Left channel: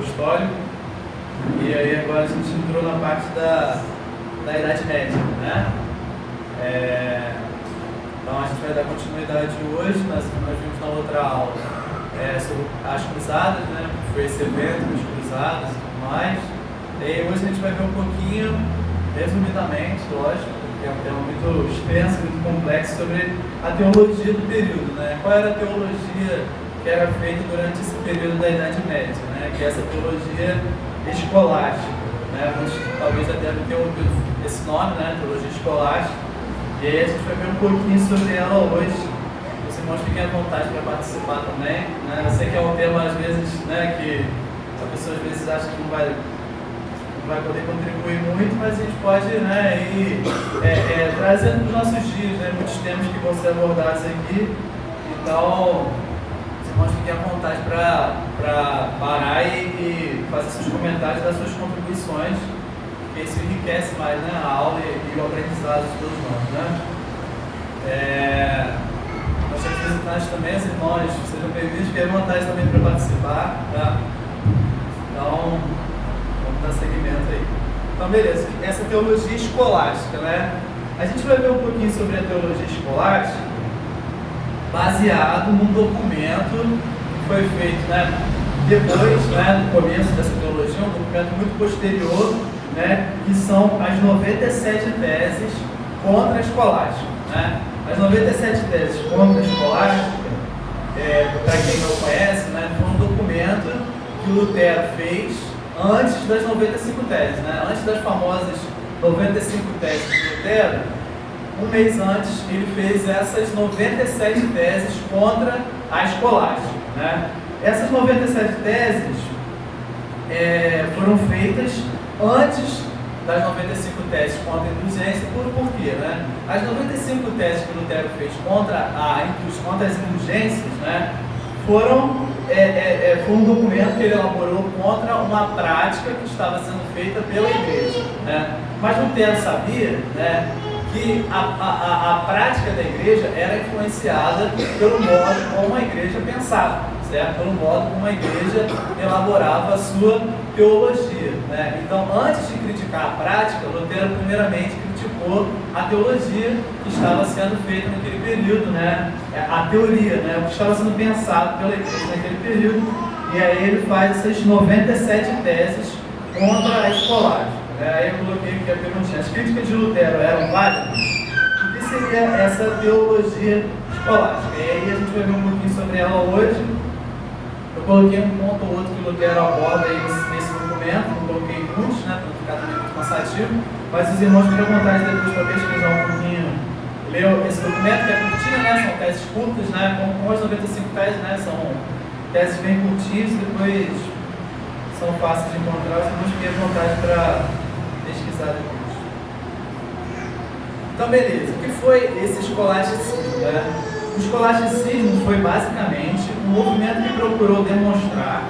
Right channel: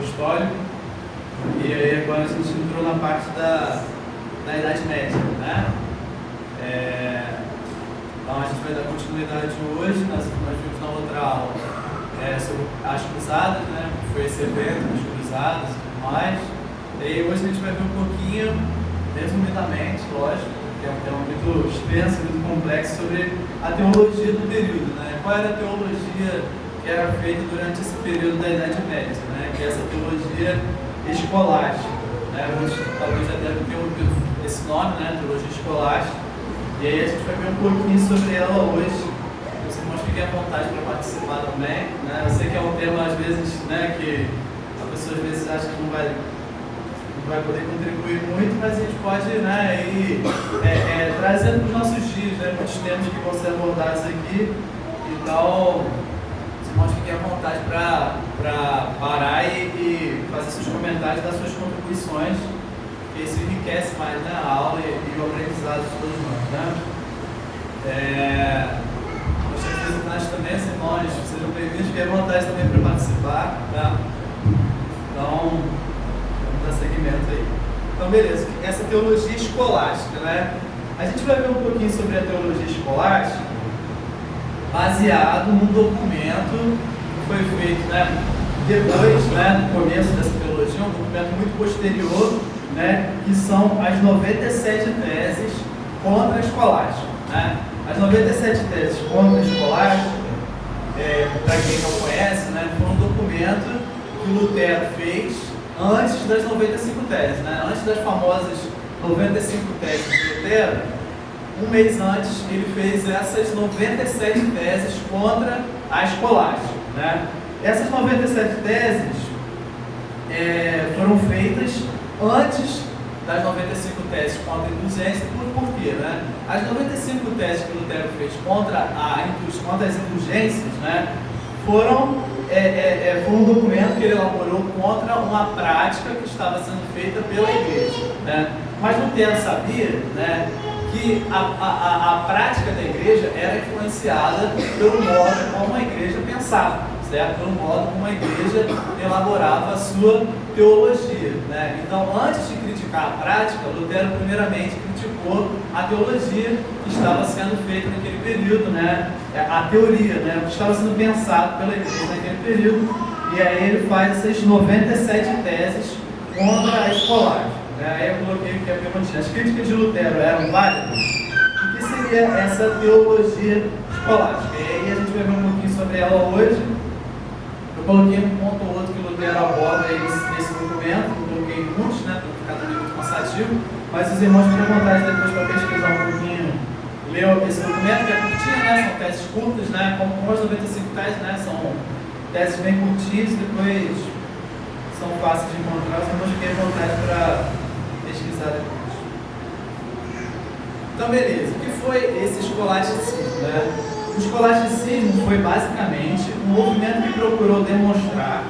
apostólico. E aí agora a gente entrou na parte da Idade Média, né? Então a gente vai dar continuidade hoje, nós vimos na outra aula sobre as cruzadas, né? Foi esse evento das cruzadas e tudo mais. E aí hoje a gente vai ver um pouquinho, resumidamente, lógico, que é um tema muito extenso, muito complexo, sobre a teologia do período, né? Qual era a teologia que era feita durante esse período da Idade Média, né? Que é essa teologia escolástica, né? Talvez já tenha ouvido esse nome, né? Teologia escolástica. E aí a gente vai ver um pouquinho sobre ela hoje. Os irmãos fiquem à vontade para participar também, né? Eu sei que é um tema, às vezes, né, que a pessoa às vezes acha que não vai poder contribuir muito, mas a gente pode, né, ir trazendo para os nossos dias, né, muitos temas que vão ser abordados aqui. Então, os irmãos fiquem à vontade para parar e fazer seus comentários, dar suas contribuições, que isso enriquece mais, né, a aula e o aprendizado de todos nós, né? Nós temos visitantes também, os irmãos, sejam bem-vindos, fiquem à vontade também para participar, tá? Então, dar seguimento aí. Então, beleza, essa teologia escolástica, né? A gente vai ver um pouquinho sobre a teologia escolástica baseado num documento que foi feito, né, depois, né, no começo dessa teologia, um documento muito posterior, né, que são as 97 teses contra a escolástica, né? As 97 teses contra a escolástica, para quem não conhece, né, foi um documento que o Lutero fez antes das 95 teses, né? Antes das famosas 95 teses de Lutero, um mês antes ele fez essas 97 teses contra a escolástica, né? Essas 97 teses foram feitas antes das 95 teses contra a indulgência. Por quê, né? As 95 teses que Lutero fez contra as indulgências, né, foram um documento que ele elaborou contra uma prática que estava sendo feita pela igreja, né? Mas Lutero sabia, né, que a prática da igreja era influenciada pelo modo como a igreja pensava, certo? Pelo modo como a igreja elaborava a sua teologia, né? Então, antes de criticar a prática, Lutero primeiramente criticou a teologia que estava sendo feita naquele período, né? A teoria, né? O que estava sendo pensado pela igreja naquele período. E aí ele faz essas 97 teses contra a escolástica. Aí eu coloquei aqui a perguntinha: as críticas de Lutero eram válidas? O que seria essa teologia escolástica? E aí a gente vai ver um pouquinho sobre ela hoje. Eu coloquei um ponto ou outro que Lutero aborda aí nesse documento, não coloquei muitos, né, para não ficar também muito cansativo, mas os irmãos ficam à vontade depois para pesquisar um pouquinho, ler esse documento, que é curtinho, né, são teses curtas, né, como as 95 teses, né, são teses bem curtinhas, depois são fáceis de encontrar, os irmãos fiquem à vontade para pesquisar depois. Então, beleza, o que foi esse escolasticismo, né? O escolasticismo foi basicamente um movimento que procurou demonstrar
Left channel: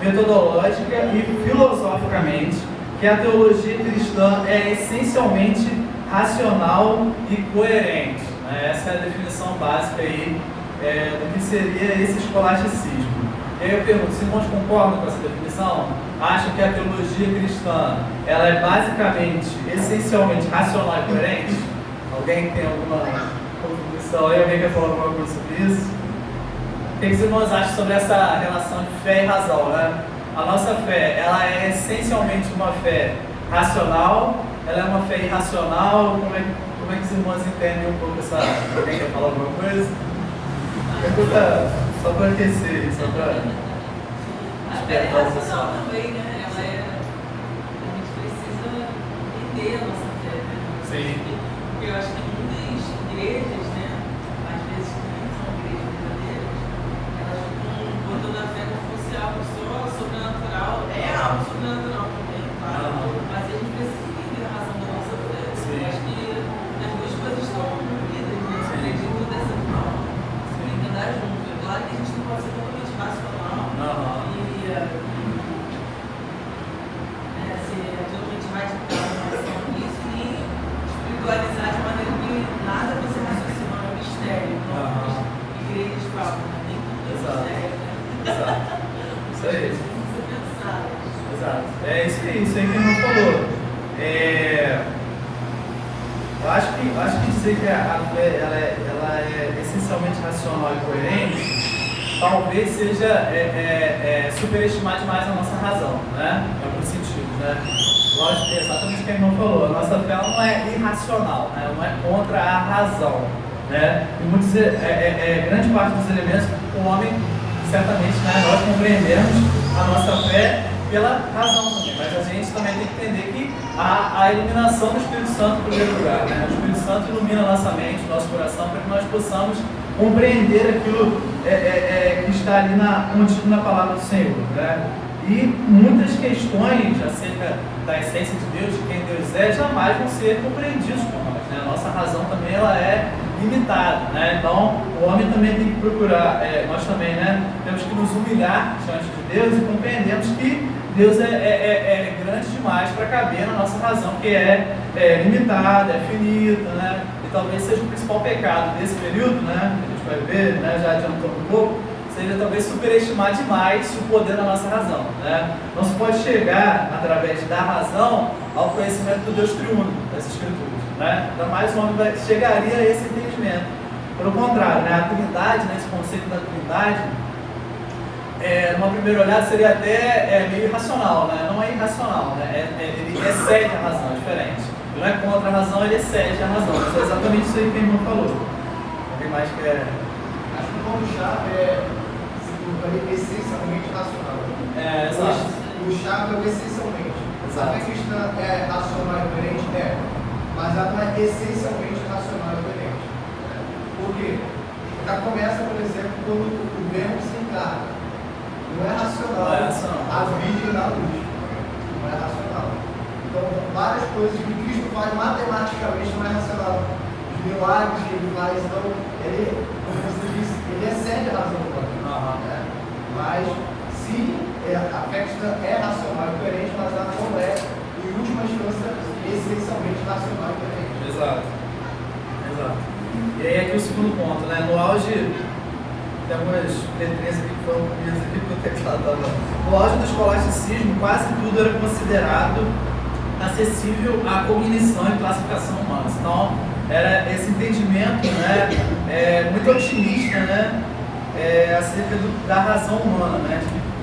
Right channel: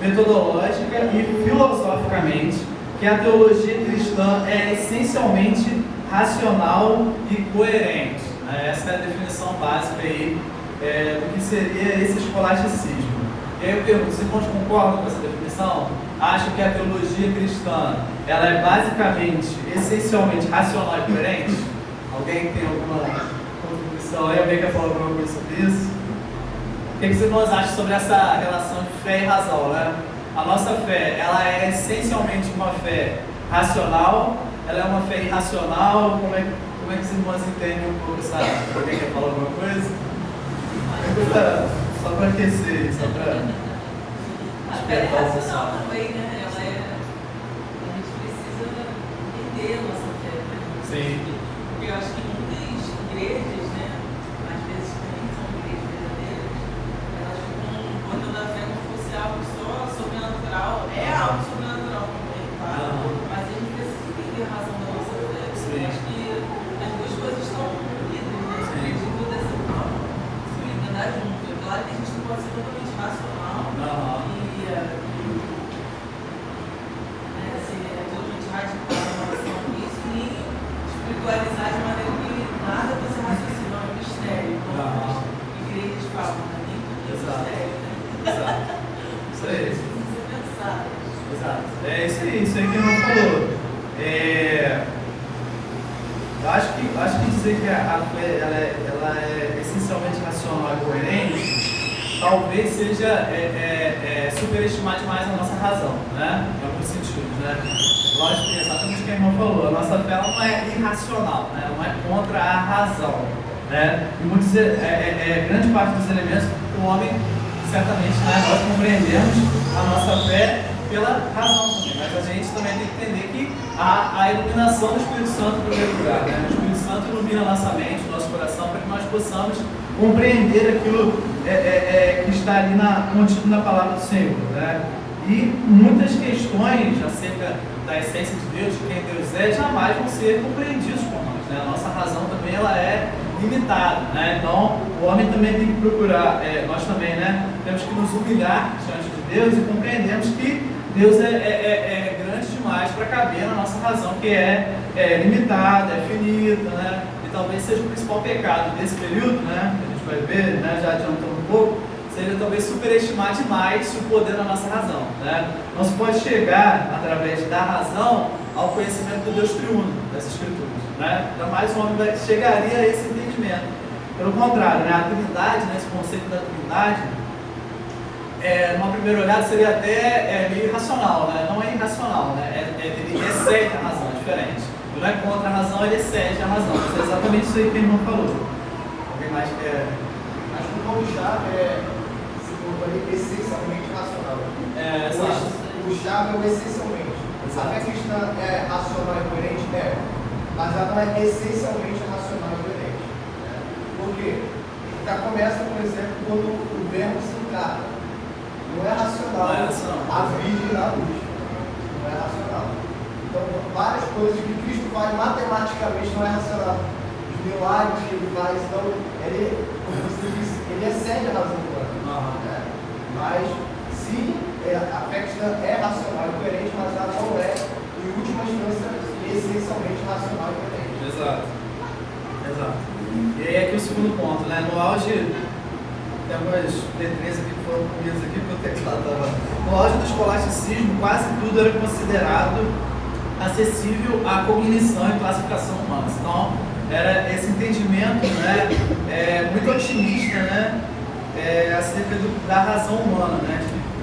metodológica e filosoficamente que a teologia cristã é essencialmente racional e coerente, né? Essa é a definição básica aí do que seria esse escolasticismo. E aí eu pergunto, os irmãos concordam com essa definição? Acham que a teologia cristã ela é basicamente, essencialmente racional e coerente? Alguém tem alguma contribuição aí? Alguém quer falar alguma coisa sobre isso? O que os irmãos acham sobre essa relação de fé e razão, né? A nossa fé, ela é essencialmente uma fé racional, ela é uma fé irracional? Como é que os irmãos entendem um pouco essa... Alguém quer falar alguma coisa? Pergunta só para aquecer, só para... A fé é racional também, né? A gente precisa entender a nossa fé. Sim. Porque eu acho que muitas igrejas, né, às vezes também são igrejas verdadeiras, elas ficam botando a fé como fosse algo só sobrenatural. É algo sobrenatural também, claro, mas a gente precisa entender a razão da nossa fé. Eu acho que as duas coisas estão unidas, né? Acredito dessa forma. Tem que andar junto. É claro que a gente não pode ser totalmente racional e ser totalmente radical em relação a isso, nem espiritualizar de maneira que nada vai ser raciocínio. Exato. É isso aí que ele falou. Eu acho que dizer que a fé ela é essencialmente racional e coerente, talvez seja superestimar demais a nossa razão, né? Em alguns sentidos, né? Lógico que é exatamente o que a irmã falou. A nossa fé ela não é irracional, né? Ela não é contra a razão, né? E vou dizer, grande parte dos elementos o homem, certamente, né? Nós compreendemos a nossa fé pela razão também, mas a gente também tem que entender que a iluminação do Espírito Santo em primeiro lugar, né? O Espírito Santo ilumina a nossa mente, nosso coração, para que nós possamos compreender aquilo que está ali contido na palavra do Senhor, né? E muitas questões acerca da essência de Deus, de quem Deus é, jamais vão ser compreendidas por nós, né? A nossa razão também ela é limitada, né? Então o homem também tem que procurar, nós também, né? Temos que nos humilhar diante de Deus e compreendemos que Deus é grande demais para caber na nossa razão, que é limitada, é finita, né? E talvez seja o principal pecado desse período, né? A gente vai ver, né? Já adiantando um pouco, seja talvez superestimar demais o poder da nossa razão, né? Não se pode chegar, através da razão, ao conhecimento do Deus triuno das Escrituras, né? Jamais o homem chegaria a esse entendimento. Pelo contrário, né? A Trindade, né? Esse conceito da Trindade, numa primeira olhada seria até meio irracional, né? Não é irracional, né? Ele excede a razão, é diferente. Ele não é contra a razão, ele excede a razão. Isso é exatamente isso aí que o irmão falou. Alguém mais quer? Acho que o ponto-chave é essencialmente racional. Exato. O chave é o essencialmente. Exato. A fé cristã é racional e coerente? Mas ela é essencialmente racional e coerente. Por quê? Já começa, por exemplo, quando o verbo se encarna. Não é racional, a virgem da luz. Não é racional. Então, várias coisas que Cristo faz matematicamente não é racional. Os milagres que ele faz, então, ele excede a razão do homem. Mas, se a fé cristã é racional e coerente, mas ela não é, em última instância, essencialmente racional e coerente. Exato. E aí aqui o segundo ponto, né? No auge, tem umas letrinhas aqui que foram comidas aqui, porque o texto lá estava. No auge do escolasticismo, quase tudo era considerado acessível à cognição e classificação humana. Então, era esse entendimento, né, muito otimista, né, acerca da razão humana, né?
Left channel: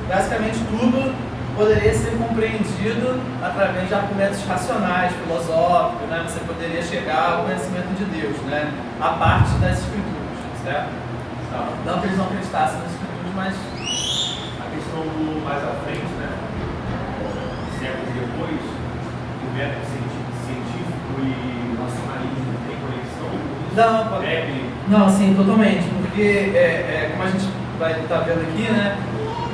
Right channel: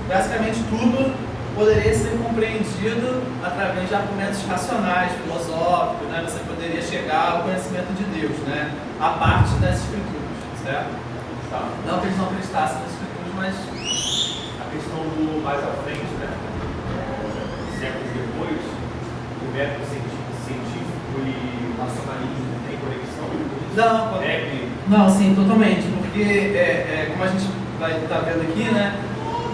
Basicamente tudo poderia ser compreendido através de argumentos racionais, filosóficos, né? Você poderia chegar ao conhecimento de Deus, né? A parte das Escrituras, certo? Não que eles não acreditassem nas Escrituras, mas a questão do mais à frente, né? Séculos depois, o método científico e o racionalismo tem conexão? Não, sim, totalmente, porque como a gente vai estar vendo aqui, né?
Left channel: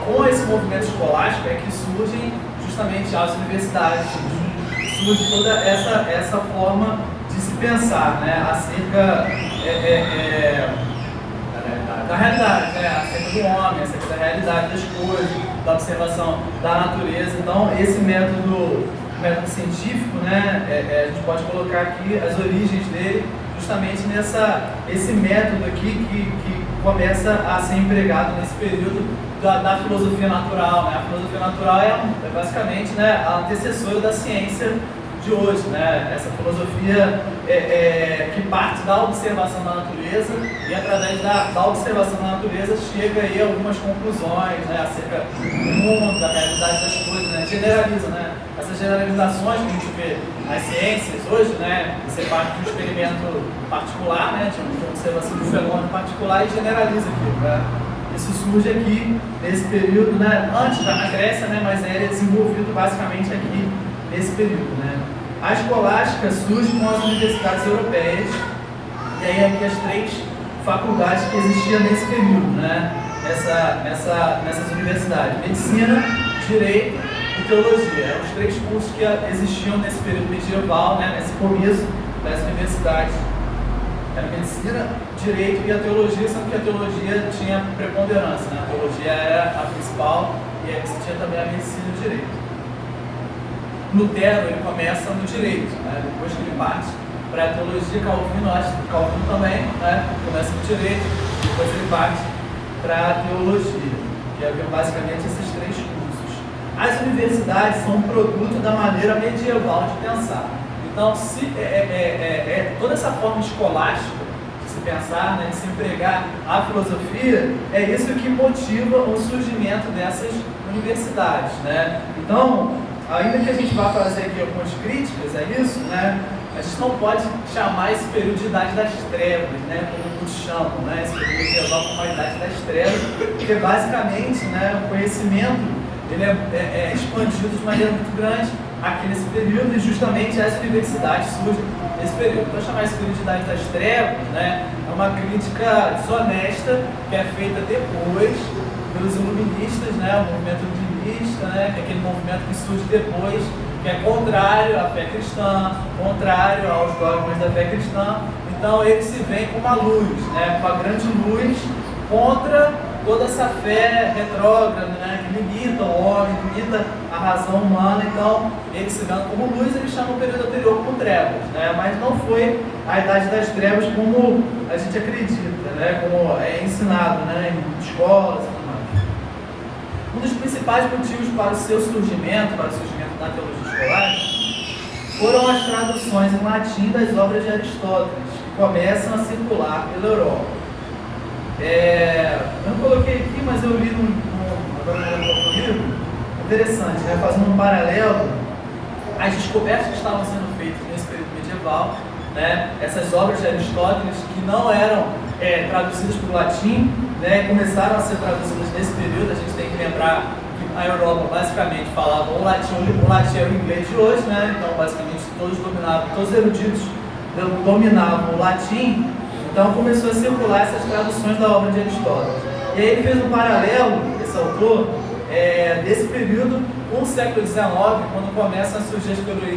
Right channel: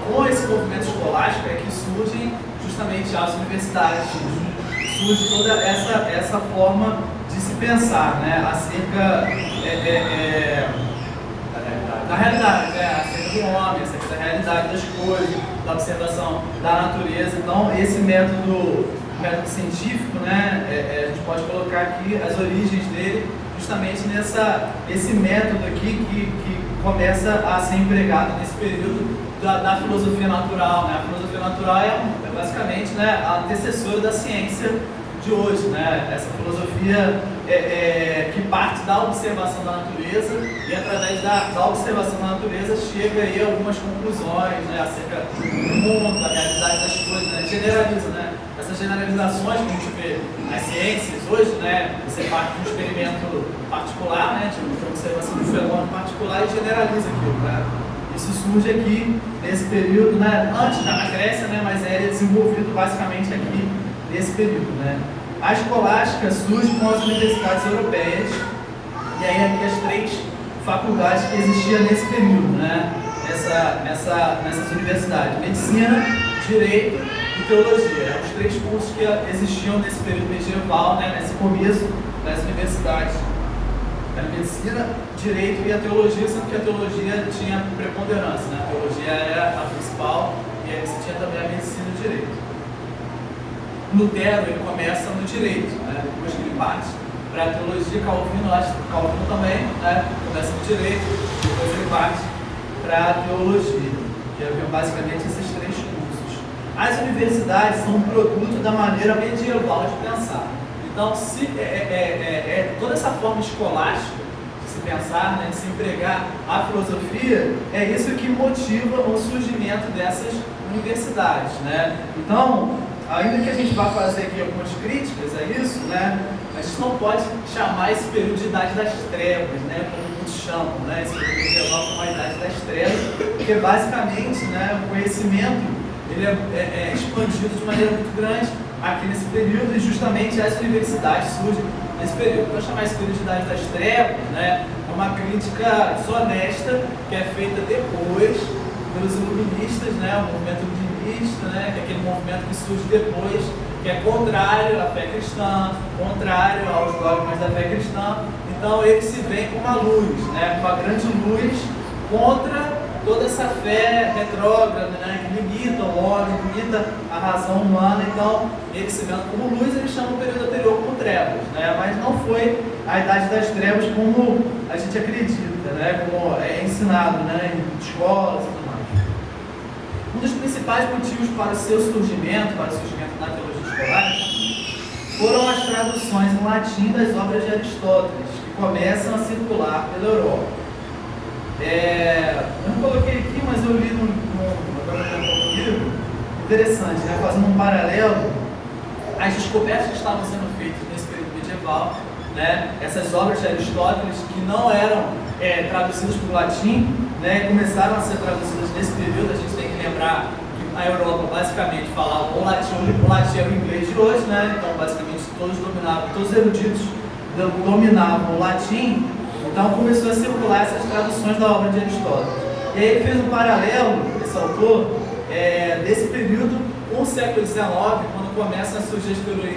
Com esse movimento escolástico é que surgem justamente as universidades, surge toda essa forma de se pensar, né? Acerca da realidade, né? Acerca do homem, acerca da realidade das coisas, da observação da natureza. Então, esse método científico, né? A gente pode colocar aqui as origens dele justamente esse método aqui que começa a ser empregado nesse período da filosofia natural, né? A filosofia natural é basicamente, né, a antecessora da ciência de hoje, né? Essa filosofia que parte da observação da natureza e através da observação da natureza chega aí a algumas conclusões, né, acerca do mundo, da realidade das coisas, né? Generaliza, né? Essas generalizações que a gente vê nas ciências hoje, né? Você parte de um experimento particular, né? De uma observação do fenômeno particular e generaliza aquilo, né? Isso surge aqui nesse período, né? Antes da Grécia, né? Mas é desenvolvido basicamente aqui nesse período, né? A escolástica surge com as universidades europeias, e aí aqui as 3 faculdades que existiam nesse período, né? Nessas universidades: medicina, direito e teologia. Eram os 3 cursos que existiam nesse período medieval, né? Nesse começo das universidades. Era medicina, direito e a teologia, sendo que a teologia tinha preponderância, né? A teologia era a principal e aí você tinha também a medicina e o direito. Lutero, ele começa no direito, né? Depois que ele parte para a teologia, Calvino também, né? Começa no direito, depois ele parte para a teologia, que havia basicamente esses 3 cursos. as universidades são um produto da maneira medieval de pensar. Então, toda essa forma escolástica de se pensar, né, de se empregar a filosofia, é isso que motiva o surgimento dessas universidades, né? Então, ainda que a gente vá fazer aqui algumas críticas a isso, né, a gente não pode chamar esse período de Idade das Trevas, né, como muitos chamam, né, esse período medieval como a Idade das Trevas, porque basicamente, né, o conhecimento ele é expandido de maneira muito grande aqui nesse período, e justamente as universidades surgem nesse período. Então, chamar esse período de Idade das Trevas, né, é uma crítica desonesta que é feita depois pelos iluministas, né, o movimento iluminista, né, que é aquele movimento que surge depois, que é contrário à fé cristã, contrário aos dogmas da fé cristã. Então, ele se vem com uma luz, né, com uma grande luz contra toda essa fé retrógrada, né, que limita o homem, limita a razão humana. Então, ele se vendo como luz, ele chama o período anterior como trevas, né, mas não foi a Idade das Trevas como a gente acredita, né, como é ensinado, né, em escolas e tudo mais. Um dos principais motivos para o seu surgimento, para o surgimento da teologia escolar, foram as traduções em latim das obras de Aristóteles, que começam a circular pela Europa. Eu não coloquei aqui, mas eu li no livro, interessante, né? Fazendo um paralelo, as descobertas que estavam sendo feitas nesse período medieval, né? Essas obras de Aristóteles que não eram traduzidas para o latim, né? E começaram a ser traduzidas nesse período. A gente tem que lembrar que a Europa basicamente falava o latim era o inglês de hoje, né? Então basicamente todos os eruditos dominavam o latim. Então começou a circular essas traduções da obra de Aristóteles. E aí ele fez um paralelo, esse autor, desse período com o século XIX, quando começam a surgir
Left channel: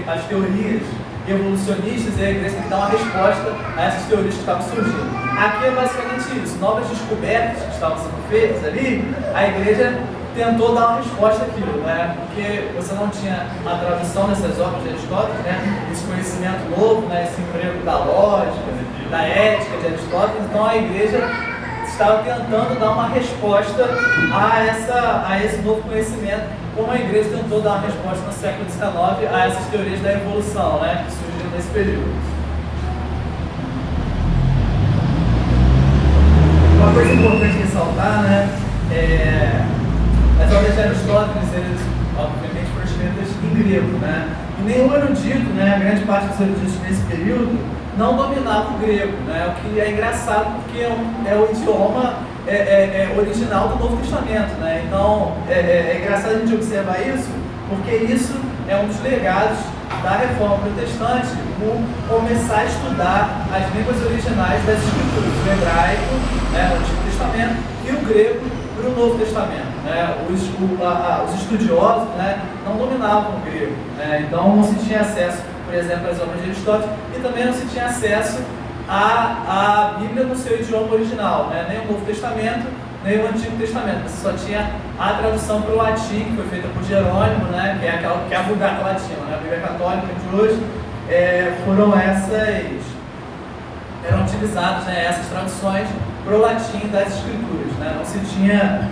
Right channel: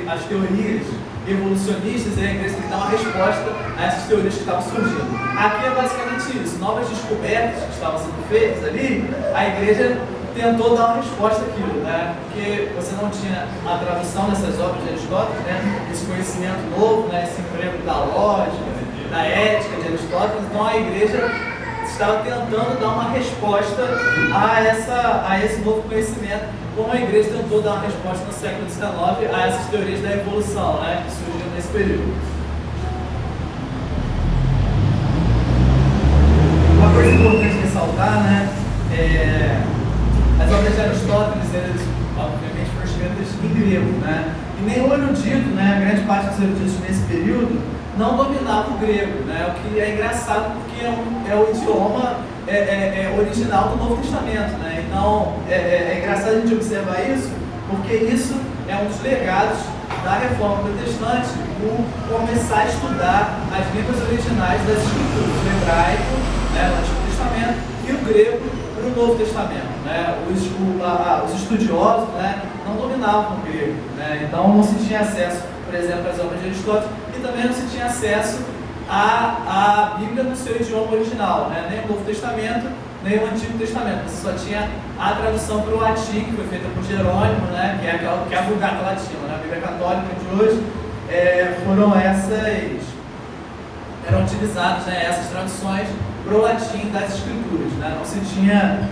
as teorias evolucionistas, e a igreja tem que dar uma resposta a essas teorias que estavam surgindo. Aqui é basicamente isso, novas descobertas que estavam sendo feitas ali, a igreja tentou dar uma resposta àquilo, né? Porque você não tinha a tradução dessas obras de Aristóteles, né? Esse conhecimento novo, né? Esse emprego da lógica, da ética de Aristóteles. Então a igreja estava tentando dar uma resposta a esse novo conhecimento, como a igreja tentou dar uma resposta no século XIX a essas teorias da evolução, né? Que surgiram nesse período. Uma coisa importante ressaltar, né? As obras de Aristóteles, eles obviamente foram escritas em grego, né? E nenhum erudito, né, a grande parte dos eruditos nesse período, não dominava o grego, né? O que é engraçado porque é o idioma original do Novo Testamento, né? Então é engraçado a gente observar isso, porque isso é um dos legados da Reforma Protestante, por começar a estudar as línguas originais das escrituras, o hebraico, né, no Antigo Testamento, e o grego para o Novo Testamento, né? Os estudiosos, né, não dominavam o grego, né? Então não se tinha acesso, por exemplo, às obras de Aristóteles, e também não se tinha acesso à Bíblia no seu idioma original, né? Nem o Novo Testamento, nem o Antigo Testamento. Você só tinha a tradução para o latim, que foi feita por Jerônimo, né? Que é a Vulgata Latina, né? A Bíblia Católica de hoje, eram utilizadas, né, essas traduções para o latim das escrituras, né? Não se tinha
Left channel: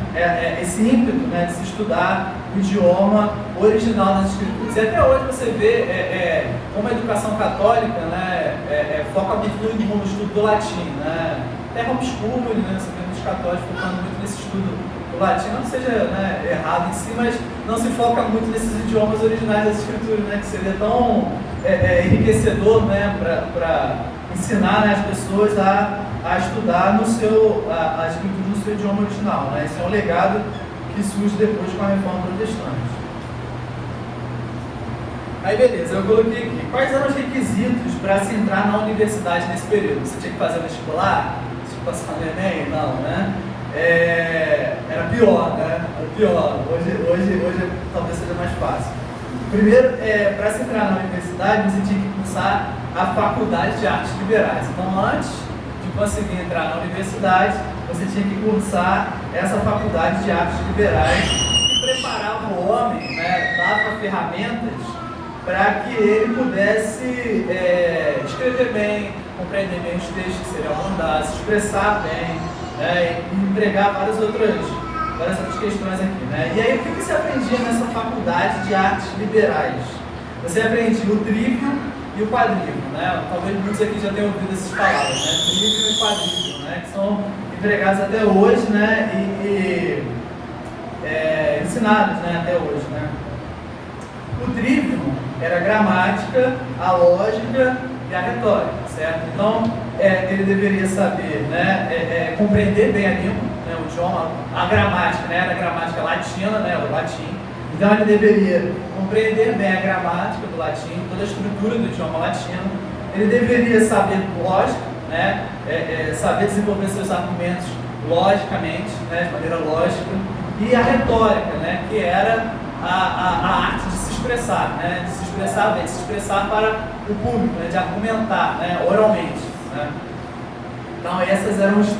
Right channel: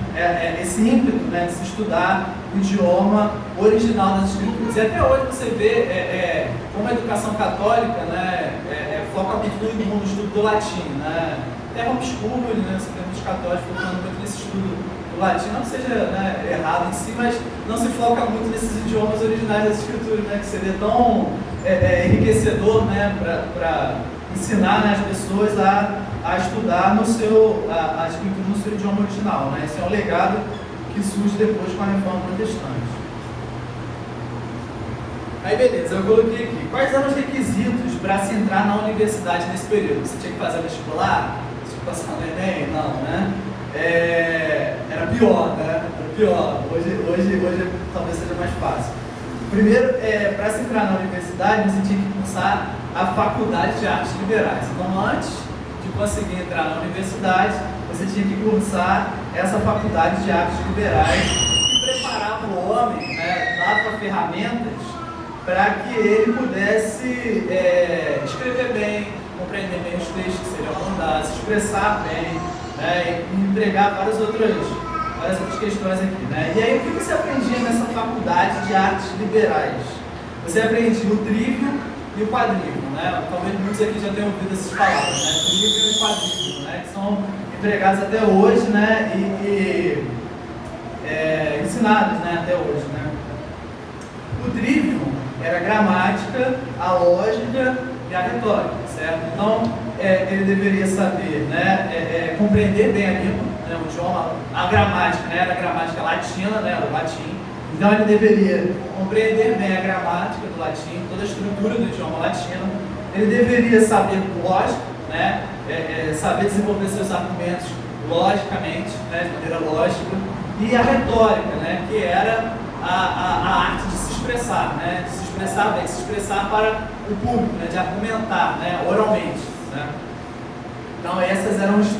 esse ímpeto, né, de se estudar o idioma original das escrituras. E até hoje você vê como a educação católica, né, foca muito no estudo do latim, né? Até homeschooling, né, você vê muitos católicos focando muito nesse estudo do latim, não que seja, né, errado em si, mas não se foca muito nesses idiomas originais das escrituras, né, que seria tão enriquecedor, né, para ensinar, né, as pessoas a estudar a escritura no seu idioma original, né? Esse é um legado que surge depois com a Reforma Protestante. Aí beleza, eu coloquei aqui, quais eram os requisitos para se entrar na universidade nesse período? Você tinha que fazer vestibular? Tinha que passar no Enem? Não, né? Era pior, né? Era pior. Hoje talvez seja mais fácil. Primeiro, para se entrar na universidade, você tinha que cursar a Faculdade de Artes Liberais. Então, antes de conseguir entrar na universidade, você tinha que cursar essa Faculdade de Artes Liberais, que preparava o homem, né, dava ferramentas para que ele pudesse escrever bem, compreender bem os textos que seriam mandados, se expressar bem, né, e empregar várias outras várias outras questões aqui, né? E aí, o que você aprendia nessa faculdade de artes liberais? Você aprendia o trívio e o quadrívio, né? Talvez muitos aqui já tenham ouvido essas palavras, né? Trívio e quadrívio, né? Que são empregados até hoje, né? Ensinados, né? Até hoje, né? O trívio era a gramática, a lógica e a retórica, certo? Então, ele deveria saber, né? Compreender bem a língua, né? O idioma, a gramática, né? Era a gramática latina, né? O latim. Então, ele deveria compreender bem a gramática do latim, toda a estrutura do idioma latino. Ele deveria saber lógica, né? Saber desenvolver seus argumentos logicamente, né? De maneira lógica. E a retórica, né? Que era a arte de se expressar, né? De se expressar bem, de se expressar para o público, né? De argumentar, né? Oralmente, né? Então, essas eram as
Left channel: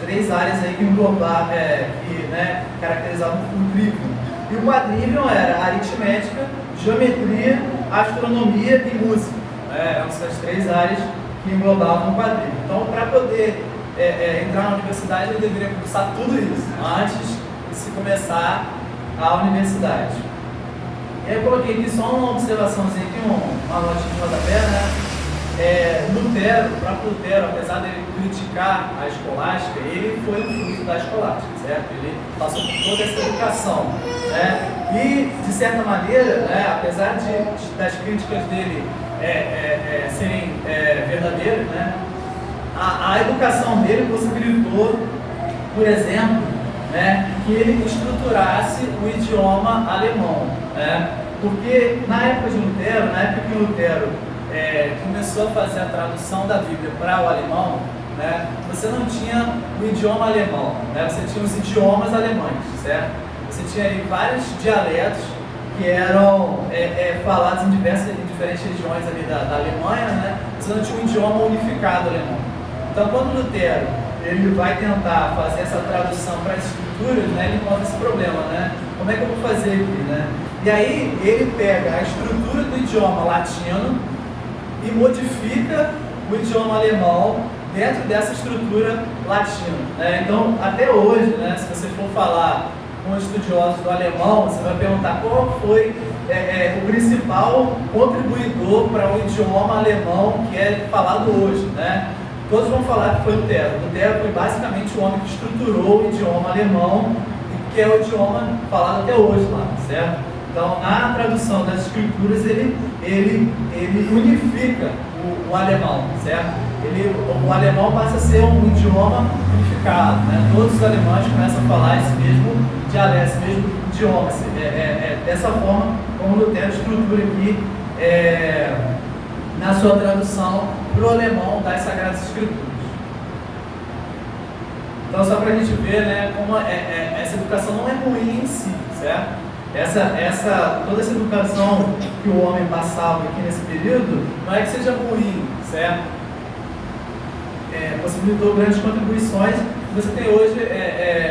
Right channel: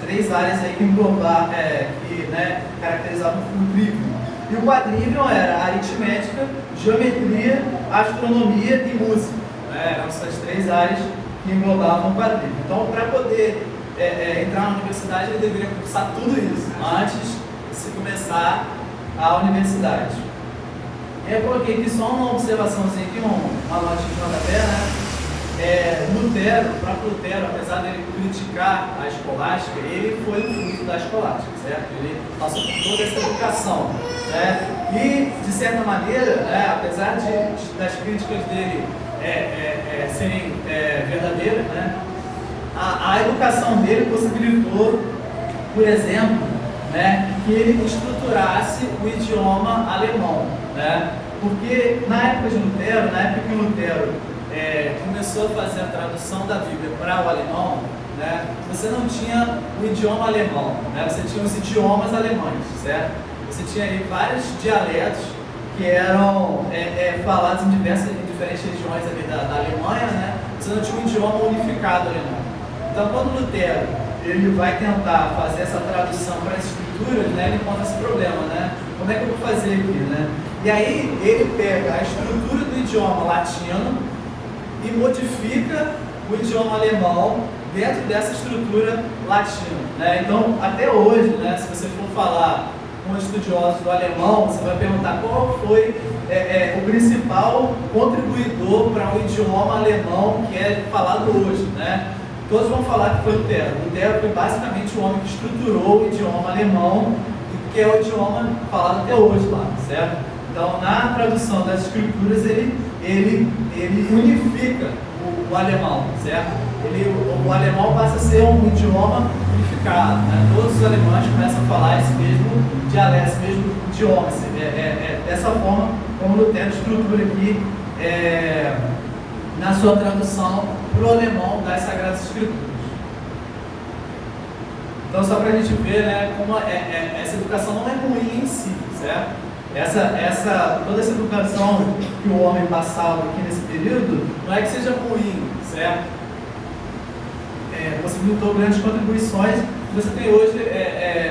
três áreas aí que englobavam, né, caracterizavam o trívio. E o quadrívio era aritmética, geometria, astronomia e música. Né? Eram essas três áreas que englobavam o quadrívio. Então, para poder entrar na universidade, ele deveria cursar tudo isso antes de se começar a universidade. E eu coloquei aqui só uma observaçãozinha aqui, uma notinha de rodapé, né? Lutero, o próprio Lutero, apesar dele criticar a escolástica, ele foi um fruto da escolástica, certo? Ele passou por toda essa educação, né? E, de certa maneira, né, apesar das críticas dele serem verdadeiras, né, a educação dele possibilitou, por exemplo, né, que ele estruturasse o idioma alemão, né? Porque na época que o Lutero começou a fazer a tradução da Bíblia para o alemão, né, você não tinha o idioma alemão, né, você tinha os idiomas alemães, certo? Você tinha aí vários dialetos que eram falados em diferentes regiões ali da Alemanha, né? Você não tinha um idioma unificado alemão. Então, quando Lutero ele vai tentar fazer essa tradução para as escrituras, né, ele encontra esse problema, né? Como é que eu vou fazer aqui, né? E aí ele pega a estrutura do idioma latino e modifica o idioma alemão dentro dessa estrutura latina, né? Então, até hoje, né, se você for falar com estudiosos do alemão, você vai perguntar qual foi o principal contribuidor para o idioma alemão que é falado hoje, né? Todos vão falar que foi Lutero. Lutero foi basicamente o homem que estruturou o idioma alemão, que é o idioma falado até hoje lá, certo? Então, na tradução das escrituras, ele unifica o alemão, certo? O alemão passa a ser um idioma unificado, né? Todos os alemães começam a falar esse mesmo dialeto, esse mesmo idioma. Dessa forma, como Lutero estrutura aqui na sua tradução para o alemão das Sagradas Escrituras. Então, só para a gente ver, né, como essa educação não é ruim em si, certo? Toda essa educação que o homem passava aqui nesse período, não é que seja ruim, certo? Possibilitou grandes contribuições. Você tem hoje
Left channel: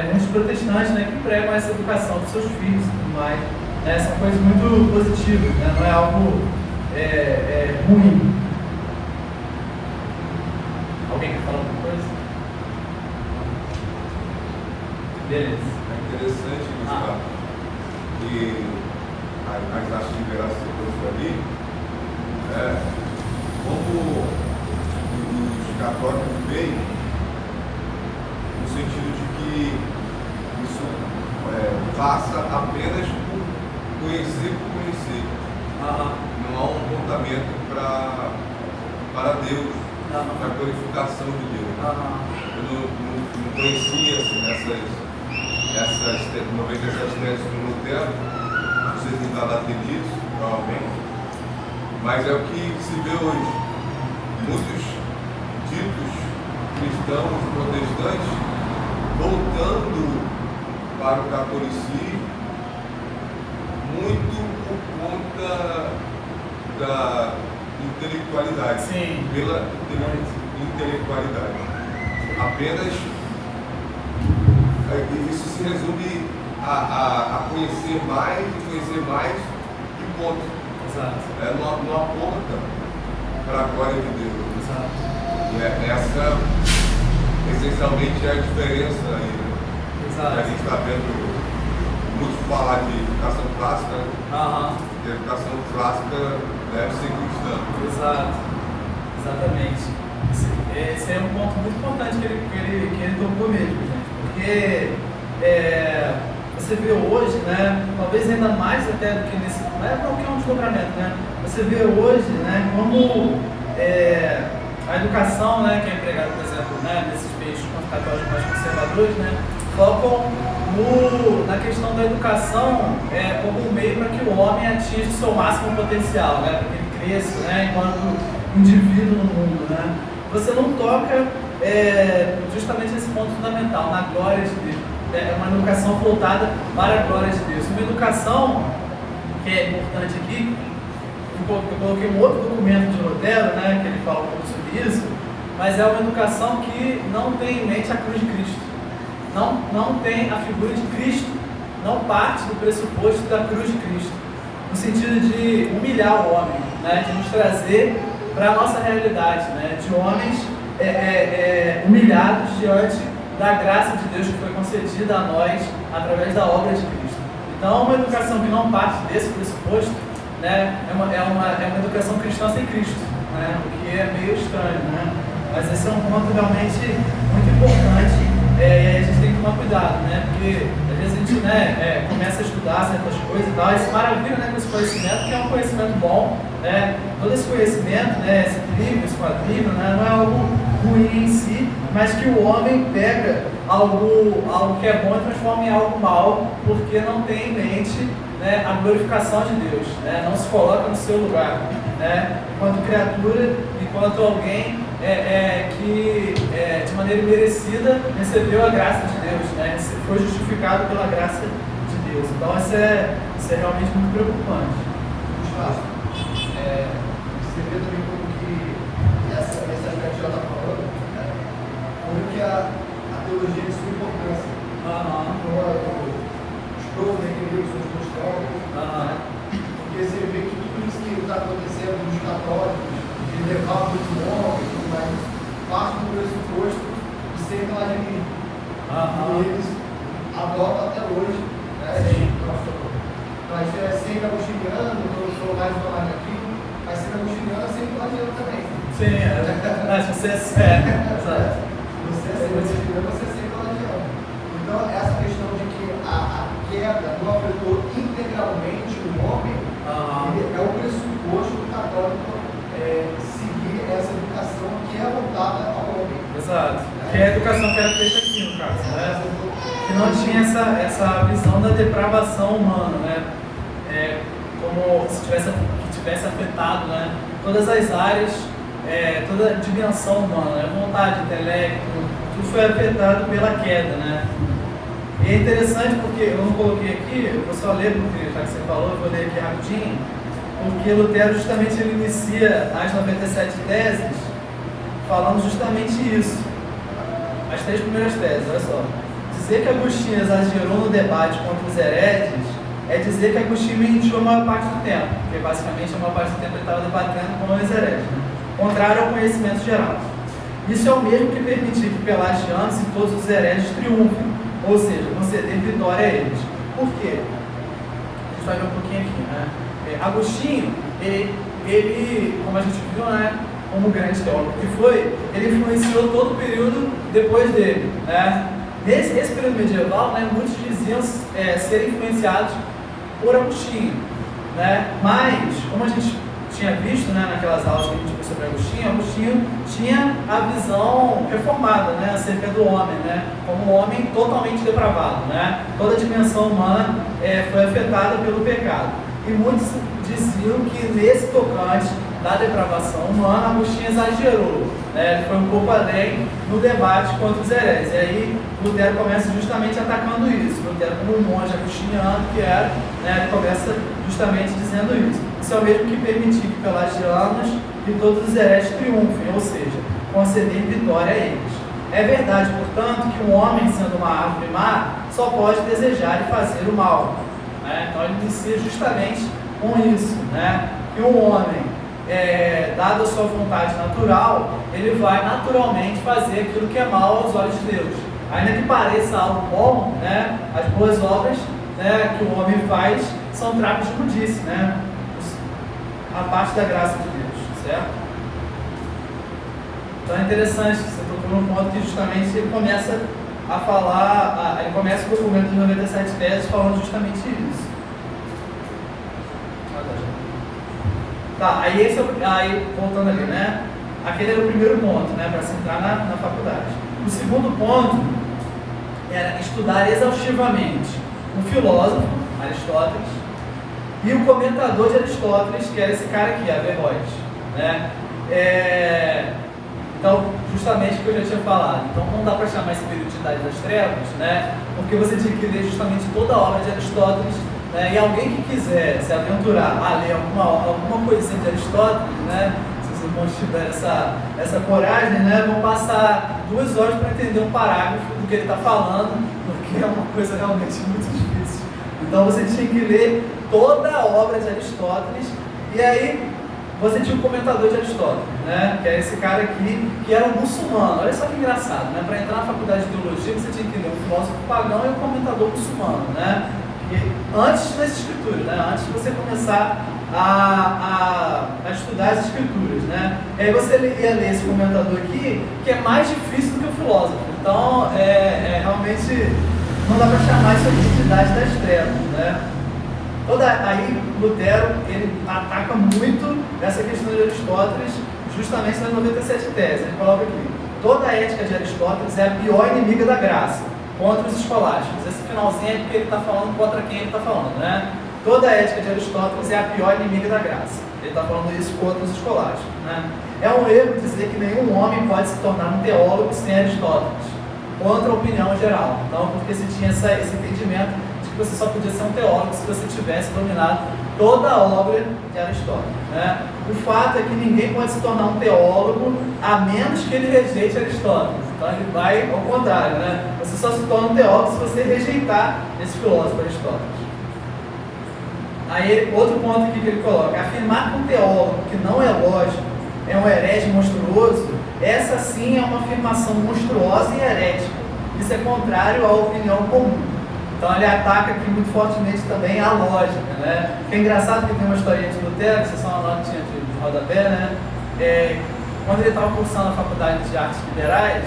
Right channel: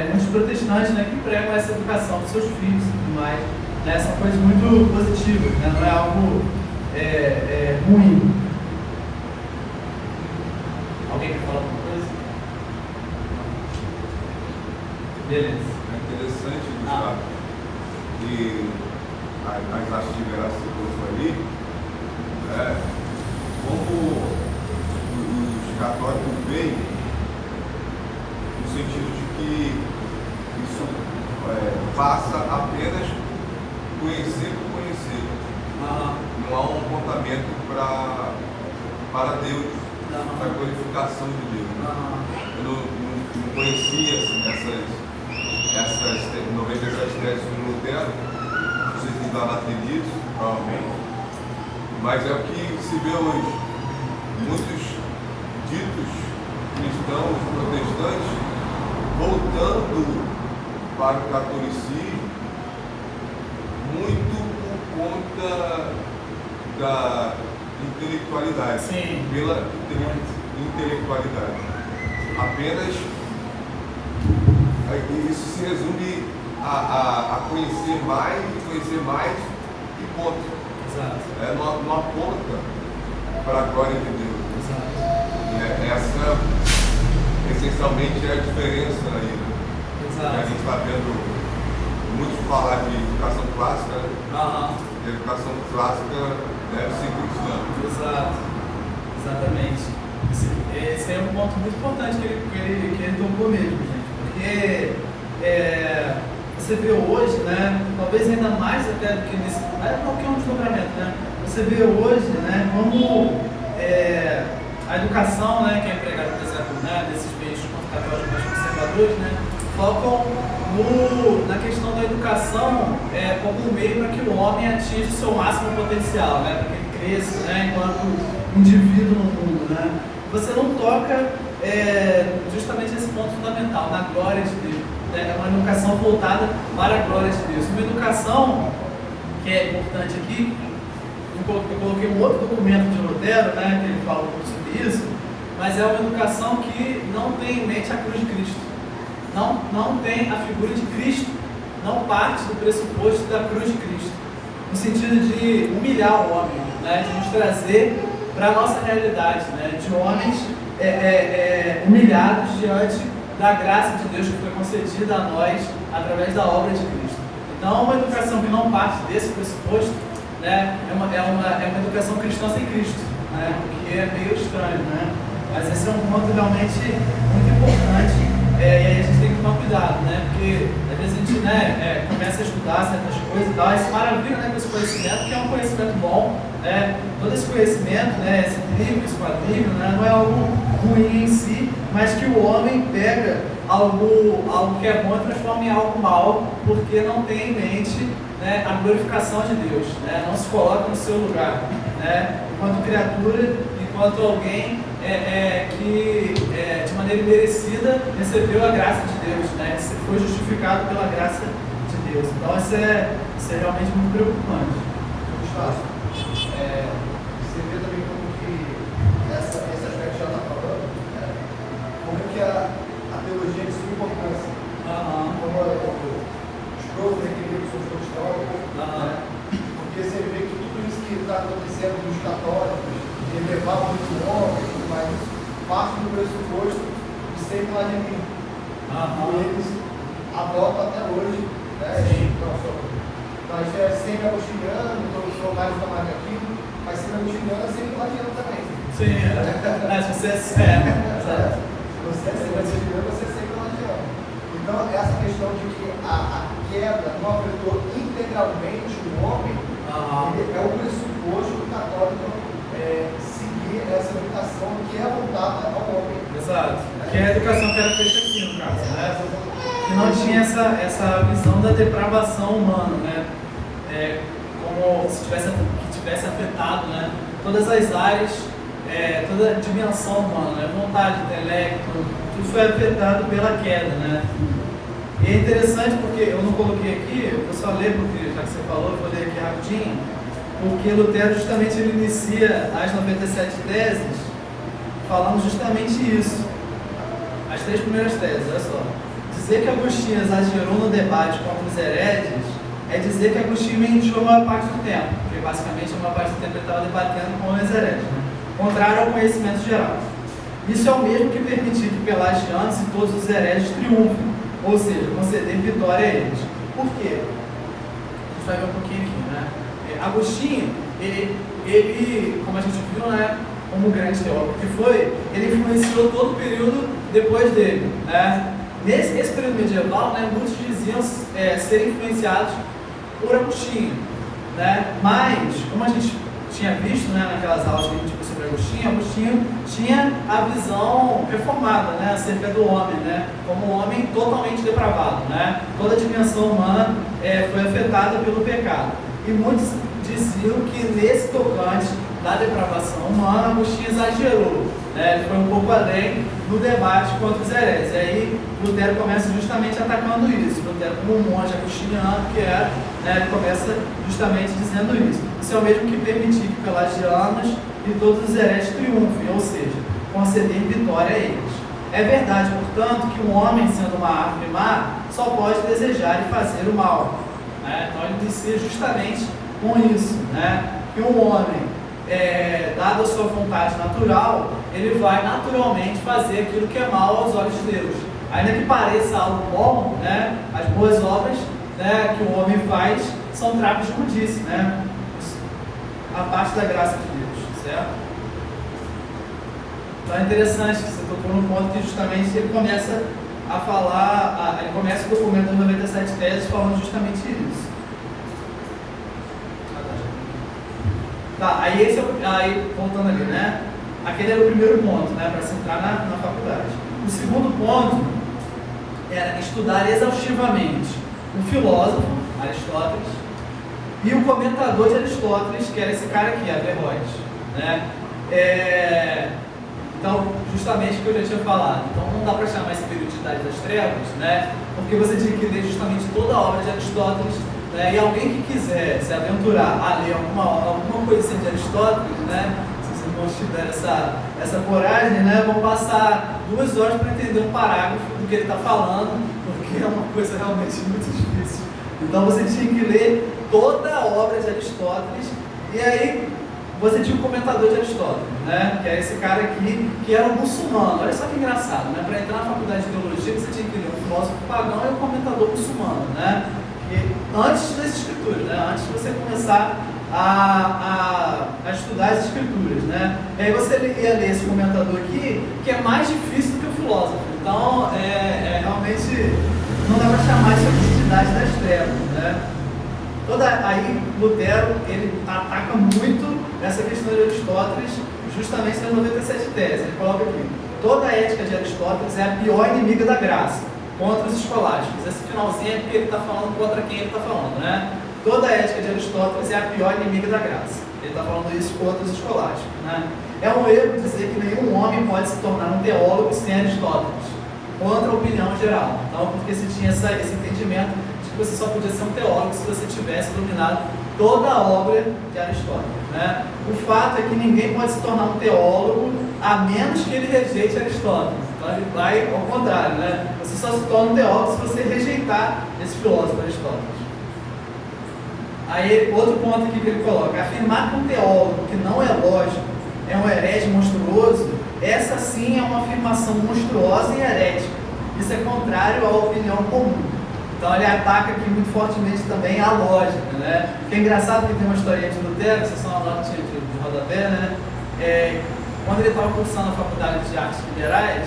muitos protestantes, né, que pregam essa educação para seus filhos e tudo mais. Né? São coisas muito positivas, né? Não é algo ruim. Alguém quer falar alguma coisa? Beleza. É interessante, Gustavo, que as artes liberais que você falou ali, como os católicos veem, no sentido de que isso passa apenas por conhecer por conhecer. Não há um apontamento para Deus, para a glorificação de Deus. Eu não conhecia assim, essas 97 teses de Lutero, vocês não estavam atendidos, provavelmente, mas é o que se vê hoje. Muitos ditos cristãos protestantes voltando para o catolicismo, muito por conta da intelectualidade. Sim. Pela intelectualidade. Apenas isso se resume a conhecer mais e ponto. Exato. Não aponta para a glória de Deus. Exato. E essencialmente é a diferença que a gente está vendo muito falar de educação clássica, e a educação clássica deve ser cristã. Exato, exatamente. Esse é um ponto muito importante que ele tocou mesmo, gente, porque você vê hoje, né, talvez ainda mais até do que nesse, não é qualquer um desdobramento, né, você vê hoje, né, como a educação, né, que é empregada, por exemplo, né, nesses meios católicos mais conservadores, né, focam na questão da educação como um meio para que o homem atinja o seu máximo potencial, né, para que ele cresça, né, enquanto indivíduo no mundo, né. Você não toca justamente nesse ponto fundamental, na glória de Deus. É uma educação voltada para a glória de Deus. Uma educação que é importante aqui, eu coloquei um outro documento de Lutero, né, que ele fala um pouco sobre isso, mas é uma educação que não tem em mente a cruz de Cristo. Não tem a figura de Cristo, não parte do pressuposto da cruz de Cristo, no sentido de humilhar o homem, né, de nos trazer para a nossa realidade, né, de homens humilhados diante da graça de Deus que foi concedida a nós através da obra de Cristo. Então, uma educação que não parte desse pressuposto, né, é uma educação cristã sem Cristo, né, o que é meio estranho, né? Mas esse é um ponto realmente muito importante. E a gente tem que tomar cuidado, né? Porque às vezes a gente, né, começa a estudar certas coisas e tal, e se maravilha, né, com esse conhecimento, que é um conhecimento bom, né? Todo esse conhecimento, né, esse livro, esse quadrinho, né, não é algo ruim em si, mas que o homem pega algo que é bom e transforma em algo mal, porque não tem em mente, né, a glorificação de Deus, né? Não se coloca no seu lugar, né? Enquanto criatura, enquanto alguém que de maneira imerecida recebeu a graça de Deus, né? Foi justificado pela graça de Deus. Então isso é realmente muito preocupante. Você vê também como que essa aspecto já está falando, né? Como que a teologia de sua importância. Os provos entendemos sobre os teólogos, porque você vê que tudo isso que está acontecendo nos católicos, ele levava muito longe, mas parte do pressuposto de ser clarividente. E eles adotam até hoje, né? Nós sempre agostiniano, eu sou mais uma marca aqui, mas sempre agostiniano é sempre clariano também. Sim, você é sério. Você é sempre agostiniano, você é sempre clariano. Então, essa questão de que a queda não afetou integralmente o homem, ele é o pressuposto do católico seguir essa educação que é voltada ao homem. Exato. Que é a educação que era feita aqui, no caso, né? Que não tinha essa visão da depravação humana, né? Como se tivesse afetado, né, todas as áreas, toda a dimensão humana, né? Vontade, intelecto, tudo foi afetado pela queda, né? E é interessante porque eu não coloquei aqui, eu vou só ler porque já que você falou, eu vou ler aqui rapidinho, porque Lutero justamente ele inicia as 97 teses falando justamente isso. As 3 primeiras teses, olha só. Dizer que Agostinho exagerou no debate contra os hereges é dizer que Agostinho mentiu a maior parte do tempo, porque basicamente a maior parte do tempo ele estava debatendo com os hereges, né? Contrário ao conhecimento geral. Isso é o mesmo que permitir que Pelagianos e todos os hereges triunfem, ou seja, conceder vitória a eles. Por quê? A gente vai ver um pouquinho aqui, né? Agostinho, ele, como a gente viu, né, como grande teólogo que foi, ele influenciou todo o período depois dele, né? Nesse período medieval, né, muitos diziam serem influenciados por Agostinho, né? Mas, como a gente tinha visto, né, naquelas aulas que a gente viu sobre Agostinho tinha a visão reformada, né, acerca do homem, né, como um homem totalmente depravado, né? Toda a dimensão humana foi afetada pelo pecado. E muitos diziam que nesse tocante da depravação humana, Agostinho exagerou, né? Ele foi um pouco além no debate contra os hereges. E aí Lutero começa justamente atacando isso. Lutero, como um monge agostiniano que era, né, ele começa justamente dizendo isso. Isso é o mesmo que permitir que Pelagianos e todos os hereges triunfem, ou seja, conceder vitória a eles. É verdade, portanto, que um homem, sendo uma árvore má, só pode desejar e fazer o mal, né? Então ele inicia justamente com isso, né? Que um homem dada a sua vontade natural, ele vai naturalmente fazer aquilo que é mal aos olhos de Deus. Ainda que pareça algo bom, né, as boas obras, né, que o homem faz são trapos de imundice, né, a parte da graça de Deus, certo? Então é interessante, você tocou num ponto que justamente ele começa a falar, ele começa o documento dos 97 teses falando justamente isso. Tá, aí voltando ali, né? Aquele era o primeiro ponto, né? Para se entrar na faculdade. O segundo ponto era estudar exaustivamente o filósofo, Aristóteles, e o comentador de Aristóteles, que era esse cara aqui, Averroes, né? Então, justamente o que eu já tinha falado. Então, não dá para chamar esse período de Idade das Trevas, né? Porque você tinha que ler justamente toda a obra de Aristóteles, né? E alguém que quiser se aventurar a ler alguma coisa assim de Aristóteles, né? Se os irmãos tiverem essa coragem, né? Vão passar 2 horas para entender um parágrafo do que ele está falando, porque é uma coisa realmente muito difícil. Então, você tinha que ler toda a obra de Aristóteles, e aí você tinha um comentador de Aristóteles, né? Que é esse cara aqui, que era um muçulmano. Olha só que engraçado, né? Para entrar na faculdade de teologia, você tinha que ler um filósofo pagão e um comentador muçulmano, né? E antes das escrituras, né? Antes de você começar a estudar as escrituras, né? E aí você ia ler esse comentador aqui, que é mais difícil do que o filósofo. Então, realmente não dá para chamar isso aqui de Idade das Trevas, né? Aí Lutero, ele ataca muito essa questão de Aristóteles, justamente nas 97 teses. Ele coloca aqui: toda a ética de Aristóteles é a pior inimiga da graça, contra os escolásticos. Esse finalzinho é porque ele está falando contra quem ele está falando, né? Toda a ética de Aristóteles é a pior inimiga da graça. Ele está falando isso contra os escolásticos, né? É um erro dizer que nenhum homem pode se tornar um teólogo sem Aristóteles, contra a opinião geral. Então, porque se tinha esse entendimento de que você só podia ser um teólogo se você tivesse dominado toda a obra de Aristóteles, né? O fato é que ninguém pode se tornar um teólogo a menos que ele rejeite Aristóteles. Então ele vai ao contrário, né? Você só se torna um teólogo se você rejeitar esse filósofo Aristóteles. Aí outro ponto aqui que ele coloca: afirmar que um teólogo que não é lógico é um herege monstruoso, essa sim é uma afirmação monstruosa e herética. Isso é contrário à opinião comum. Então ele ataca aqui muito fortemente também a lógica, né? Que é engraçado que tem uma historinha de Lutero, que vocês são uma notinha de rodapé, né? Quando ele estava cursando a faculdade de artes liberais,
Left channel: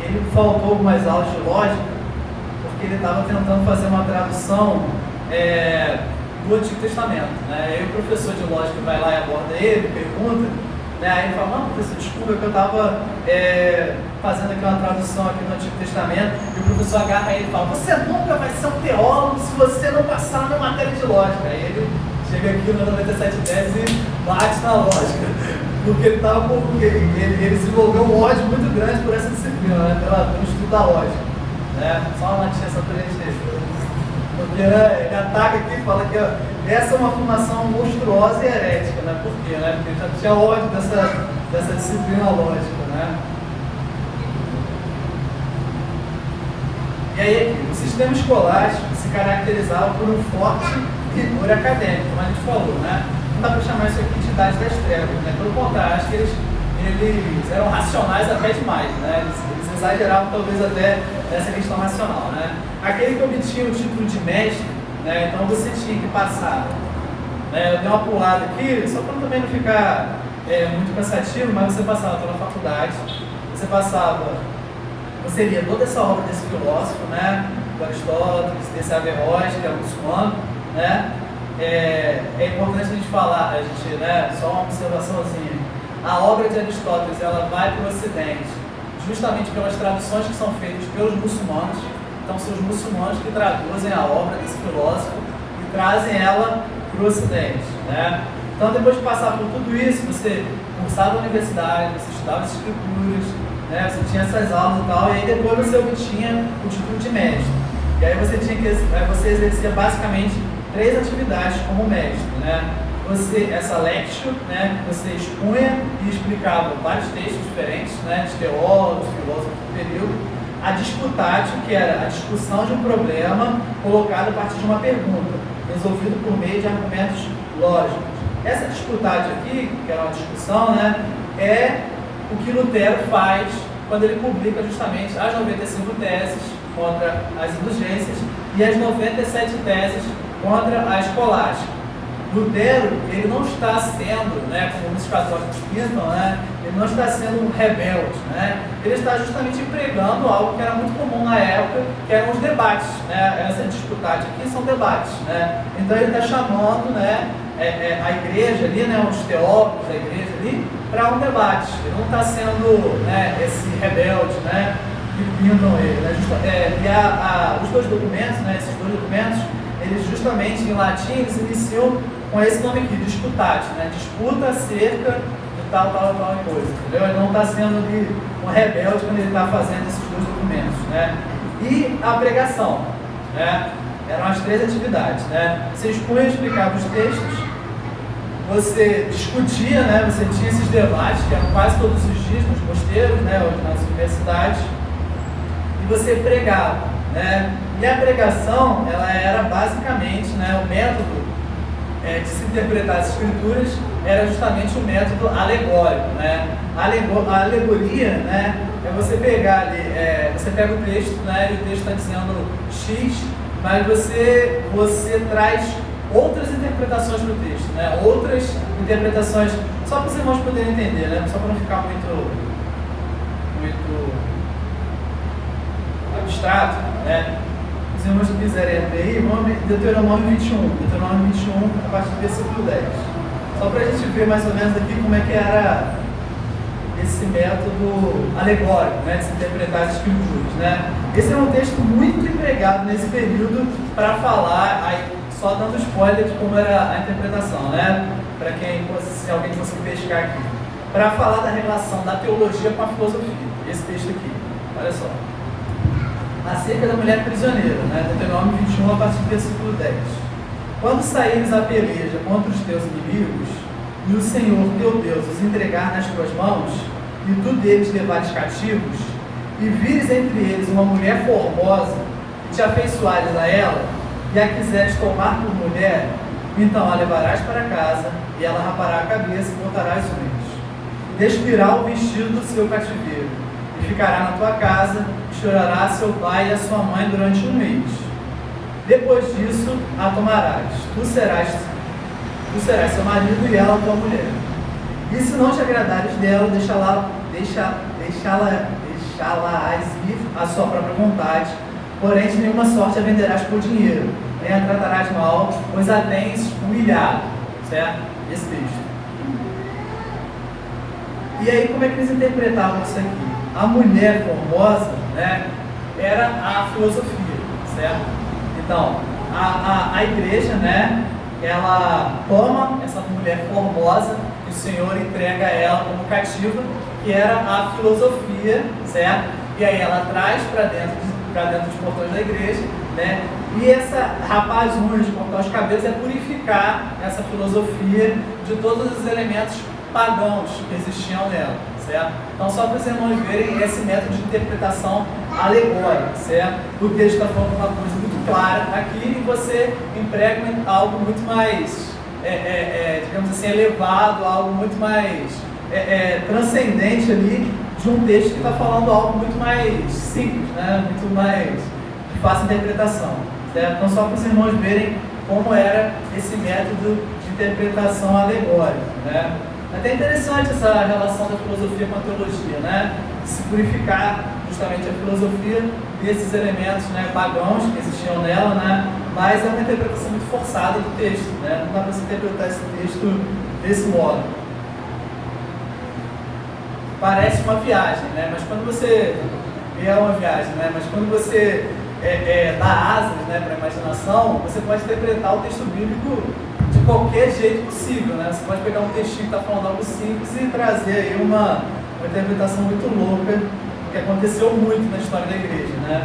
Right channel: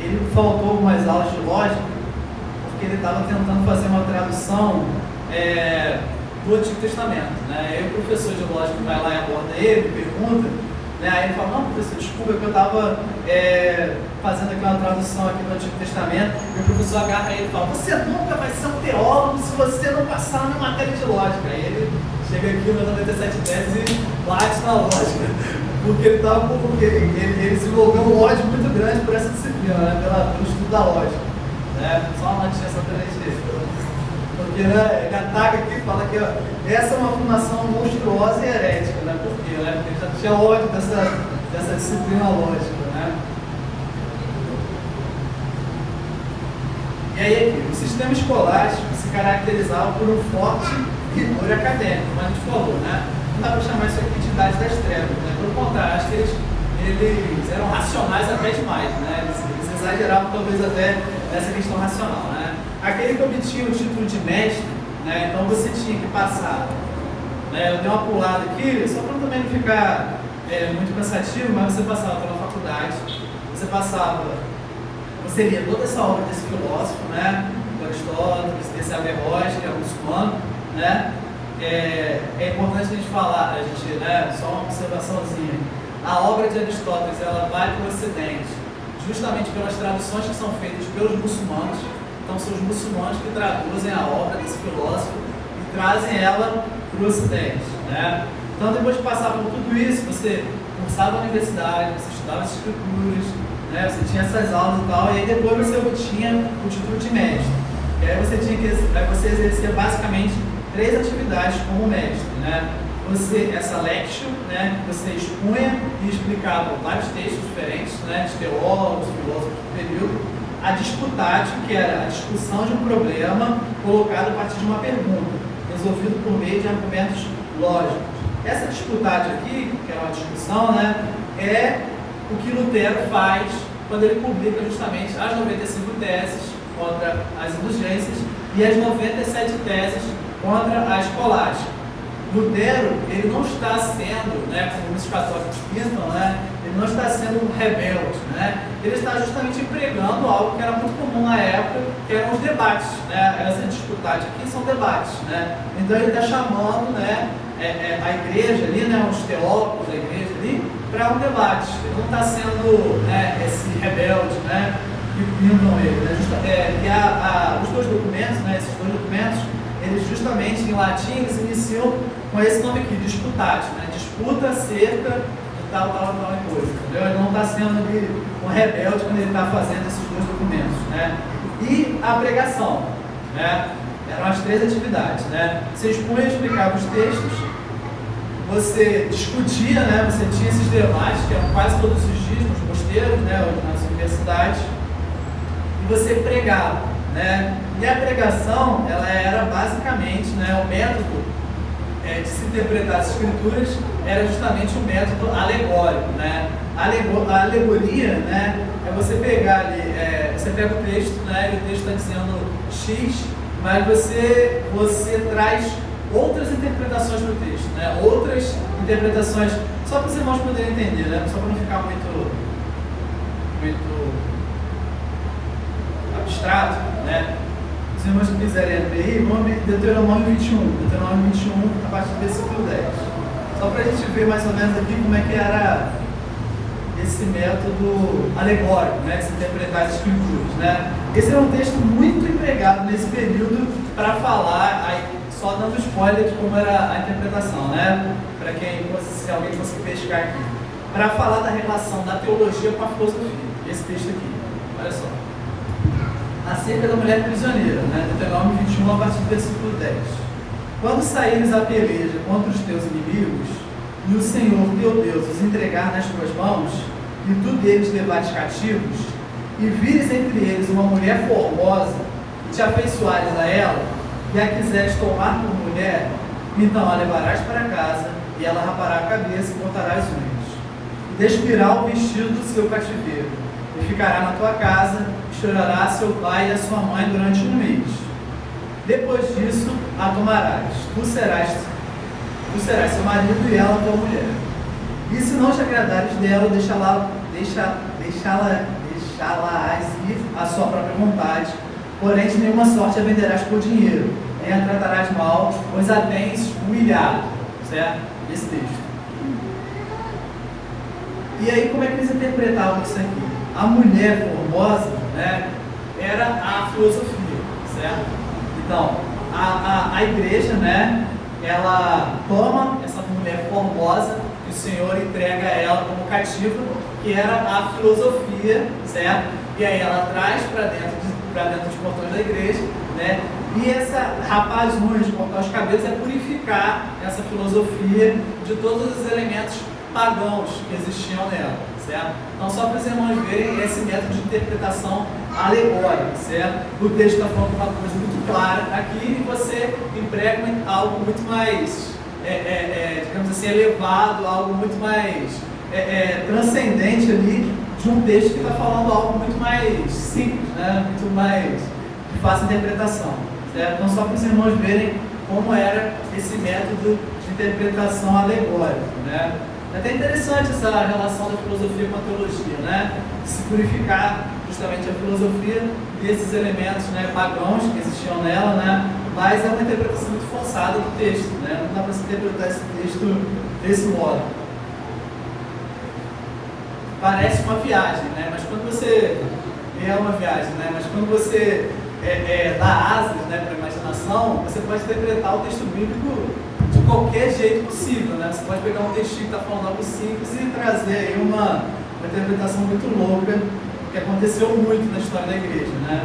ele faltou algumas aulas de lógica, porque ele estava tentando fazer uma tradução do Antigo Testamento, né? Aí o professor de lógica vai lá e aborda ele, pergunta, né? Aí ele fala: não, professor, desculpa, que eu estava fazendo aquela tradução aqui do Antigo Testamento. E o professor agarra ele e fala: você nunca vai ser um teólogo se você não passar na matéria de lógica. Aí ele chega aqui no 97 teses e bate na lógica, porque ele desenvolveu um ódio muito grande por essa disciplina, né? Pelo estudo da lógica, né? Só uma notícia só para ele. Porque, né, ele ataca aqui e fala que essa é uma afirmação monstruosa e herética, né? Por quê? Né? Porque ele já tinha ódio dessa disciplina lógica, né? E aí aqui, o sistema escolástico se caracterizava por um forte rigor acadêmico, como a gente falou, né? Não dá para chamar isso aqui de Idade das Trevas, né? Pelo contrário, acho que eles eram racionais até demais, né? Eles exageravam talvez até essa questão racional, né? Aquele que obtinha o título de mestre, né? Então você tinha que passar, né? Eu dei uma pulada aqui, só para também não ficar muito cansativo, mas você passava pela faculdade, você lia toda essa obra desse filósofo, né? Do Aristóteles, desse Averroes, que é muçulmano, né? É importante a gente falar, né? Só uma observaçãozinha. A obra de Aristóteles, ela vai para o Ocidente, justamente pelas traduções que são feitas pelos muçulmanos. Então são os muçulmanos que traduzem a obra desse filósofo e trazem ela para o Ocidente, né? Então depois de passar por tudo isso, você cursava na universidade, você estudava as escrituras, né? Você tinha essas aulas e tal, e aí depois você obtinha o título de mestre. E aí você exercia basicamente 3 atividades como mestre, né? Essa lectio, né? Você expunha e explicava vários textos diferentes, né? De teólogos, filósofos do período. A disputatio, que era a discussão de um problema colocado a partir de uma pergunta, resolvido por meio de argumentos lógicos. Essa disputade aqui, que é uma discussão, né, é o que Lutero faz quando ele publica justamente as 95 teses contra as indulgências e as 97 teses contra a escolástica. Lutero, ele não está sendo, né, como os católicos dizem, né, ele não está sendo um rebelde, né, ele está justamente pregando algo que era muito comum na época, que eram os debates, né, essa disputade aqui são debates, né, então ele está chamando, né, a igreja ali, né, os teólogos da igreja ali, para um debate, ele não está sendo, né, esse rebelde, né, que pindam ele, né, e os dois documentos, né, esses dois documentos, eles justamente em latim eles iniciam com esse nome aqui, disputate, né? Disputa acerca de tal coisa, entendeu? Ele não está sendo ali um rebelde quando ele está fazendo esses dois documentos, né? E a pregação, né? Eram as 3 atividades, né? Você expunha e explicava os textos, você discutia, né? Você tinha esses debates, que eram quase todos os dias nos mosteiros, né? Ou nas universidades, e você pregava, né? E a pregação, ela era basicamente, né, o método de se interpretar as escrituras era justamente o método alegórico, né? A alegoria, né, é você pegar ali, você pega o texto, né, e o texto está dizendo X, mas você traz outras interpretações para o texto, né? Outras interpretações, só para os irmãos poderem entender, né? Só para não ficar muito abstrato, né? Se os irmãos que quiserem abrir aí, vamos abrir Deuteronômio 21. Deuteronômio 21, a partir do versículo 10. Só para a gente ver mais ou menos aqui como é que era esse método alegórico, né, de se interpretar as escrituras, né? Esse é um texto muito empregado nesse período para falar, aí, só dando spoiler de como era a interpretação, né? Para se alguém fosse pescar aqui. Para falar da relação da teologia com a filosofia. Esse texto aqui, olha só. Acerca da mulher prisioneira, né? Deuteronômio 21, a partir do versículo 10. Quando saíres a peleja contra os teus inimigos, e o Senhor teu Deus os entregar nas tuas mãos, e tu deles levares cativos, e vires entre eles uma mulher formosa, e te afeiçoares a ela, e a quiseres tomar por mulher, então a levarás para casa, e ela rapará a cabeça e cortará as unhas. E despirá o vestido do seu cativeiro, e ficará na tua casa, chorará seu pai e a sua mãe durante 1 mês. Depois disso, a tomarás. Tu serás seu marido e ela tua mulher. E se não te agradares dela, deixá-la ir à sua própria vontade. Porém, de nenhuma sorte a venderás por dinheiro, nem a tratarás mal, pois a tens humilhado. Certo? Esse texto. E aí, como é que eles interpretavam isso aqui? A mulher formosa, né, era a filosofia, certo? Então, a igreja, né, ela toma essa mulher formosa e o Senhor entrega ela como cativa, que era a filosofia, certo? E aí ela traz para dentro dos portões da igreja, né? E essa rapaz de cortar os cabelos é purificar essa filosofia de todos os elementos pagãos que existiam nela, certo? Então, só para os irmãos verem esse método de interpretação alegórica, certo? O texto está falando uma coisa muito clara aqui e você emprega algo muito mais, digamos assim, elevado, algo muito mais transcendente ali de um texto que está falando algo muito mais simples, né? Muito mais de fácil interpretação, certo? Então, só para os irmãos verem como era esse método de interpretação alegórica, né? É até interessante essa relação da filosofia com a teologia, né? Se purificar justamente a filosofia desses elementos, né, pagãos que existiam nela, né? Mas é uma interpretação muito forçada do texto, né? Não dá para se interpretar esse texto desse modo. Parece uma viagem, né? Mas quando você... É uma viagem, né? Mas quando você dá asas, né, para a imaginação, você pode interpretar o texto bíblico de qualquer jeito possível, né? Você pode pegar um textinho que está falando algo simples e trazer aí uma interpretação muito louca, que aconteceu muito na história da igreja, né?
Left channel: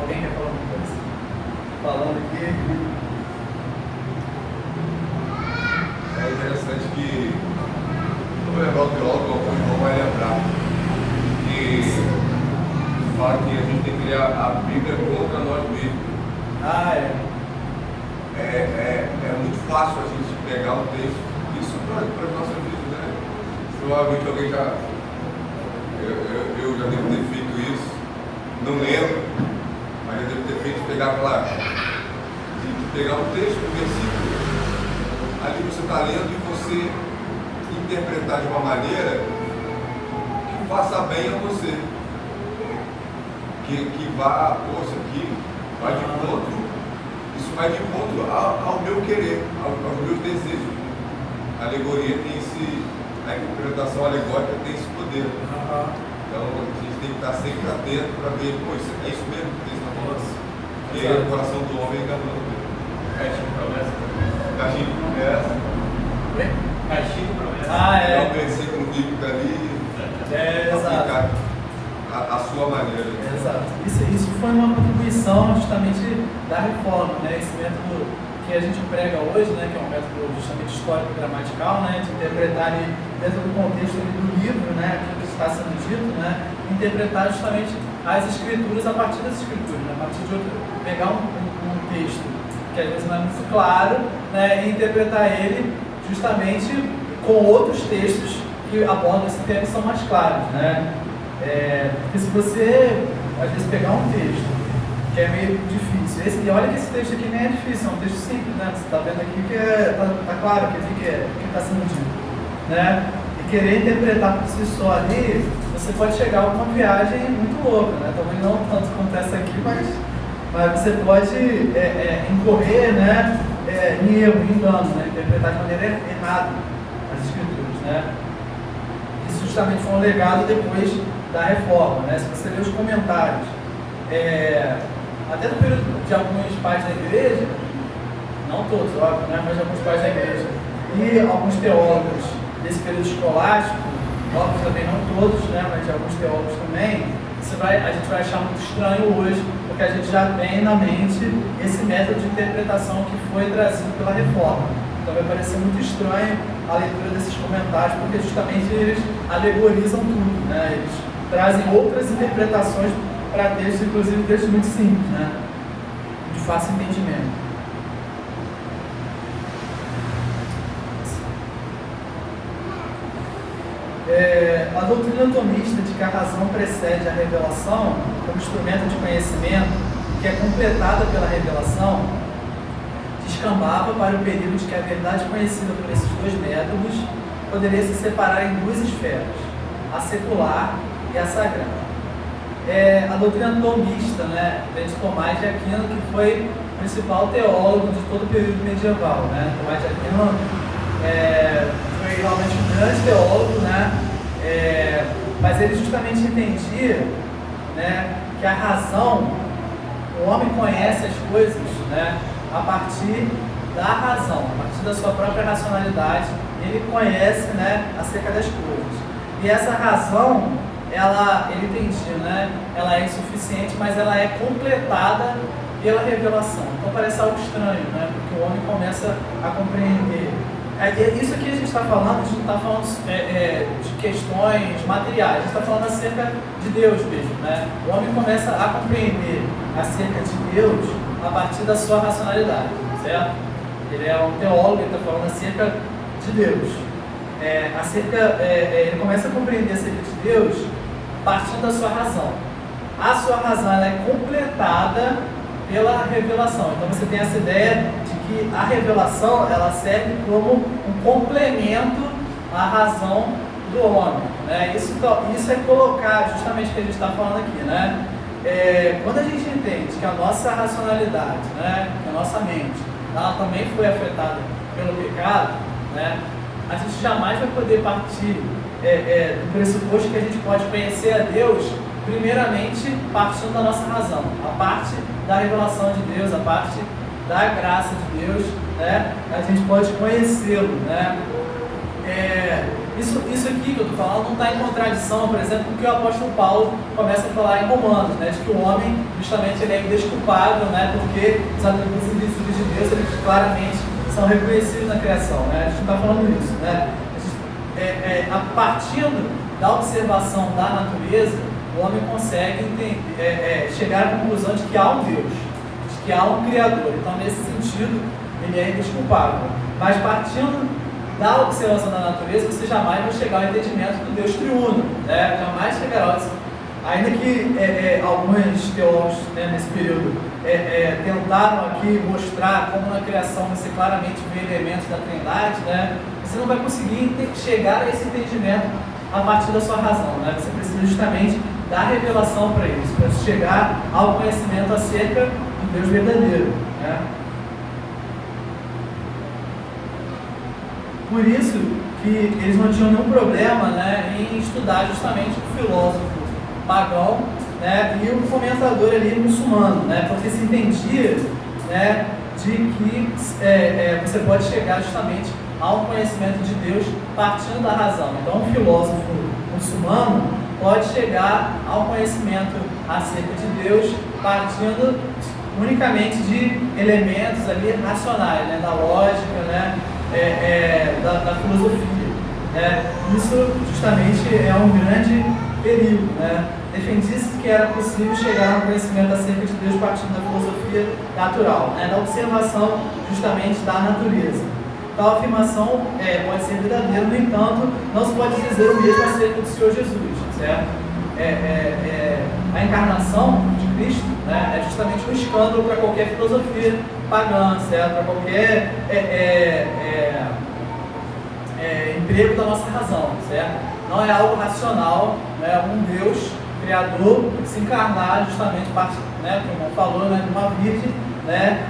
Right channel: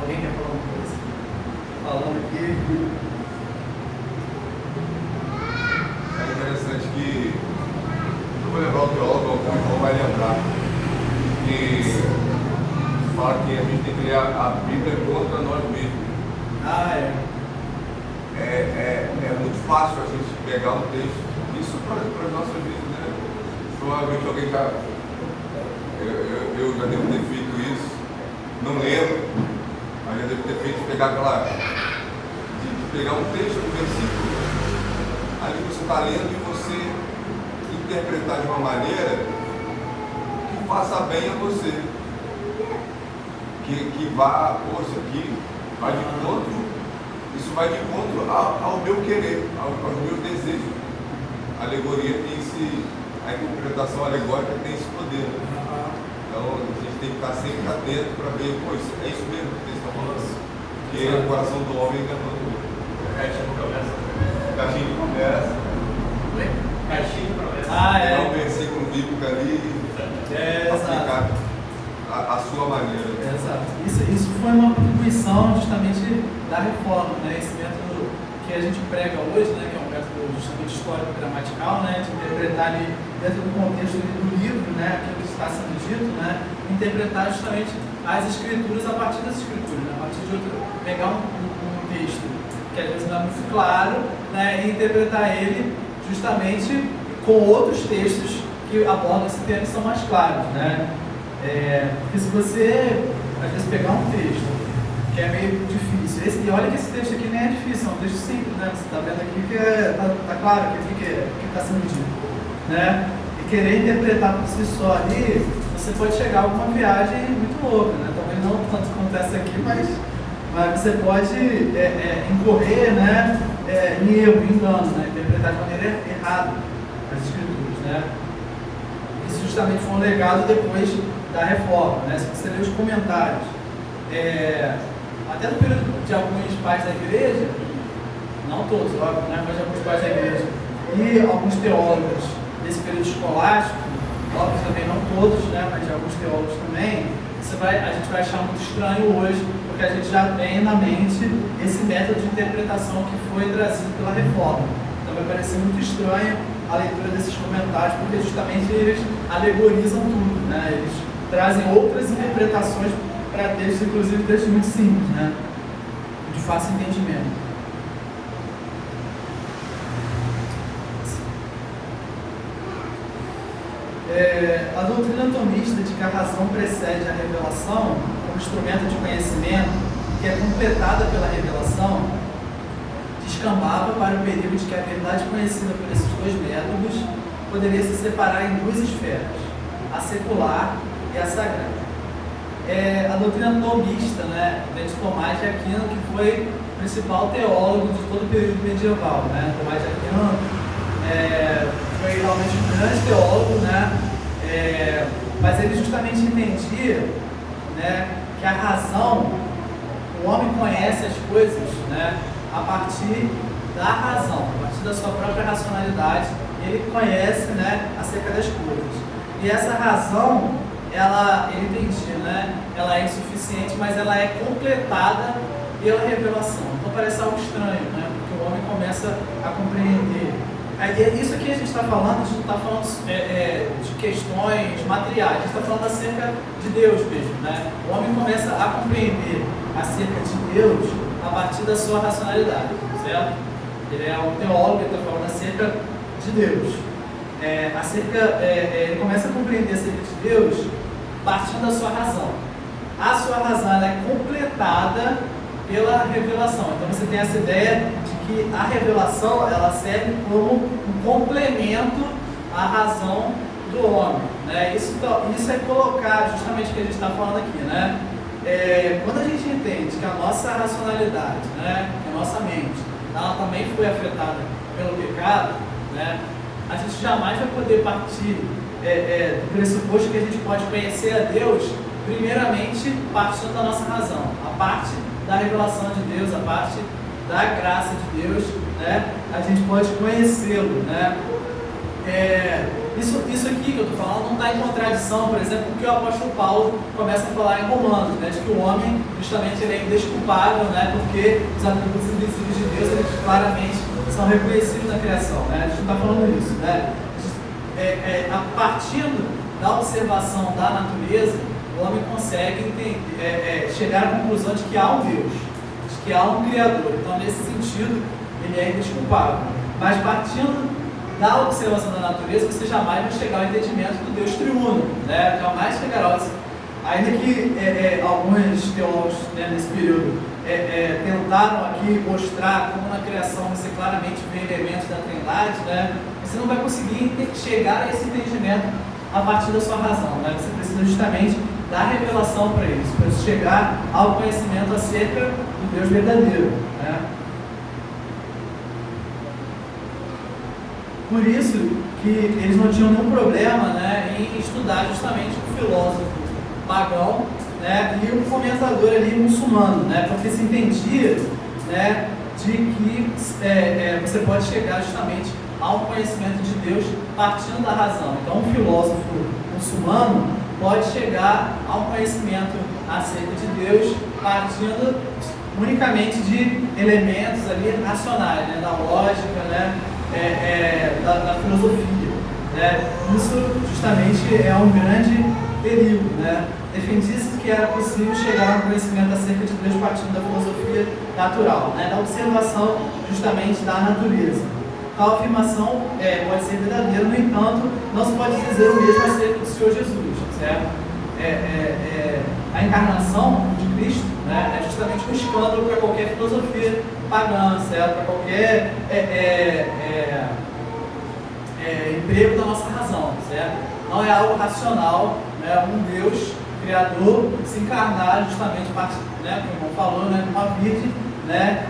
Alguém quer falar alguma coisa? Falando aqui. É interessante que, como lembrar o teólogo, o irmão vai lembrar, que fala que a gente tem que ler a Bíblia contra nós mesmos. Ah, é muito fácil a gente pegar um texto, isso para as nossas vidas, né? Provavelmente alguém já, eu já devo ter feito isso, não lembro, mas já devo ter feito pegar de pegar um texto, um versículo, ali você está lendo e você interpretar de uma maneira que faça bem a você, que vá, poxa, aqui vai de encontro, isso vai de encontro ao meu querer, aos meus desejos. A alegoria tem a interpretação alegórica tem esse poder. Então a gente tem que estar sempre atento para ver, pô, é isso mesmo que eles estão falando. Porque o coração do homem é enganoso mesmo. Caixinha de promessa. Caixinha de promessa. Caixinha de promessa. Pegar um versículo bíblico ali e aplicar a sua maneira. Exato. Isso foi uma contribuição justamente da reforma, né? Esse método que a gente prega hoje, né? Que é um método justamente histórico-gramatical, né? De interpretar ali, dentro do contexto ali do livro, né? Aquilo que está sendo dito, né? Interpretar justamente as escrituras a partir das escrituras, né? A partir de pegar um texto que às vezes não é muito claro, né? E interpretar ele justamente com outros textos que abordam esse tema e são mais claros, né? Porque se você, às vezes, pegar um texto que é meio difícil, e olha que esse texto aqui nem é difícil, é um texto simples, né? Você está vendo aqui que está claro o que está sendo dito, né? E querer interpretar por si só ali, você pode chegar a uma viagem muito louca, né? Talvez não tanto quanto essa aqui, mas você pode incorrer, né? Em erro, em engano, né? Interpretar de maneira errada as escrituras, né? Isso justamente foi um legado depois da reforma, né? Se você ler os comentários, até no período de alguns pais da igreja, não todos, óbvio, né? Mas de alguns pais da igreja e alguns teólogos desse período escolástico, óbvio também não todos, né? Mas de alguns teólogos também, a gente vai achar muito estranho hoje, porque a gente já tem na mente esse método de interpretação que foi trazido pela reforma. Então vai parecer muito estranho a leitura desses comentários, porque justamente eles alegorizam tudo, né? Eles trazem outras interpretações para textos, inclusive textos muito simples, né? De fácil entendimento. A doutrina tomista de que a razão precede a revelação como instrumento de conhecimento, que é completada pela revelação, descambava para o perigo de que a verdade conhecida por esses dois métodos poderia se separar em duas esferas, a secular e a sagrada. A doutrina tomista, né, de Tomás de Aquino, que foi o principal teólogo de todo o período medieval, né? Tomás de Aquino foi realmente um grande teólogo, né? Mas ele justamente entendia, né, que a razão, o homem conhece as coisas, né, a partir da razão, a partir da sua própria racionalidade, ele conhece, né, acerca das coisas. E essa razão, ele entendia, né, ela é insuficiente, mas ela é completada pela revelação. Então parece algo estranho, né, porque o homem começa a compreender. Isso aqui a gente está falando, a gente não está falando de questões materiais, a gente está falando acerca de Deus mesmo, né? O homem começa a compreender acerca de Deus a partir da sua racionalidade, certo? Ele é um teólogo, ele está falando acerca de Deus. Ele começa a compreender acerca de Deus partindo da sua razão. A sua razão ela é completada pela revelação. Então você tem essa ideia de que a revelação ela serve como um complemento à razão do homem, né? Isso é colocar justamente o que a gente está falando aqui, né? Quando a gente entende que a nossa racionalidade, né, que a nossa mente, ela também foi afetada pelo pecado, né, a gente jamais vai poder partir do pressuposto que a gente pode conhecer a Deus primeiramente partindo da nossa razão, a parte da revelação de Deus, a parte da graça de Deus, né, a gente pode conhecê-lo, né? Isso aqui que eu estou falando não está em contradição, por exemplo, com o que o apóstolo Paulo começa a falar em Romanos, né, de que o homem justamente ele é indesculpável, né, porque os atributos invisíveis de Deus eles claramente são reconhecidos na criação, né? A gente não está falando isso, né? A partindo da observação da natureza, o homem consegue chegar à conclusão de que há um Deus, de que há um Criador. Então, nesse sentido, ele é indesculpável. Mas partindo da observação da natureza, você jamais vai chegar ao entendimento do Deus triuno, né? Jamais chegará ao... Ainda que alguns teólogos, né, nesse período tentaram aqui mostrar como na criação você claramente vê elementos da Trindade, né? Você não vai conseguir chegar a esse entendimento a partir da sua razão, né? Você precisa justamente da revelação para isso, para chegar ao conhecimento acerca do Deus verdadeiro, né? Por isso que eles não tinham nenhum problema, né, em estudar justamente o filósofo pagão, né, e o comentador ali muçulmano, né, porque se entendia, né, de que você pode chegar justamente ao conhecimento de Deus partindo da razão. Então, um filósofo muçulmano pode chegar ao conhecimento acerca de Deus partindo unicamente de elementos ali racionais, né, da lógica, né, da filosofia, né. Isso justamente é um grande perigo, né. Defendia-se que era possível chegar a um conhecimento acerca de Deus partindo da filosofia natural, né, da observação justamente da natureza. Tal afirmação pode ser verdadeira, no entanto, não se pode dizer o mesmo acerca do Senhor Jesus, certo? A encarnação de Cristo, né, é justamente um escândalo para qualquer filosofia pagã, certo? Para qualquer emprego da nossa razão, certo? Não é algo racional, né, um Deus criador se encarnar justamente, né, como falou, né, uma virgem, né,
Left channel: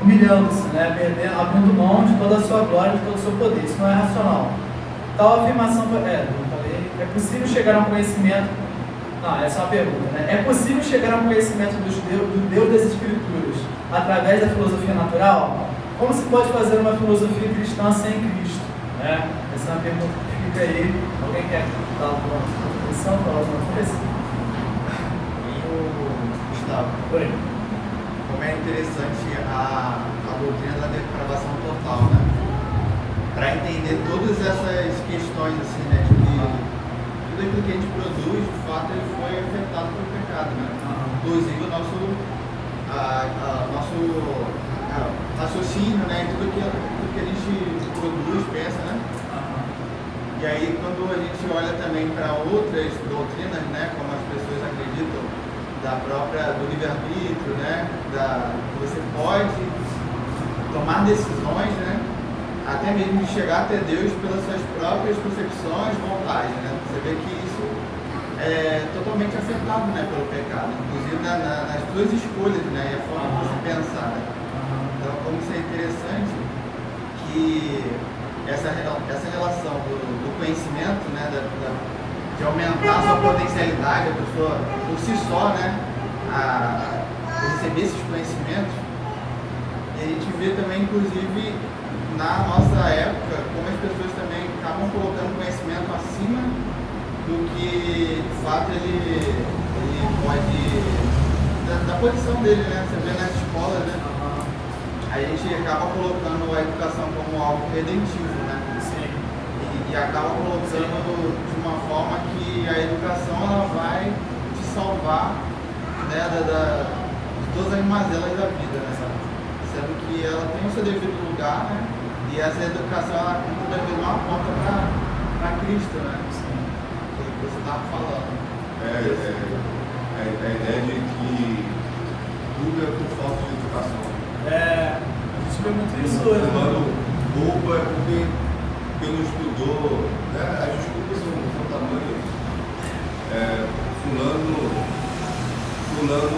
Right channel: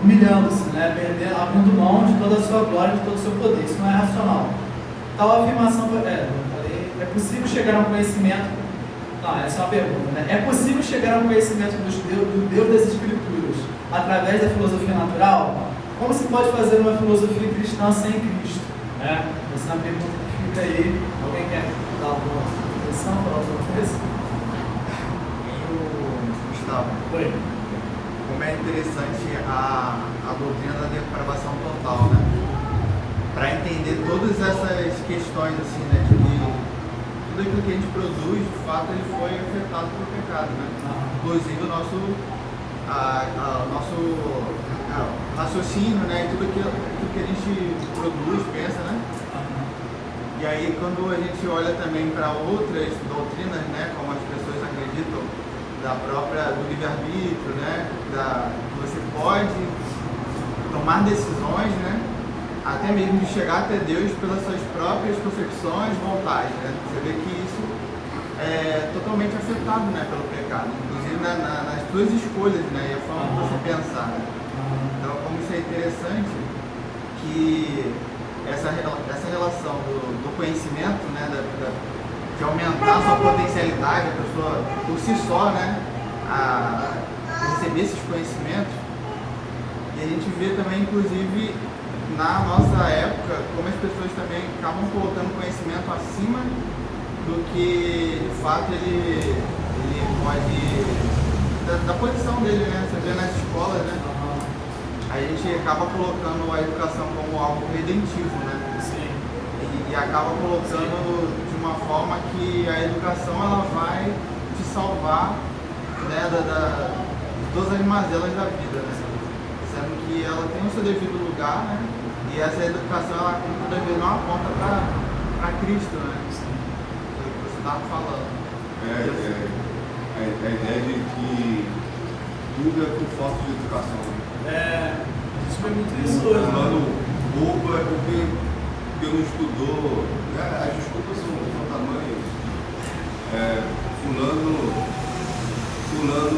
humilhando-se, né, abrindo mão de toda a sua glória, de todo o seu poder. Isso não é racional. Tal afirmação é possível chegar a um conhecimento. Não, essa é uma pergunta, né? É possível chegar a um conhecimento do Deus das Escrituras através da filosofia natural? Como se pode fazer uma filosofia cristã sem Cristo? Né? Essa é uma pergunta que fica aí. Alguém quer dar alguma posição, falar alguma coisa? Gustavo, Oi. como é interessante a doutrina da depravação total, né? Para entender todas essas questões, assim, né? De que tudo aquilo que a gente produz, de fato, ele foi afetado pelo pecado, né? Inclusive o nosso raciocínio, né? E tudo que a gente produz, pensa, né? E aí, quando a gente olha também para outras doutrinas, né? Como as pessoas acreditam do livre-arbítrio, né? Que você pode tomar decisões, né? Até mesmo de chegar até Deus pelas suas próprias percepções, vontades, né? Você vê que isso é totalmente afetado, né, pelo pecado, inclusive nas suas escolhas, né? E a forma que você pensar, né? Então, como isso é interessante que essa relação do conhecimento, né? De aumentar a sua potencialidade, a pessoa por si só, né, a receber esses conhecimentos. E a gente vê também, inclusive, na nossa época, como as pessoas também estavam colocando conhecimento acima do que, de fato, ele pode... da posição dele, né? Você vê nas escolas, né? A gente acaba colocando a educação como algo redentivo, né? E acaba colocando de uma forma que a educação ela vai te salvar, né, de todas as mazelas da vida, né? Sendo que ela tem o seu devido lugar, né? E essa educação ela muitas vezes não aponta para Cristo, né? O que você estava falando. A ideia de que tudo é por falta de educação. A gente vê muito isso hoje. Fulano bobo é porque não estudou, né? As desculpas são tamanhos. Fulano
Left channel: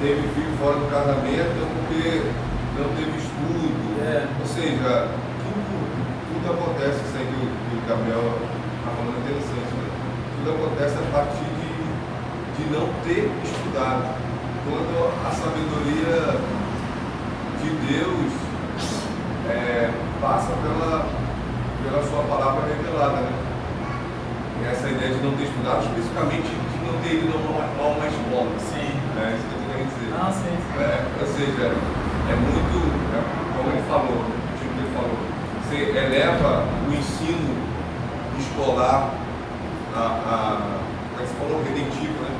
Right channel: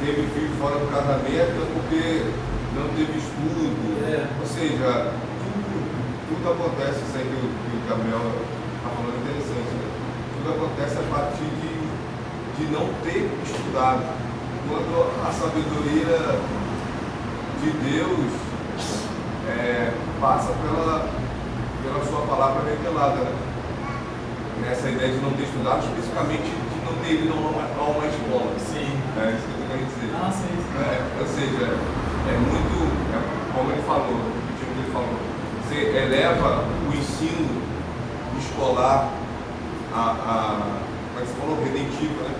teve filho fora do casamento é porque não teve estudo. Ou seja, tudo acontece, isso aí que o Gabriel está falando é interessante, né? Tudo acontece a partir de não ter estudado. Quando a sabedoria de Deus passa pela sua palavra revelada, né? E essa ideia de não ter estudado, especificamente de não ter ido a uma escola. Sim. Isso que eu queria dizer. Ah, sim. Ou seja, é muito, como ele falou, o tipo que ele falou, você eleva o ensino escolar como você falou, redentivo, né?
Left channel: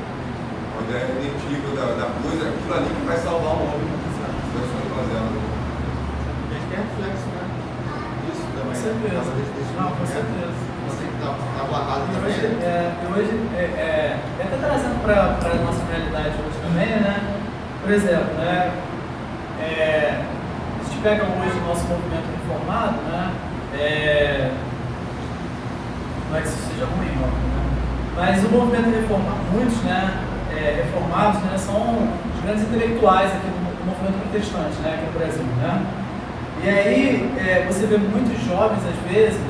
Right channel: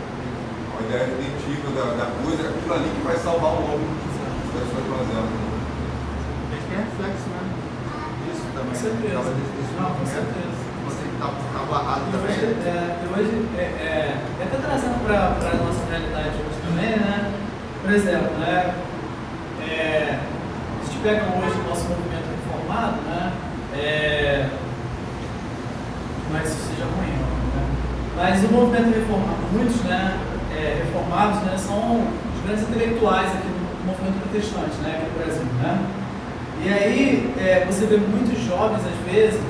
A ideia redentiva da coisa, é aquilo ali que vai salvar o homem. das suas mazelas. A gente tem reflexo, né? Isso também. Com certeza. Não, com certeza. Você que está barrado E também. hoje até trazendo para a nossa realidade hoje também, né? Por exemplo, né? A gente pega hoje o nosso movimento reformado, né? Não é que isso seja ruim, não, né? Mas o movimento reformado, muitos, né? Reformados, né? São os grandes intelectuais aqui no movimento protestante, né? Aqui no Brasil, né? E aí você vê muitos jovens, às vezes,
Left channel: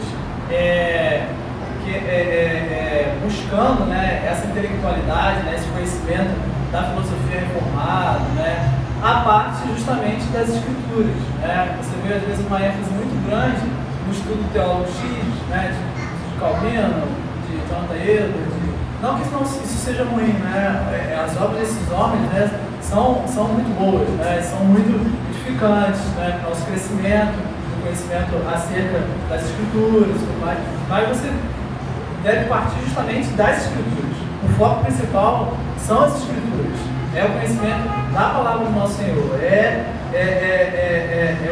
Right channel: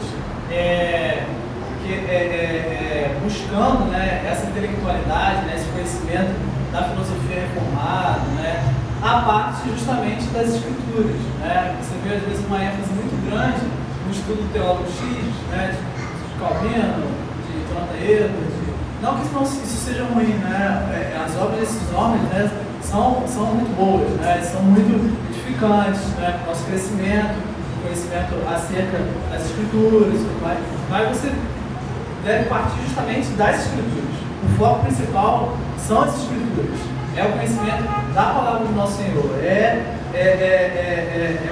buscando, né, essa intelectualidade, né, esse conhecimento da filosofia reformada, né, a parte justamente das escrituras, né. Você vê às vezes uma ênfase muito grande no estudo do teólogo X, né, de Calvino, de Jonathan Edwards. Não que isso seja ruim, né. As obras desses homens, né, são muito boas, né, são muito edificantes, né, para o nosso crescimento, conhecimento acerca das escrituras, mas você deve partir justamente das escrituras. O foco principal são as escrituras, é o conhecimento da palavra do nosso Senhor, é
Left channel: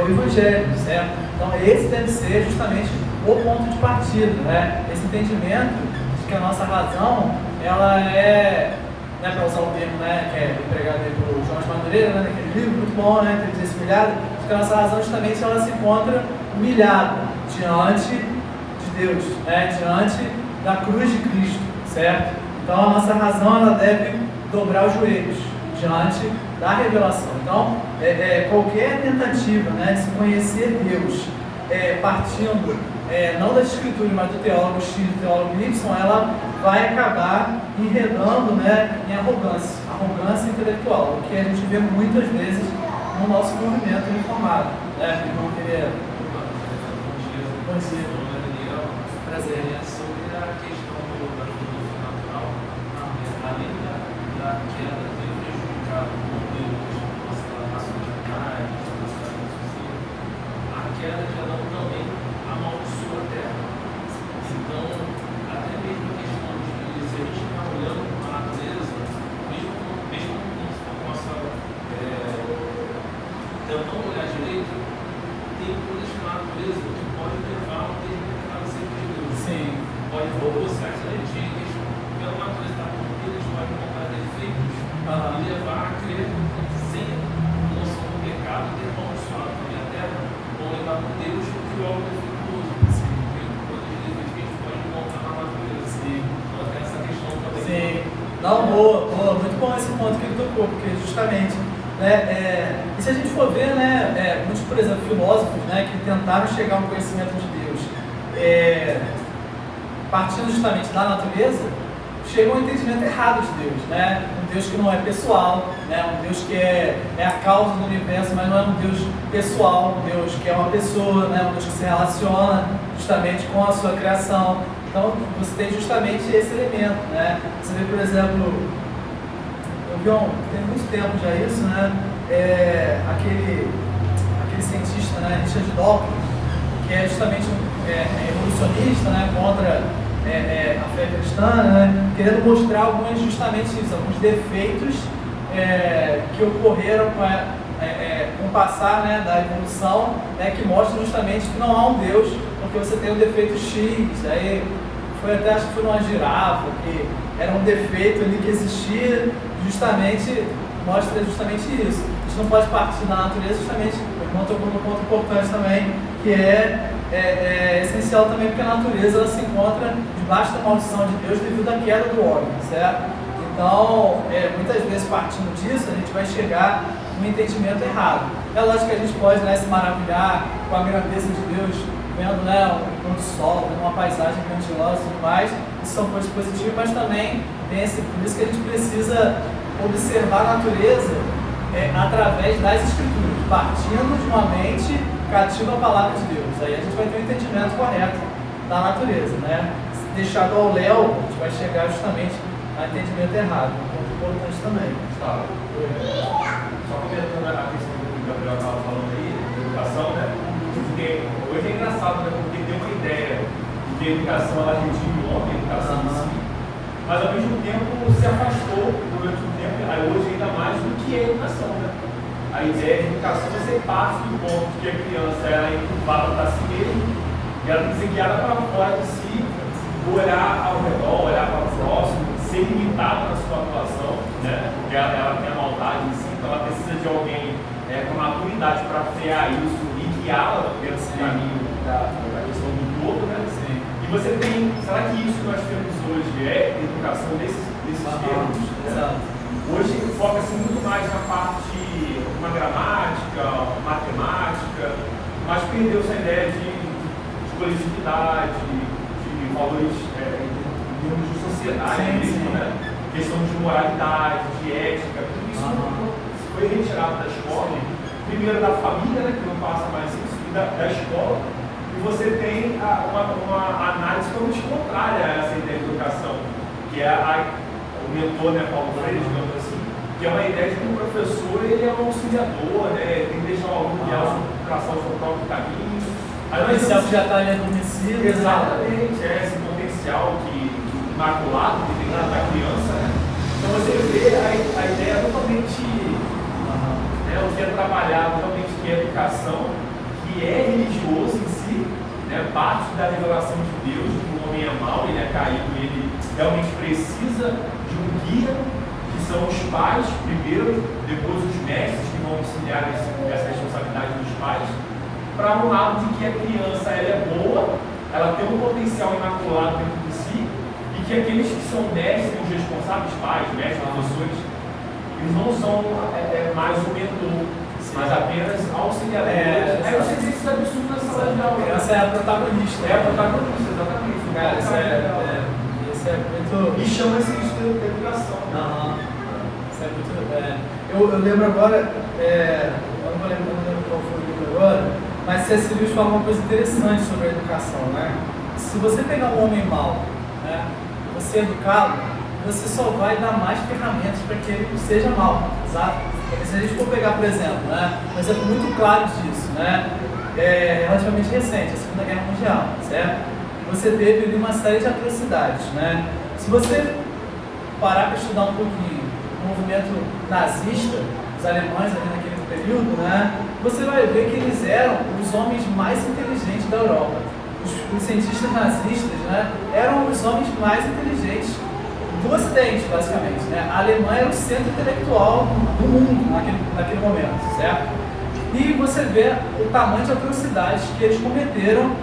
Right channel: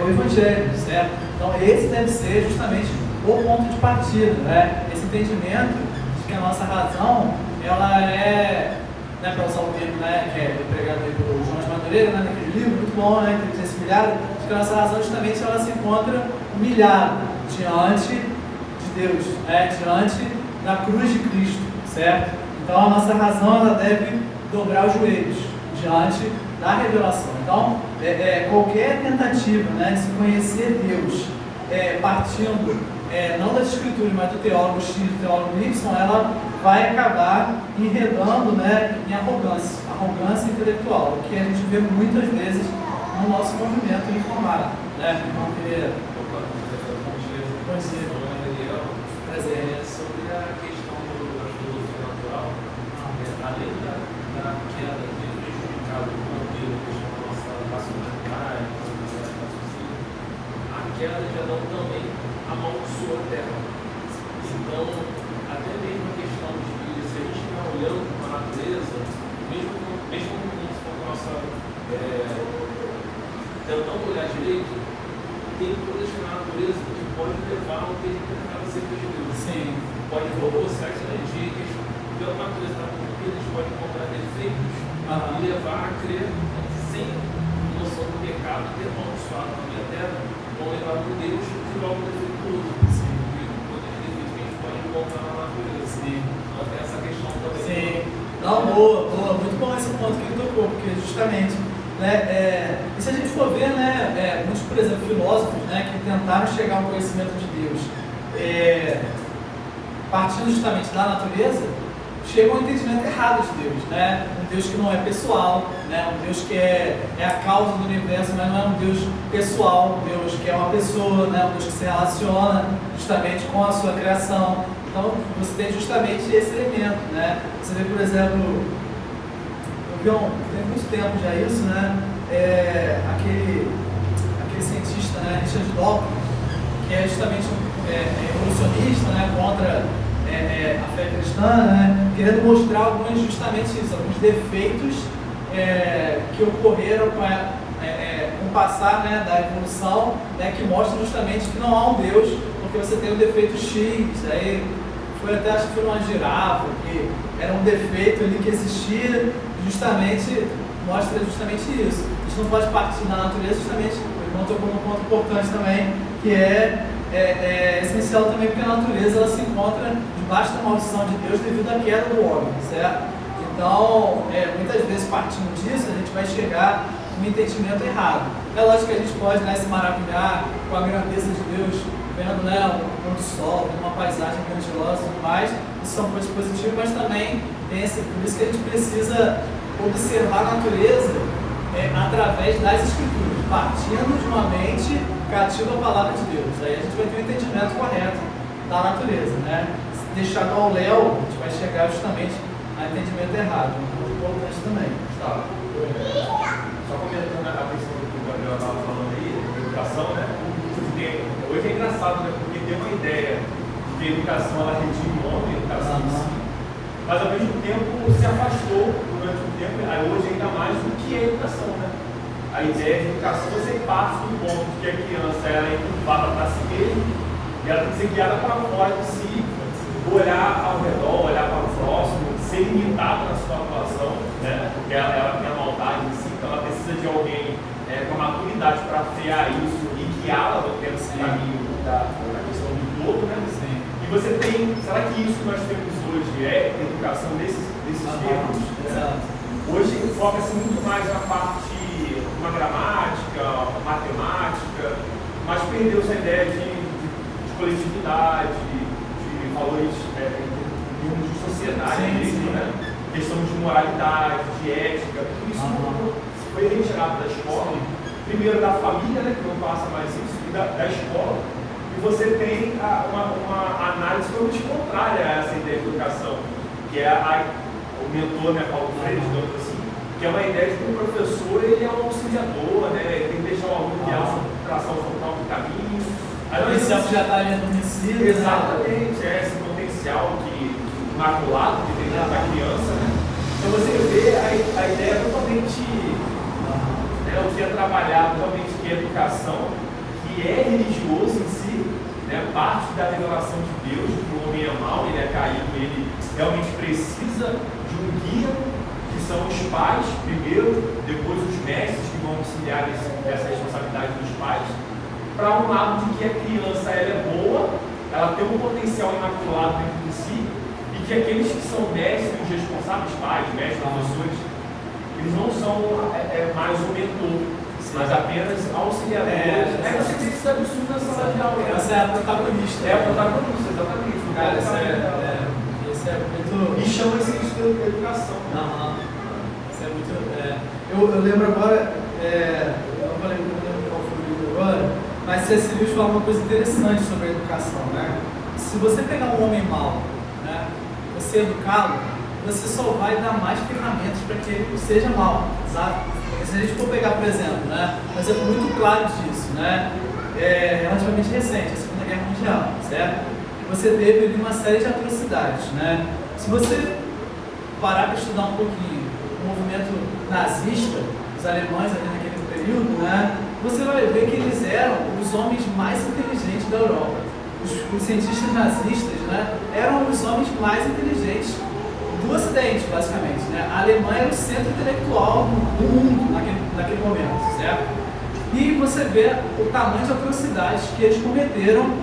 o Evangelho, certo? Então esse deve ser justamente o ponto de partida, né? Esse entendimento de que a nossa razão, ela né, para usar o termo, né, que é empregado aí por João Madureira, né, naquele livro, muito bom, né, Inteligência Humilhada, que a nossa razão justamente ela se encontra humilhada diante de Deus, né, diante da cruz de Cristo, certo? Então a nossa razão ela deve dobrar os joelhos diante da revelação. Então qualquer tentativa, né, de se conhecer Deus partindo não das escrituras, mas do teólogo X, do teólogo Y, ela vai acabar enredando, né, em arrogância intelectual, que a gente vê muitas vezes no nosso movimento reformado, né? Não queria prazer sobre a questão da filosofia natural, além da queda ter prejudicado o modelo da nossa masculinidade, a queda já não também amaldiçoou a terra. Então, até mesmo a questão de se a gente está olhando para a natureza, mesmo com a nossa tentando olhar direito, tem coisas na natureza que podem levar a um determinado centro de Deus. Sim. Pode provocar energias, pela natureza está tudo, eles podem encontrar defeitos e levar a crer sem noção do pecado e amaldiçoado na terra, vão levar para Deus que é o defeituoso. Sim. Todos os defeitos que a gente pode encontrar na natureza. Sim. Então tem essa questão também. Sim. Não, boa, muito bom esse ponto que ele tocou, porque justamente, né, e se a gente for ver, né, muitos, por exemplo, filósofos, né, que tentaram chegar a um conhecimento de Deus, partindo justamente da natureza, chegam a um entendimento errado de Deus, né? Um Deus que não é pessoal, né? Um Deus que é a causa do universo, mas não é um Deus pessoal, um Deus que é uma pessoa, né? Um Deus que se relaciona justamente com a sua criação. Então, você tem justamente esse elemento, né? Você vê, por exemplo, tem muito tempo já isso, né? Aquele cientista, né? Richard Dawkins, que é justamente evolucionista, né? Contra a fé cristã, né? Querendo mostrar justamente isso, alguns defeitos que ocorreram com o passar, né, da evolução, né, que mostram justamente que não há um Deus, porque você tem um defeito X, aí acho que foi uma girafa, que era um defeito ali que existia, justamente mostra justamente isso. A gente não pode partir da natureza, justamente, um ponto importante também, que é essencial também, porque a natureza ela se encontra debaixo da maldição de Deus devido à queda do homem, certo? Então, muitas vezes partindo disso, a gente vai chegar no entendimento errado. É lógico que a gente pode, né, se maravilhar com a grandeza de Deus, vendo, né, um pôr do sol, uma paisagem grandiosa e tudo mais, isso são coisas positivas, mas também por isso que a gente precisa observar a natureza através das escrituras, partindo de uma mente cativa a palavra de Deus. Aí a gente vai ter um entendimento correto da natureza, né? Deixado ao léu, a gente vai chegar justamente a entendimento errado. Então, é importante também. Só comentando a questão do que o Gabriel estava falando aí, da educação, né? Porque hoje é engraçado, né? Porque tem uma ideia de que a educação ela redime o homem, a educação em si, mas ao mesmo tempo se afastou durante um tempo, aí hoje ainda mais do que a educação, né? A ideia de educação é ser parte do ponto que a criança ela é empurrada para si mesma e ela tem que ser guiada para fora de si, olhar ao redor, olhar para o próximo, ser limitada na sua atuação, né? Porque ela tem a maldade em si, então ela precisa de alguém com maturidade para frear isso e guiá-la nesse caminho da questão do todo, né? Sim. E você tem, será que isso que nós temos hoje é educação desses termos? Exato. Hoje foca-se muito mais na parte de uma gramática, matemática, mas perdeu-se a ideia de coletividade, de valores de sociedade mesmo, né? Questão de moralidade, de ética, tudo isso foi retirado da escola, primeiro da família, né, que não passa mais isso, e da escola, e você tem uma análise totalmente contrária a essa ideia de educação, que é o mentor, né, Paulo Freire, digamos assim, que é uma ideia de que o professor ele é um auxiliador, né, ele tem que deixar o aluno guiar a sua educação no próprio caminho. O potencial que já está ali adormecido. Exatamente, esse potencial imaculado que tem na criança. Né? Então você vê a ideia totalmente, o que é trabalhado totalmente em educação, que é religioso em si, né? Parte da revelação de Deus, de que o homem é mau, ele é caído, ele realmente precisa de um guia, que são os pais, primeiro, depois os mestres que vão auxiliar essa responsabilidade dos pais, para um lado de que a criança ela é boa, ela tem um potencial imaculado dentro de si, e que aqueles que são mestres, os responsáveis pais, mestres, professores, eles não são mais o mentor, mas apenas auxiliadores. É o serviço absurdo da sala de aula. Essa é a protagonista. É a protagonista, exatamente. Cara, isso é muito. E chama-se isso de educação. Isso é muito. Eu lembro agora, eu não lembro qual foi o livro agora, mas C.S. Lewis fala uma coisa interessante sobre a educação, né? Se você pegar um homem mau, né, você educá-lo, você só vai dar mais ferramentas para que ele seja mau, sabe? Se a gente for pegar, por exemplo, né, um exemplo muito claro disso, né, relativamente recente, a Segunda Guerra Mundial, certo? Você teve ali uma série de atrocidades, né? Se você parar para estudar um pouquinho o movimento nazista, os alemães ali naquele período, né, você vai ver que eles eram os homens mais inteligentes da Europa. Os cientistas nazistas, né, eram os homens mais inteligentes do Ocidente, basicamente, né? A Alemanha era o centro intelectual do mundo naquele momento, certo? E você vê o tamanho de atrocidades que eles cometeram,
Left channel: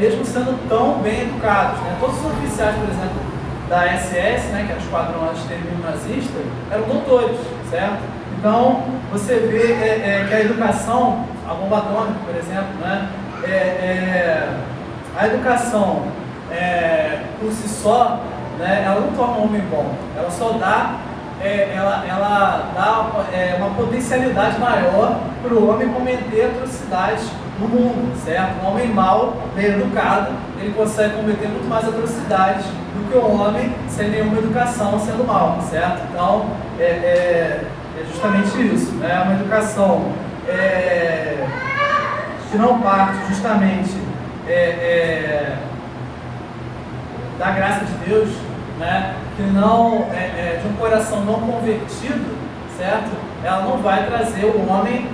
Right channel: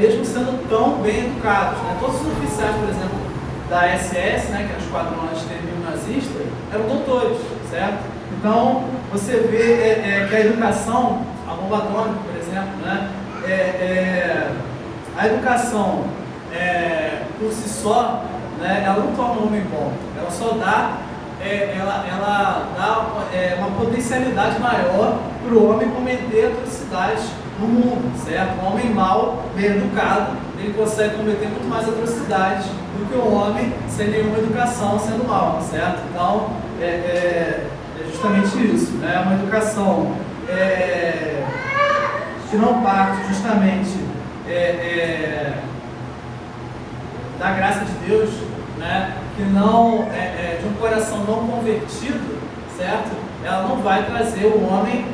mesmo sendo tão bem educados, né? Todos os oficiais, por exemplo, da SS, né, que era o esquadrão anti-extermínio nazista, eram doutores, certo? Então, você vê que a educação, a bomba atômica, por exemplo, né, a educação por si só, né, ela não torna o homem bom, ela só dá, ela dá uma potencialidade maior para o homem cometer atrocidades no mundo, certo? Um homem mau, bem educado, ele consegue cometer muito mais atrocidades do que um homem sem nenhuma educação sendo mau, certo? Então, é justamente isso, né? Uma educação que não parte justamente da graça de Deus, né? Que não de um coração não convertido, certo? Ela não vai trazer o homem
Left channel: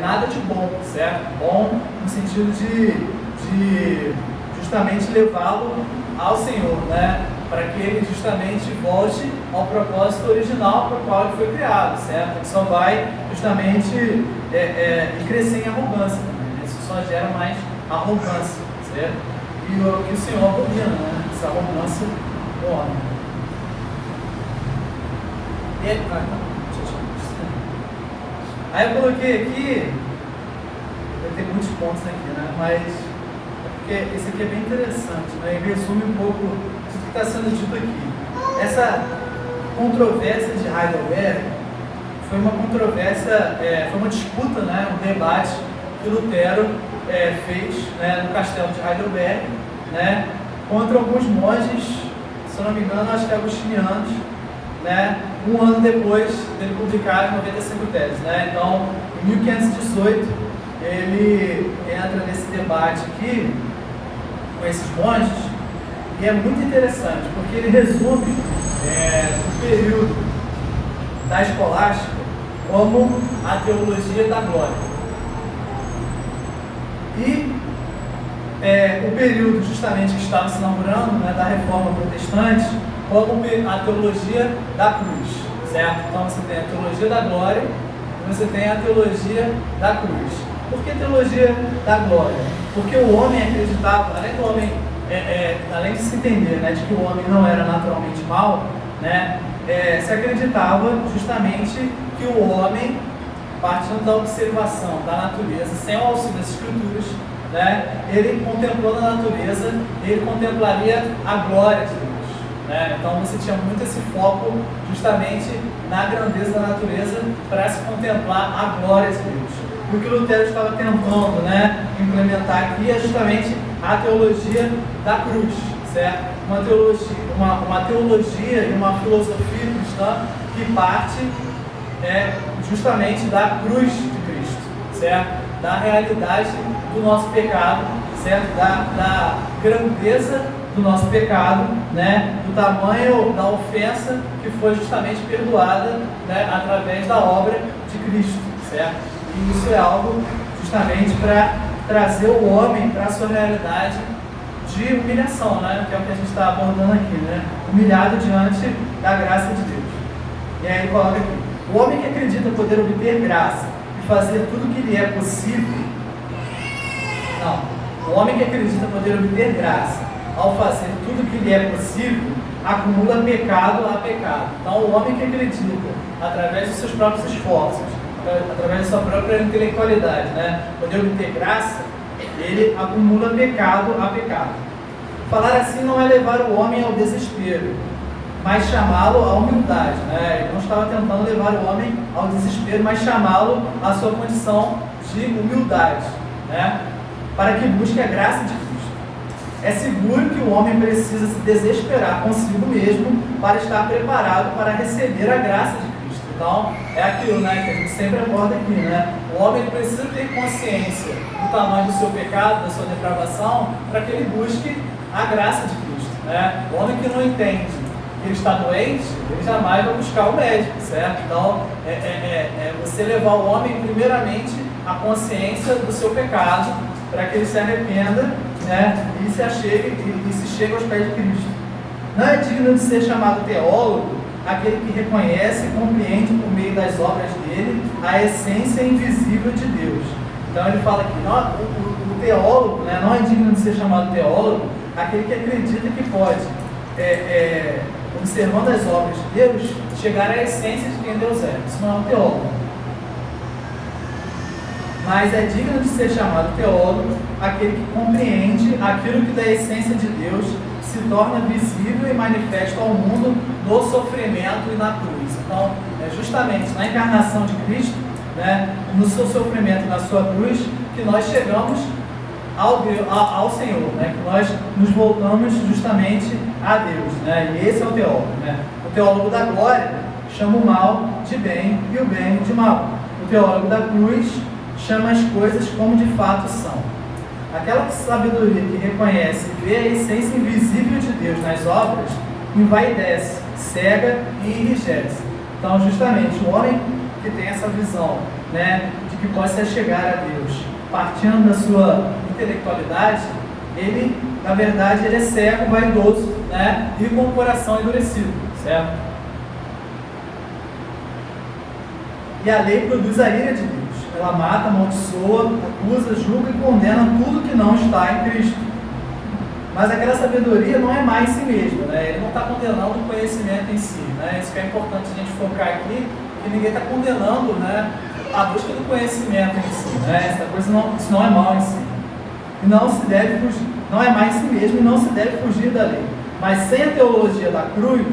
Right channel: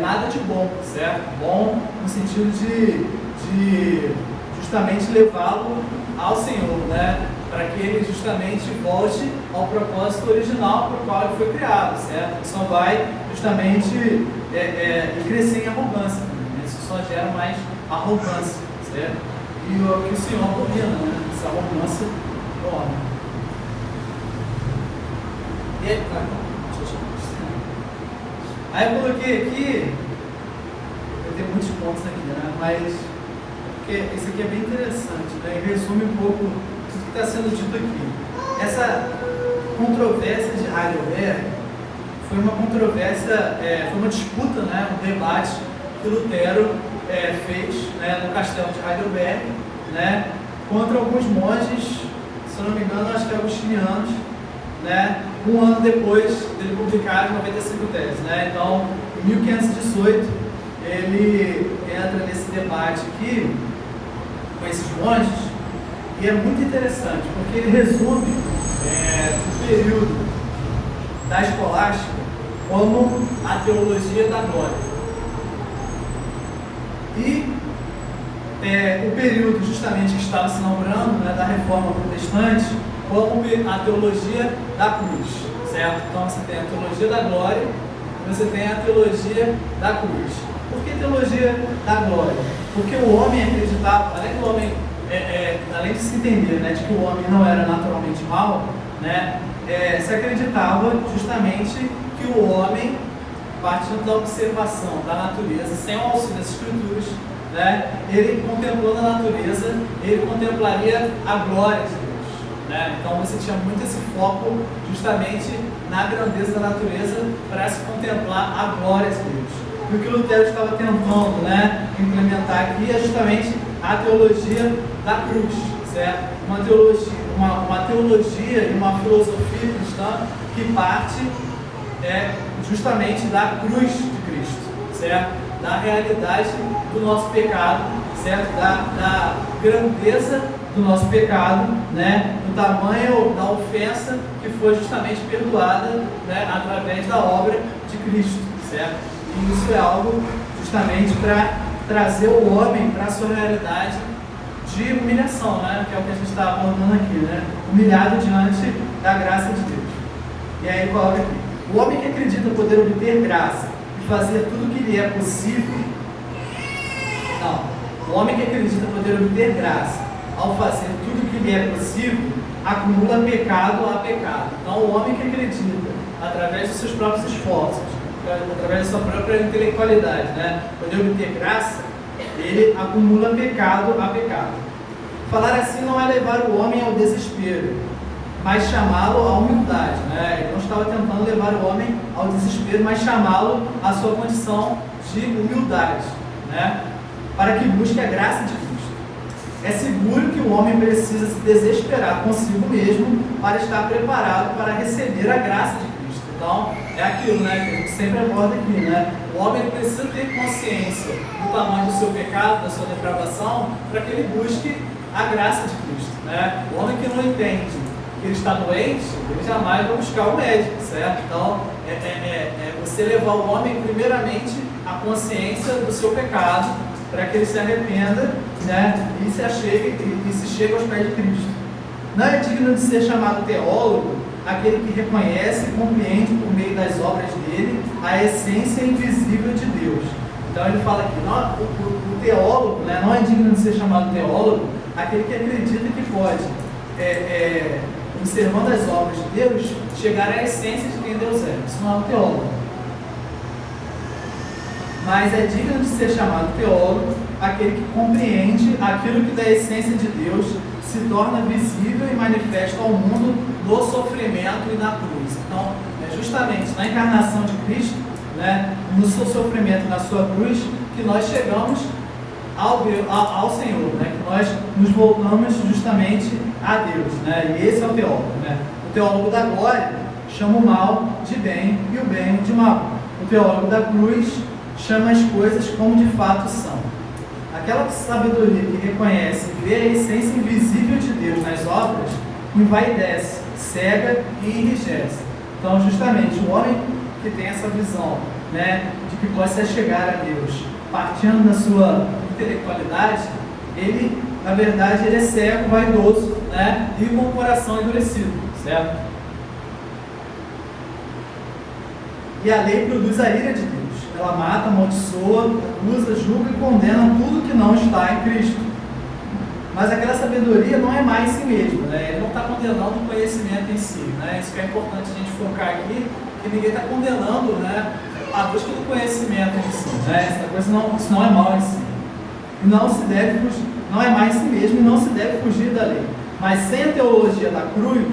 nada de bom, certo? Bom no sentido de justamente levá-lo ao Senhor, né? Para que ele justamente volte ao propósito original para o qual ele foi criado, certo? Ele só vai justamente crescer em arrogância, né? Isso só gera mais arrogância, certo? E o que o Senhor abomina, né? Essa arrogância do homem. E aí, aí eu coloquei aqui, eu tenho muitos pontos aqui, né? Mas porque esse aqui é bem interessante, né? E resume um pouco tudo que está sendo dito aqui. Essa controvérsia de Heidelberg foi uma controvérsia, foi uma disputa, né? Um debate que Lutero fez, né? No castelo de Heidelberg, né? Contra alguns monges, se eu não me engano, acho que agostinianos, né? Um ano depois dele publicar as 95 teses, né? Então, em 1518, ele entra nesse debate aqui com esses monges, e é muito interessante, porque ele resume o período da escolástica como a teologia da glória. E o período justamente que estava se inaugurando, né, da reforma protestante, como a teologia da cruz, certo? Então você tem a teologia da glória e você tem a teologia da cruz. Por que teologia da glória? Porque o homem acreditava, além do homem, além de se entender, né, de que o homem não era naturalmente mau, né, se acreditava justamente que o homem, partindo da observação da natureza, sem o auxílio das escrituras, né, ele contemplando a natureza, ele contemplaria a glória de Deus, né? Então você tinha muito esse foco justamente na grandeza da natureza para se contemplar a glória de Deus. E o que Lutero estava tentando, né, implementar aqui é justamente a teologia da cruz, certo? Uma teologia e uma filosofia cristã que parte justamente da cruz de Cristo, certo? Da realidade do nosso pecado, certo? Da grandeza do nosso pecado, né? Do tamanho da ofensa que foi justamente perdoada, né, através da obra de Cristo, certo? E isso é algo justamente para trazer o homem para a sua realidade de humilhação, né? Que é o que a gente está abordando aqui, né? Humilhado diante da graça de Deus. E aí ele coloca aqui: o homem que acredita poder obter graça e fazer tudo o que lhe é possível. Não, o homem que acredita poder obter graça ao fazer tudo o que lhe é possível, acumula pecado a pecado. Então o homem que acredita, através dos seus próprios esforços, através da sua própria intelectualidade, né, poder obter graça, ele acumula pecado a pecado. Falar assim não é levar o homem ao desespero, mas chamá-lo à humildade, né? Ele não estava tentando levar o homem ao desespero, mas chamá-lo à sua condição de humildade, né? Para que busque a graça de Cristo. É seguro que o homem precisa se desesperar consigo mesmo para estar preparado para receber a graça de Cristo. Então, é aquilo, né, que a gente sempre aborda aqui, né? O homem precisa ter consciência do tamanho do seu pecado, da sua depravação, para que ele busque a graça de Cristo, né? O homem que não entende que ele está doente, ele jamais vai buscar o médico, certo? Então, você levar o homem primeiramente à consciência do seu pecado, para que ele se arrependa, né, e se achegue e se chegue aos pés de Cristo. Não é digno de ser chamado teólogo aquele que reconhece e compreende por meio das obras dele a essência invisível de Deus. Então ele fala aqui, não, o teólogo, né, não é digno de ser chamado teólogo aquele que acredita que pode, observando as obras de Deus, chegar à essência de quem Deus é. Isso não é um teólogo. Mas é digno de ser chamado teólogo aquele que compreende aquilo que da essência de Deus se torna visível e manifesto ao mundo no sofrimento e na cruz. Então, é justamente na encarnação de Cristo, né, no seu sofrimento e na sua cruz, que nós chegamos ao Senhor, né, que nós nos voltamos justamente a Deus, né, e esse é o teólogo, né? O teólogo da glória chama o mal de bem e o bem de mal. O teólogo da cruz chama as coisas como de fato são. Aquela sabedoria que reconhece e vê a essência invisível de Deus nas obras, envaidece, cega e enrijece. Então, justamente, o homem que tem essa visão, né, de que pode se chegar a Deus, partindo da sua intelectualidade, ele, na verdade, ele é cego, vaidoso, né, e com o coração endurecido, certo? E a lei produz a ira de Deus. Ela mata, amaldiçoa, acusa, julga e condena tudo que não está em Cristo. Mas aquela sabedoria não é má em si mesma, né? Ele não está condenando o conhecimento em si, né? Isso que é importante a gente focar aqui, que ninguém está condenando, né, a busca do conhecimento em si, né? Essa coisa não, isso não é mal em si. Não se deve fugir, não é má em si mesmo e não se deve fugir da lei. Mas sem a teologia da cruz,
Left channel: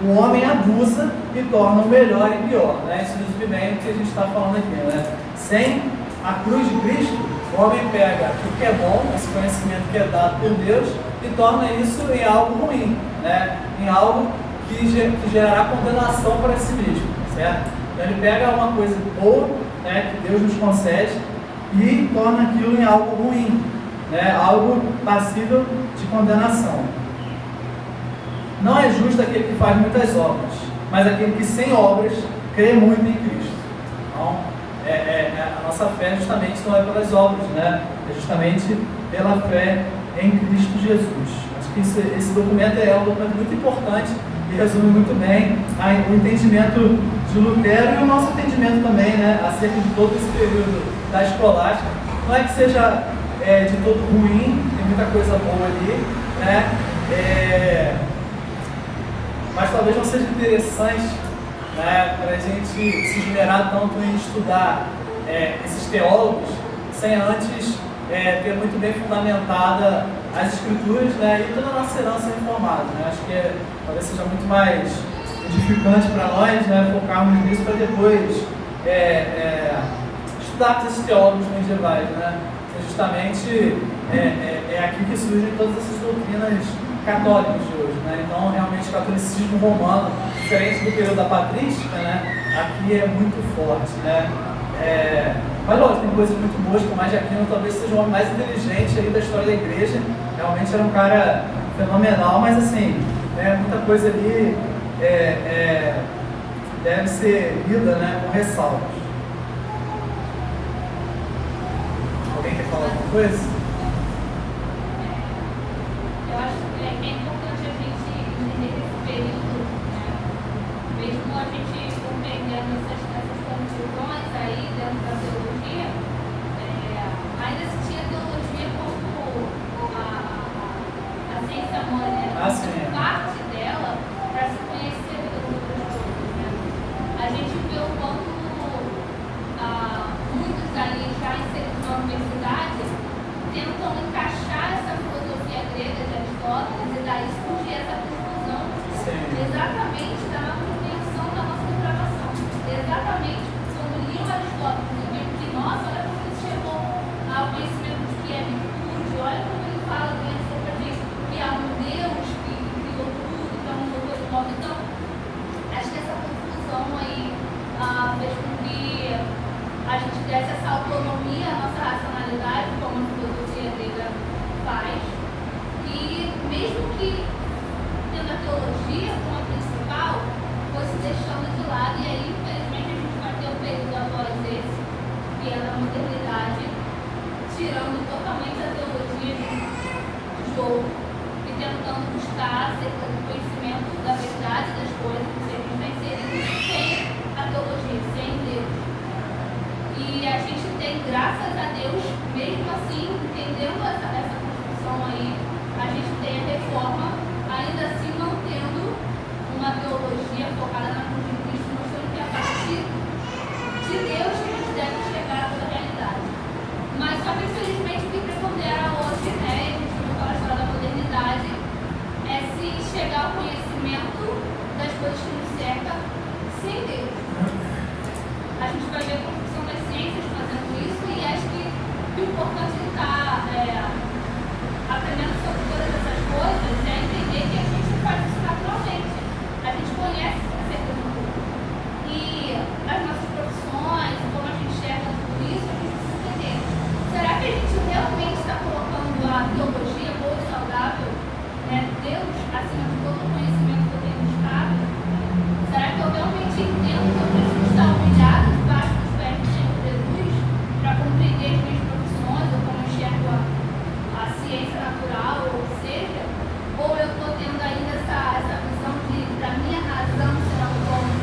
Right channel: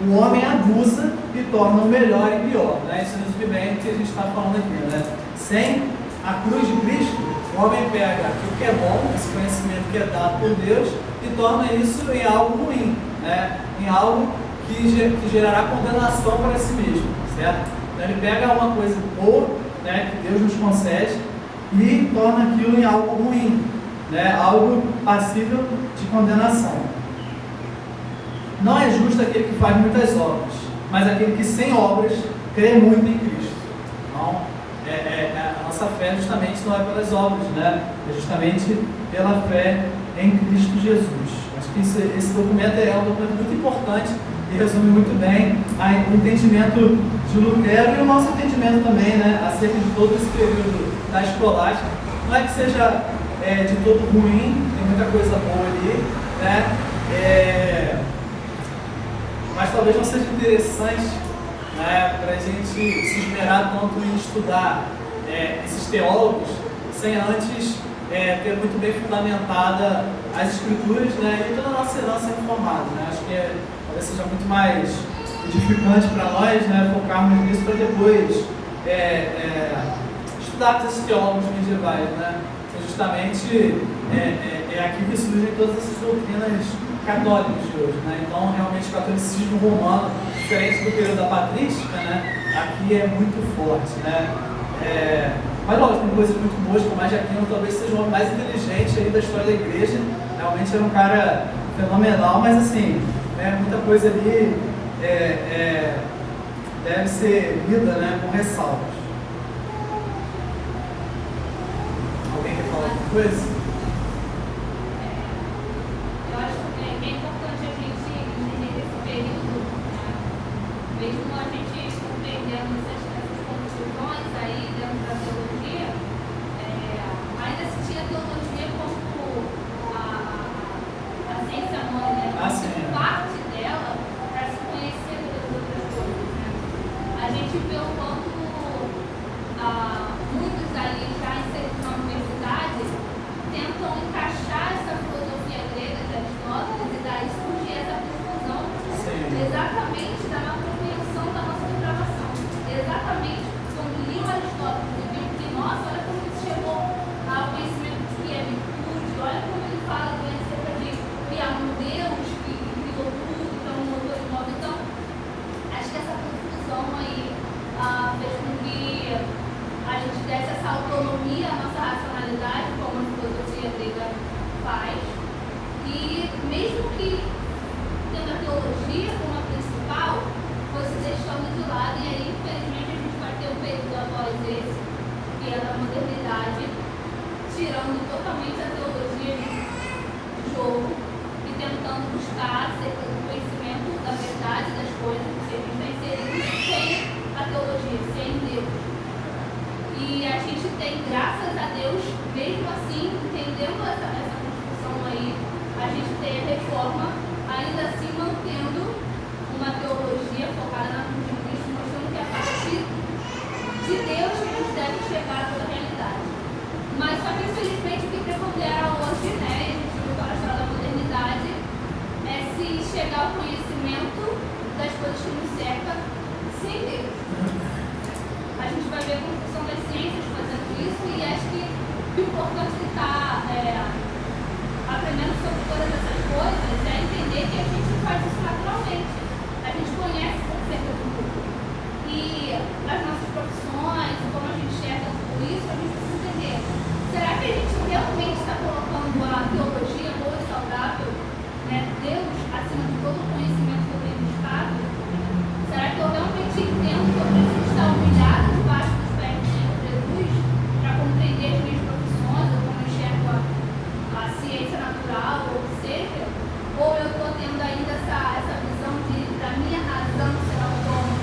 o homem abusa e torna o melhor e pior, né? Isso resume bem o que a gente está falando aqui, né? Sem a cruz de Cristo, o homem pega o que é bom, esse conhecimento que é dado por Deus, e torna isso em algo ruim, né? Em algo que gerará condenação para si mesmo, certo? Então ele pega uma coisa boa, né, que Deus nos concede, e torna aquilo em algo ruim, né? Algo passível de condenação. Não é justo aquele que faz muitas obras, mas aquele que sem obras crê muito em Cristo. Então, a nossa fé justamente não é pelas obras, né? É justamente pela fé em Cristo Jesus. Acho que esse documento é um documento muito importante e resume muito bem o entendimento de Lutero e o nosso entendimento também, né? Acerca de todo esse período da escolástica. Não é que seja de todo ruim, tem muita coisa boa ali, né? Mas talvez não seja interessante, né, para a gente se esmerar tanto em estudar esses teólogos sem antes ter muito bem fundamentada as escrituras, né, e toda a nossa herança reformada, né? Acho que talvez seja muito mais edificante para nós, né, focarmos nisso para depois estudar esses teólogos medievais, né? Justamente é aqui que surgem todas essas doutrinas católicas de hoje, né? Então, realmente, o catolicismo romano, diferente do período da patrística, né, aqui é muito forte, né? Mas, lógico, tem coisas muito boas, como mais de Aquino talvez seja o homem mais inteligente aí da história da igreja. Realmente era um cara fenomenal, mas, assim, né, muita coisa ali deve ser lida, né, com ressalvas. Alguém quer falar alguma coisa? Mesmo a gente compreendendo essas conclusões aí dentro da teologia, ainda tinha a teologia como a ciência mãe, né? Parte dela para se conhecer pelas outras coisas, né? A gente vê o quanto muitos ali já inseridos na universidade tentam encaixar essa filosofia grega de Aristóteles e daí surge essa confusão exatamente da exatamente quando liam Aristóteles e viram que, nossa, olha como ele chegou ao conhecimento de que é virtude, olha como ele fala bem acerca de que há um Deus que criou tudo, que é um motor de modo. Então, acho que essa confusão aí fez com que a gente desse essa autonomia à nossa racionalidade, como a filosofia grega faz, e mesmo que tendo a teologia como a principal, fosse deixando de lado, e aí, infelizmente, a gente vai ter um período após esse, que é da modernidade, tirando totalmente a teologia de jogo e tentando buscar acerca do conhecimento da verdade das coisas, que seja inserido sem a teologia, sem Deus. E a gente tem, graças a Deus, mesmo assim, entendendo essa construção aí, a gente tem a reforma, ainda assim mantendo uma teologia focada na cruz de Cristo, mostrando que a partir de Deus a gente deve chegar a toda a realidade. Mas só que infelizmente o que preponderar hoje, né, e a gente voltar à história da modernidade, é se chegar ao conhecimento das coisas que nos cercam sem Deus. A gente vai ver a construção das ciências fazendo isso, e acho que o importante é estar aprendendo sobre todas essas coisas é entender que a gente faz isso naturalmente. A gente conhece o conceito do mundo. E as nossas profissões, como a gente enxerga tudo isso, a gente precisa entender. Será que a gente realmente está colocando a teologia boa e saudável, né, Deus, acima de todo o conhecimento que eu tenho buscado? Será que eu realmente entendo que eu preciso estar humilhado debaixo dos pés do Senhor Jesus para compreender as minhas profissões, ou como eu enxergo a ciência natural, ou seja? Ou eu estou tendo ainda essa visão da minha razão ser autônoma?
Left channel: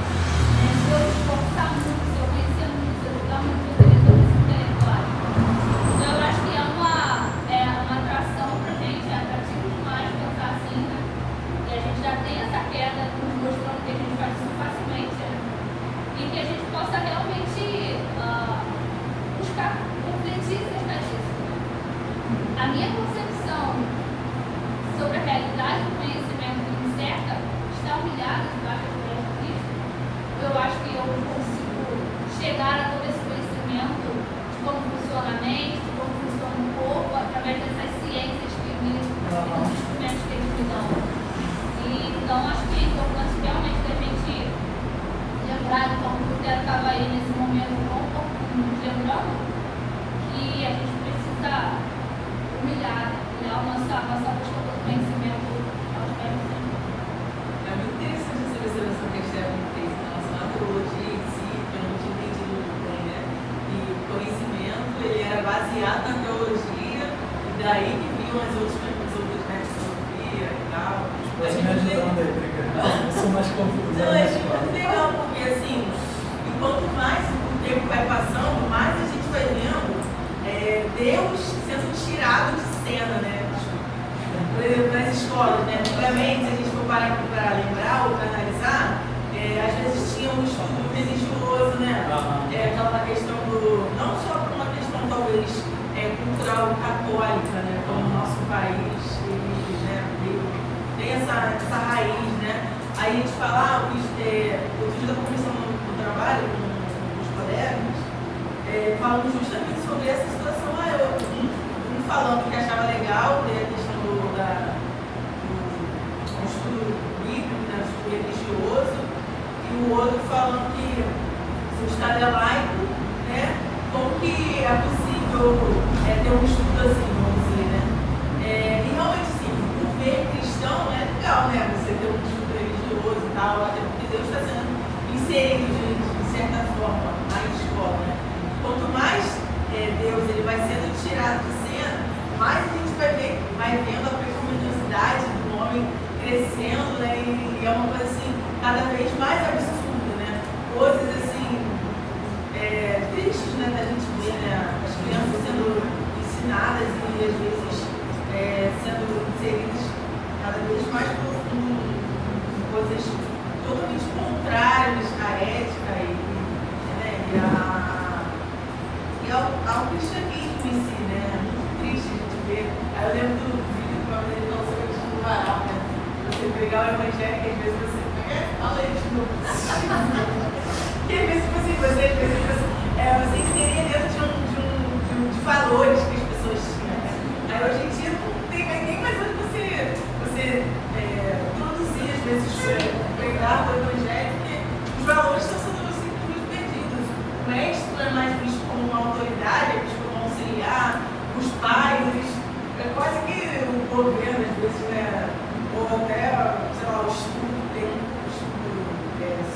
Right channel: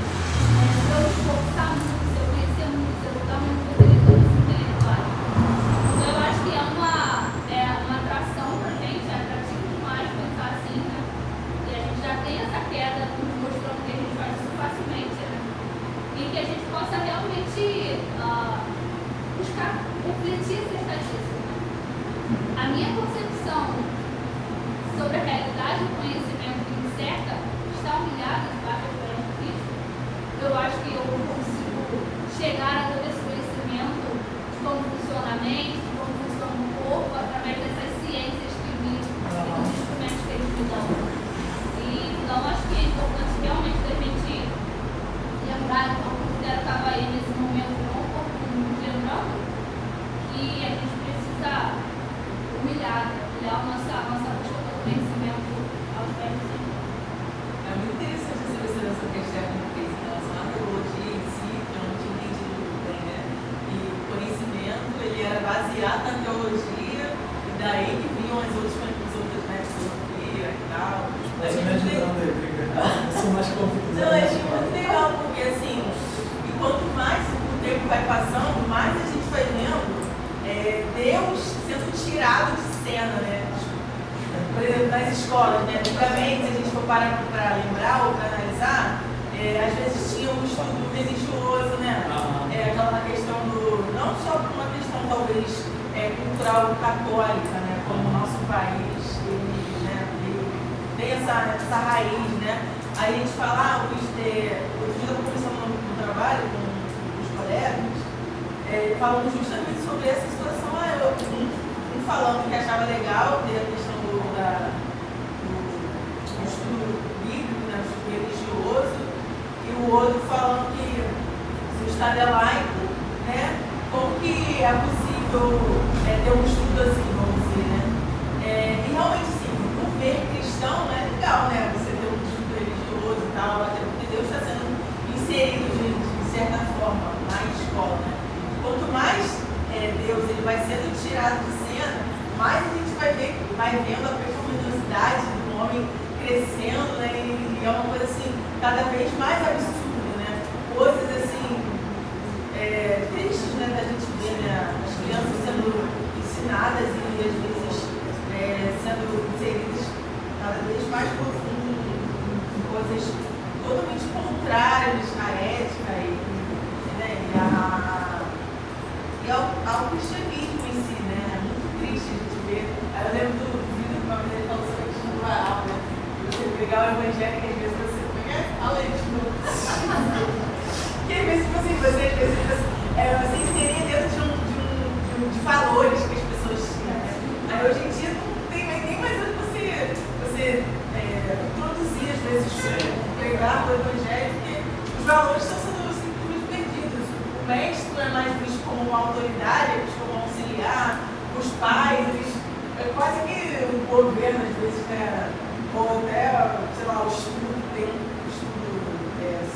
Se eu esforçar muito, se eu conhecer muito, se eu lutar muito por esse intelectual. Então, eu acho que é uma atração para a gente, é atrativo demais pensar assim, né? E a gente já tem essa queda mostrando que a gente faz isso facilmente, né? E que a gente possa realmente buscar refletir acerca disso. A minha concepção sobre a realidade do conhecimento que me cerca está humilhado debaixo da glória de Cristo. Eu acho que eu consigo chegar a todo esse conhecimento de como funciona a mente, de como funciona o corpo, através dessas ciências que me os instrumentos que eles me dão. E, então, acho que é importante realmente a gente lembrar de como o Lutero estava aí nesse momento, não um pouco lembrando, que a gente precisa humilhar a nossa busca pelo conhecimento aos pés do Senhor. baseado na teologia, e daí que vinham as outras, né, filosofia e tal. Mas me ajudando aí, obrigado. Eu sou mais confuso. Não, é muito legal, porque assim, e quanto mais o tempo vai passando, mais a gente vai vendo Deus sendo tirado de cena, né? Por exemplo, nas escolas, né? Antigamente, se a gente for parar aqui para lembrar ou para analisar, às vezes tinha um estudo religioso, né? Aquela questão não só por uma questão talvez cultural católica, né? Como o nosso país, tem essa raiz, né? Aí a gente fala, outro dia da comissão do trabalho, com os colegas, falam justamente sobre essa situação. Um falando que achava legal ter a questão do estudo bíblico, né? O estudo religioso, e o outro falando que se o Estado é laico, né? Como que é possível ter um estudo assim, vamos dizer, né? E realmente, sim, o meio cristão é legal, né? Você ter um estudo religioso e tal, até porque Deus está sendo inserido, gente, de certa forma, na escola. Quanto mais Deus ele vai sendo tirado de cena, mais a gente vai vendo a pecaminosidade do homem crescendo, né? E é uma coisa assim, cada vez mais absurda, né? Coisas assim, tristes, né? Da gente ver, né? As crianças sendo ensinadas e às vezes sendo inseridas cada vez mais profundo em coisas totalmente contrárias à ética e ao cristianismo em si, né? É muito triste a gente ver. Eu lembro do vídeo que ele falou sobre a questão do varal, né? Você pegar o evangelho e às vezes você fala isso de novo. E às vezes você inserir dentro de valores que as pessoas tinham, né? Hoje em dia não tem nem mais você produzir, às vezes, pregar o evangelho, porque os valores estão sendo simplesmente perdidos. O mestre não é mais visto como uma autoridade, é visto como um auxiliar, os pais, quase que o governo, às vezes, né? Ou até, sei lá, o estudo, ter um estudo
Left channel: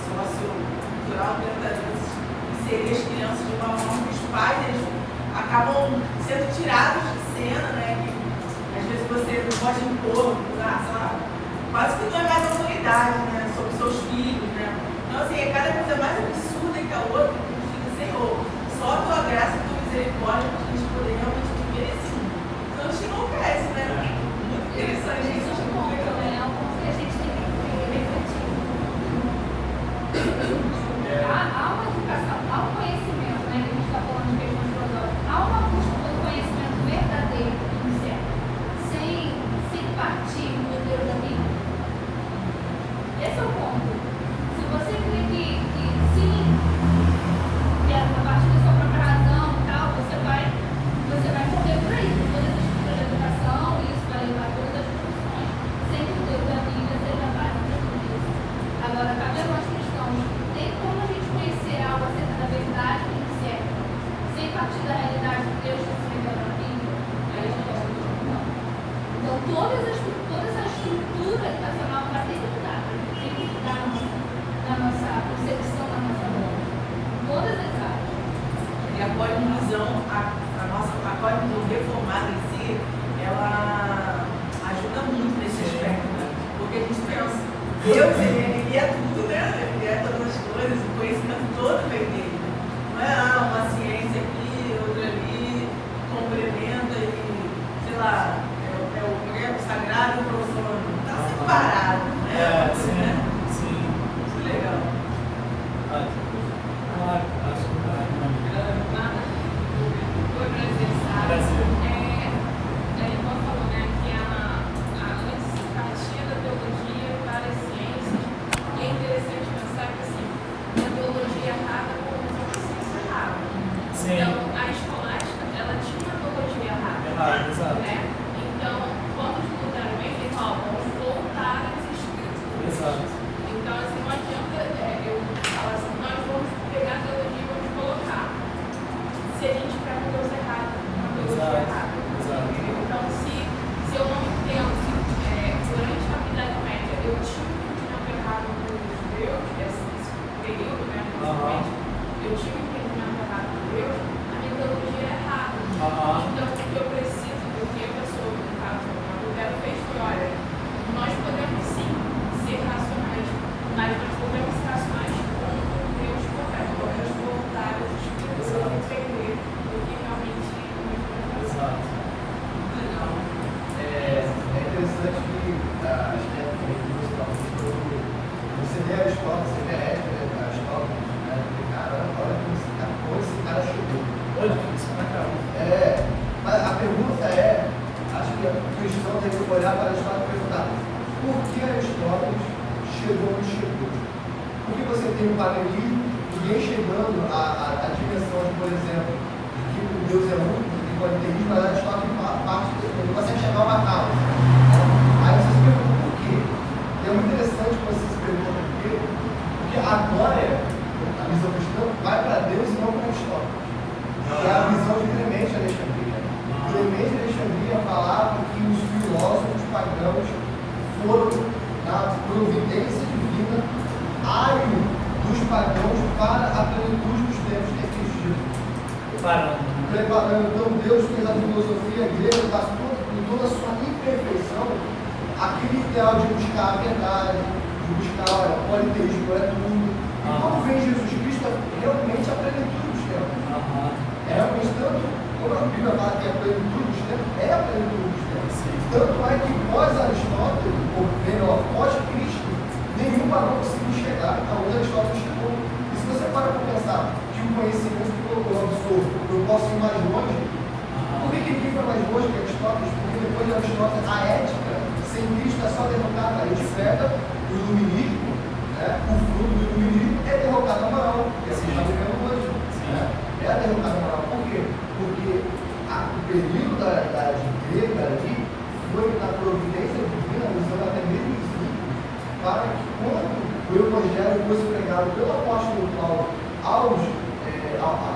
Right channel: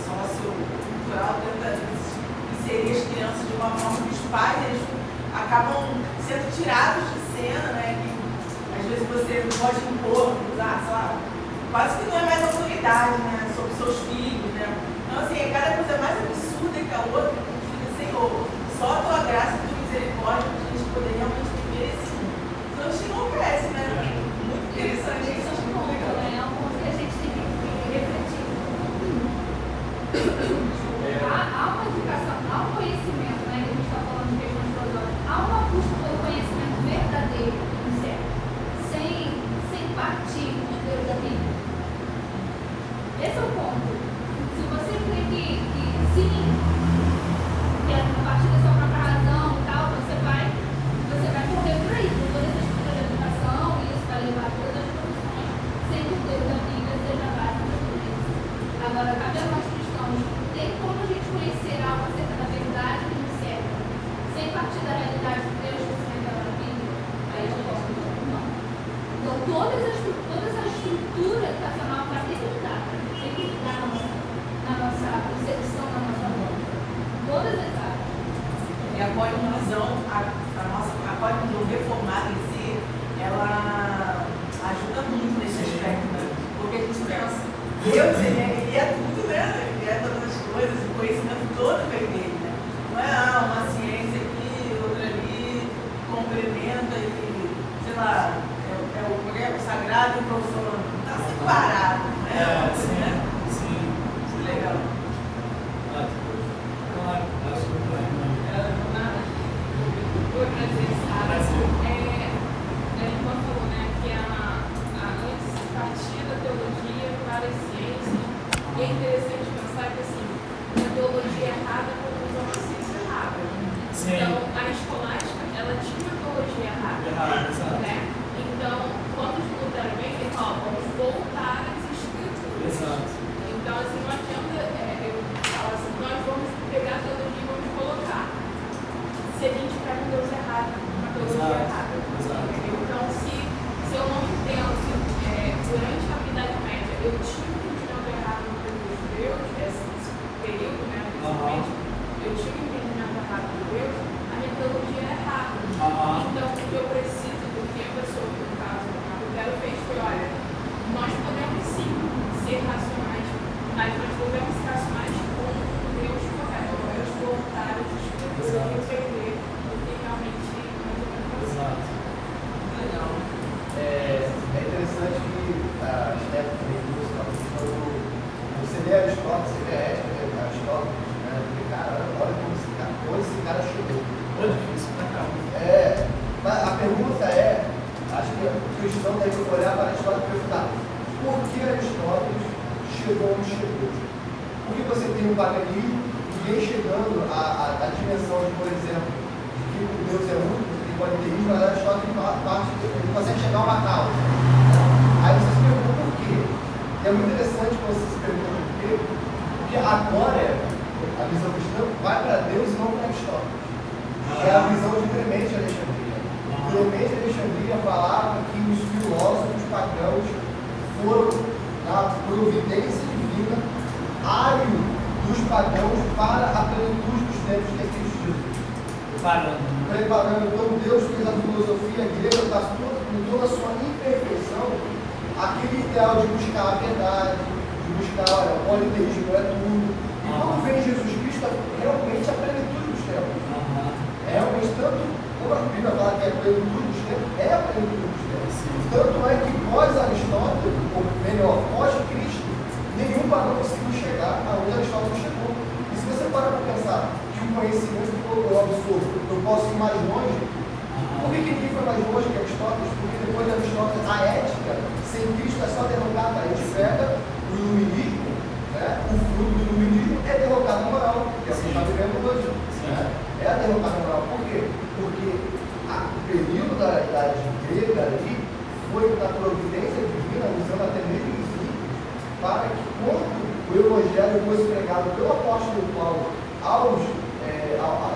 sociocultural, tenta, às vezes, inserir as crianças de uma forma que os pais acabam sendo tirados de cena, né? Que, às vezes você pode impor, sabe? Quase que não é mais autoridade, né? Sobre seus filhos, né? Então, assim, cada coisa mais absurda que a outra, que a gente fica, Senhor, só a tua graça e a tua misericórdia para a gente poder realmente viver esse mundo. Então, a gente não cresce, né? Muito interessante isso. Que a gente tem que refletir. Há uma educação, há um conhecimento, né? Que a gente está falando que a gente falou. Há uma busca pelo conhecimento verdadeiro, sem partir do Deus da Bíblia. Esse é o ponto. Se você crê que sim, que a partir da sua própria razão e tal, você vai correr por aí, por todas as estruturas da educação, e isso vai levar a todas as profissões, sem que o Deus da Bíblia seja válido para tudo isso. Agora, cabe a nós cristãos, tem como a gente conhecer algo acerca da verdade que nos serve, sem partir da realidade que Deus está se revelando na Bíblia? Aí a gente não. Então, toda essa estrutura educacional para lidar, tem que lidar na nossa concepção, na nossa vida. Todas as áreas. E a cosmovisão, a cosmovisão reformada em si, ela ajuda muito nesse aspecto, né? Porque a gente pensa, Deus, ele é tudo, né? Ele é todas as coisas, o conhecimento todo vem dele, né? Não é uma ciência aqui, outra ali, complementa e, sei lá, o sagrado e o profano. Está separado, né? Sim. Muito legal. E é interessante pensar que assim, a teologia errada como uma ciência errada. Sim. Então, a escolástica, ela tinha uma teologia errada. Exato. Né? Então, quando os Lutero vem, ele fala, no paganismo, ninguém chegando à dimensão de, por exemplo, que o Deus é único, e o politeísmo, na verdade, só que parte de você chegar a uma causa. Aí você se pergunta por quê? E é muito interessante que você se pergunta por quê, porque agora a visão cristã vai para Deus e não para Aristóteles. É a visão de Clemente Alexandria. Clemente Alexandria falava que os filósofos pagãos foram na providência divina ário dos pagãos para a plenitude dos tempos que é Cristo Jesus. Preparando. Então Deus fez a filosofia grega com toda a sua imperfeição, aquele ideal de buscar a verdade, de buscar o politeísmo é tudo. E quando vem Jesus Cristo, é realmente a plenitude dos tempos. É realmente tanto, quando a Bíblia fala que é a plenitude dos tempos, é a plenitude dos tempos. Tanto é que pós-Aristóteles, ou melhor, pós-Cristo, nenhum pagão conseguiu chegar aonde Aristóteles chegou. E se você para pensar que o conhecimento que eu absorvo, eu posso ir mais longe, por que ninguém foi mais longe que Aristóteles? Porque depois de Aristóteles, a ética sem Cristo é só derrotada. A gente pega o iluminismo, né? O fruto do iluminismo é derrotar a moral, que assim está vivendo hoje. É a derrotar a moral. Por quê? Porque o período da grega ali foi da providência divina, usando até mesmo os livros, para que quando o Evangelho fosse pregado pelo apóstolo Paulo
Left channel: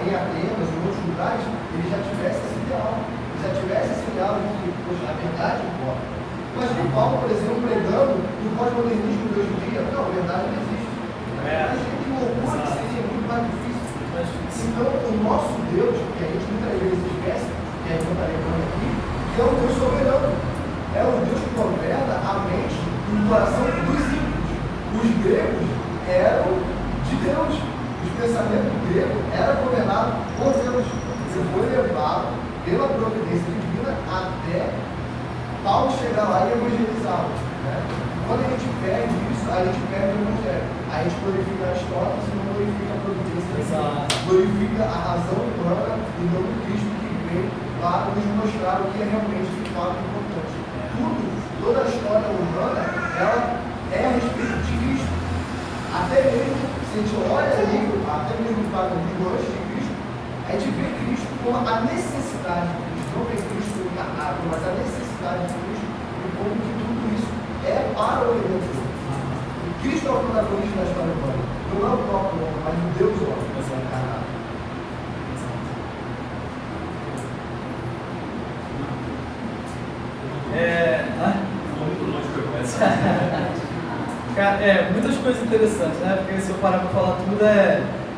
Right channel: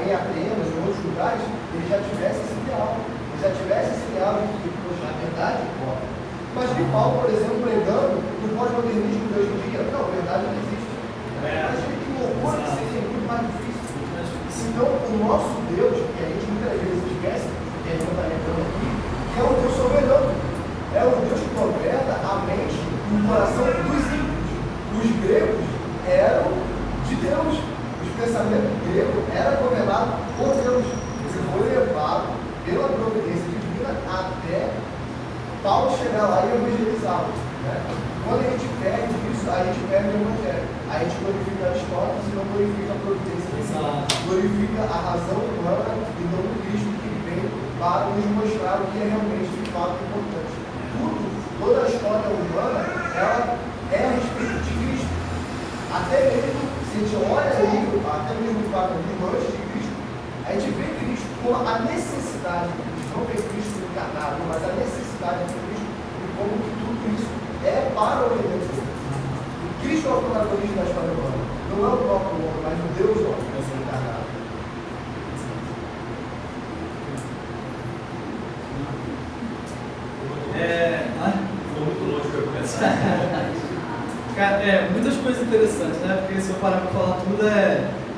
em Atenas e outros lugares, ele já tivesse esse ideal. Ele já tivesse esse ideal de que, poxa, na verdade, mas que Paulo, por exemplo, pregando no pós-modernismo de hoje em dia, não, a verdade não existe. Mas que loucura que seria muito mais difícil. Então, o nosso Deus, que a gente muitas vezes esquece, que a gente vai falando aqui, é um Deus soberano. É um Deus que governa a mente e o coração dos ímpios. Os gregos eram de Deus. O pensamento grego era governado por Deus. Você foi levado pela providência divina até Paulo chegar lá e evangelizá-lo. Quando a gente perde isso, a gente perde o Evangelho. A gente glorifica as histórias e não glorifica a providência divina. Glorifica a razão humana e não o Cristo que veio para nos mostrar o que é realmente de fato importante. Toda a história humana, ela é a respeito de Cristo. Até mesmo, se a gente olha ali, até mesmo para o antes de Cristo, a gente vê Cristo como a necessidade de Cristo, não vê Cristo encarnado, mas a necessidade de Cristo e como que tudo isso é para o redentor. Cristo é o protagonista da história humana, não é o próprio homem, mas o Deus homem, é o encarnado. Cara, muitas coisas interessantes, né? Porque se eu parar para falar tudo,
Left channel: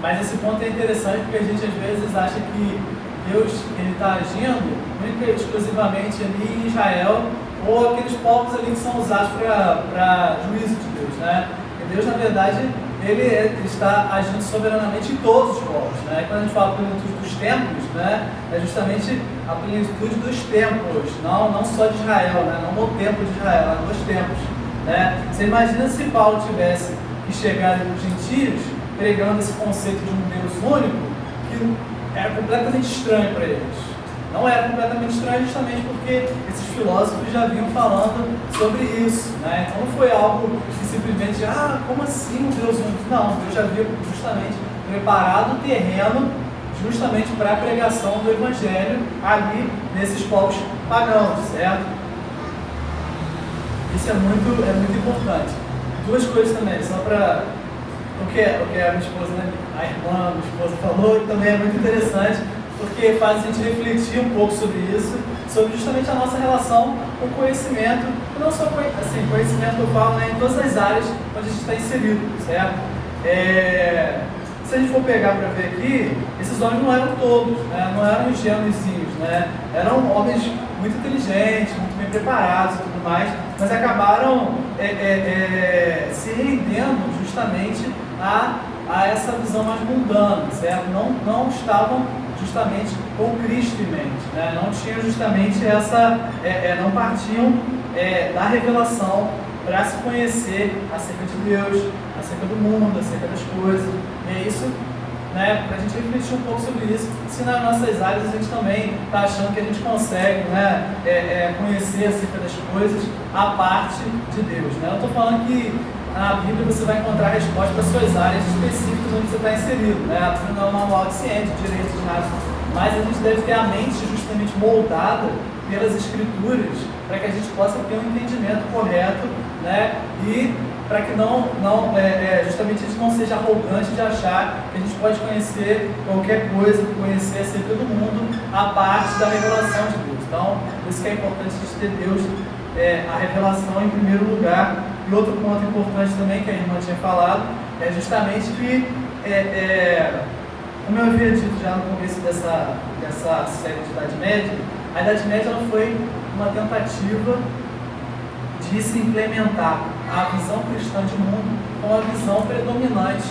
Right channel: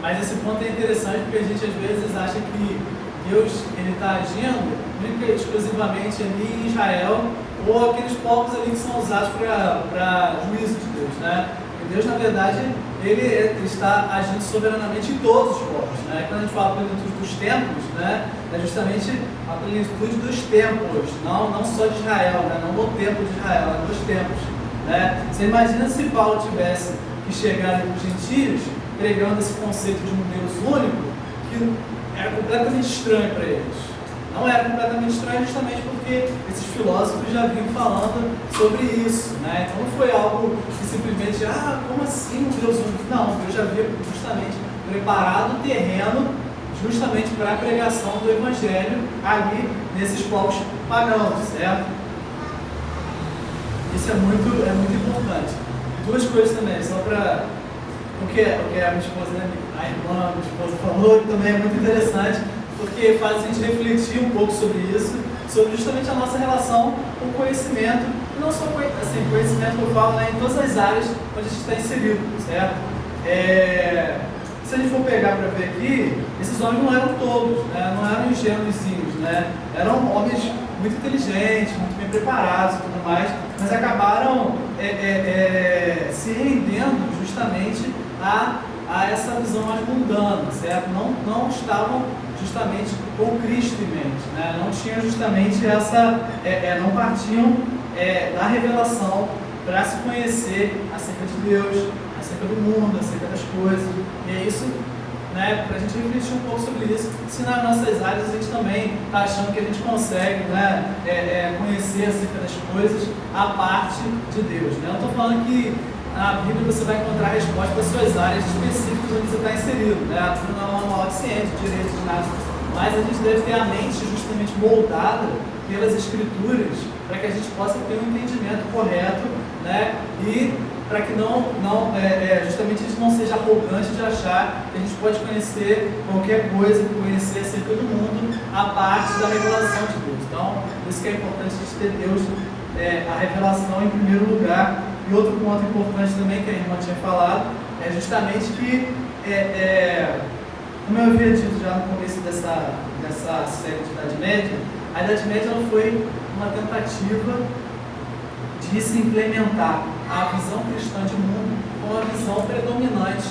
mas esse ponto é interessante porque a gente às vezes acha que Deus está agindo única e exclusivamente ali em Israel ou aqueles povos ali que são usados para juízo de Deus, né? Porque Deus, na verdade, ele está agindo soberanamente em todos os povos, né? Quando a gente fala plenitude dos tempos, né? É justamente a plenitude dos tempos, não só de Israel, né? Não no tempo de Israel, mas nos tempos, né? Você imagina se Paulo tivesse que chegar ali nos gentios pregando esse conceito de um Deus único, que era completamente estranho para eles. Não era completamente estranho justamente porque esses filósofos já vinham falando sobre isso, né? Então não foi algo que simplesmente, como assim um Deus único? Não, Deus já havia justamente preparado o terreno justamente para a pregação do Evangelho ali nesses povos pagãos, certo? Isso é muito importante. Duas coisas também, só para o que a minha esposa, a irmã, minha esposa falou, que também é muito interessante, porque faz a gente refletir um pouco sobre isso, sobre justamente a nossa relação com o conhecimento, e não só conhecimento que eu falo, né, em todas as áreas onde a gente está inserido, certo? Se a gente for pegar para ver aqui, esses homens não eram todos, né? Não eram ingênuozinhos, né? Eram homens muito inteligentes, muito bem preparados e tudo mais, mas acabaram se rendendo justamente a essa visão mais mundana, certo? Não estavam justamente com Cristo em mente, né? Não tinham justamente não partiam da revelação para se conhecer acerca de Deus, acerca do mundo, acerca das coisas. E é isso, né, para a gente refletir um pouco sobre isso, se nas nossas áreas a gente também está achando que a gente consegue, né, conhecer acerca das coisas a parte de Deus. Né? Eu estou falando que na Bíblia você vai encontrar respostas para suas áreas específicas onde você está inserido, né? Você não é um manual de ciência, de direito, de nada. Mas a gente deve ter a mente justamente moldada pelas Escrituras para que a gente possa ter um entendimento correto, né? E para que justamente a gente não seja arrogante de achar que a gente pode conhecer qualquer coisa, conhecer acerca do mundo, a parte da revelação de Deus. Então, por isso que é importante a gente ter Deus, a revelação em primeiro lugar. E outro ponto importante também que a irmã tinha falado é justamente que, como eu havia dito já no começo dessa série de Idade Média, a Idade Média ela foi uma tentativa de se implementar a visão cristã de mundo com a visão predominante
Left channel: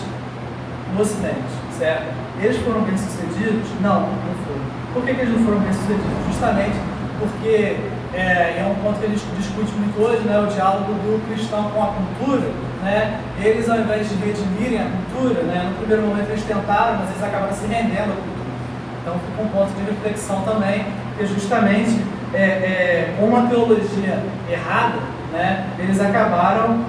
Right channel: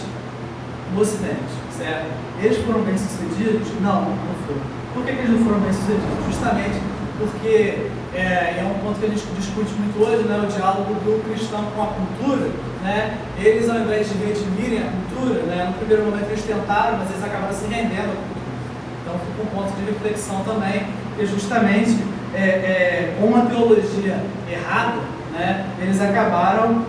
no Ocidente, certo? Eles foram bem-sucedidos? Não, não foram. Por que eles não foram bem-sucedidos? Justamente porque é um ponto que a gente discute muito hoje, né, o diálogo do cristão com a cultura, né? Eles, ao invés de redimirem a cultura, né, no primeiro momento eles tentaram, mas eles acabaram se rendendo à cultura. Então fica um ponto de reflexão também, que justamente com uma teologia errada, né, eles acabaram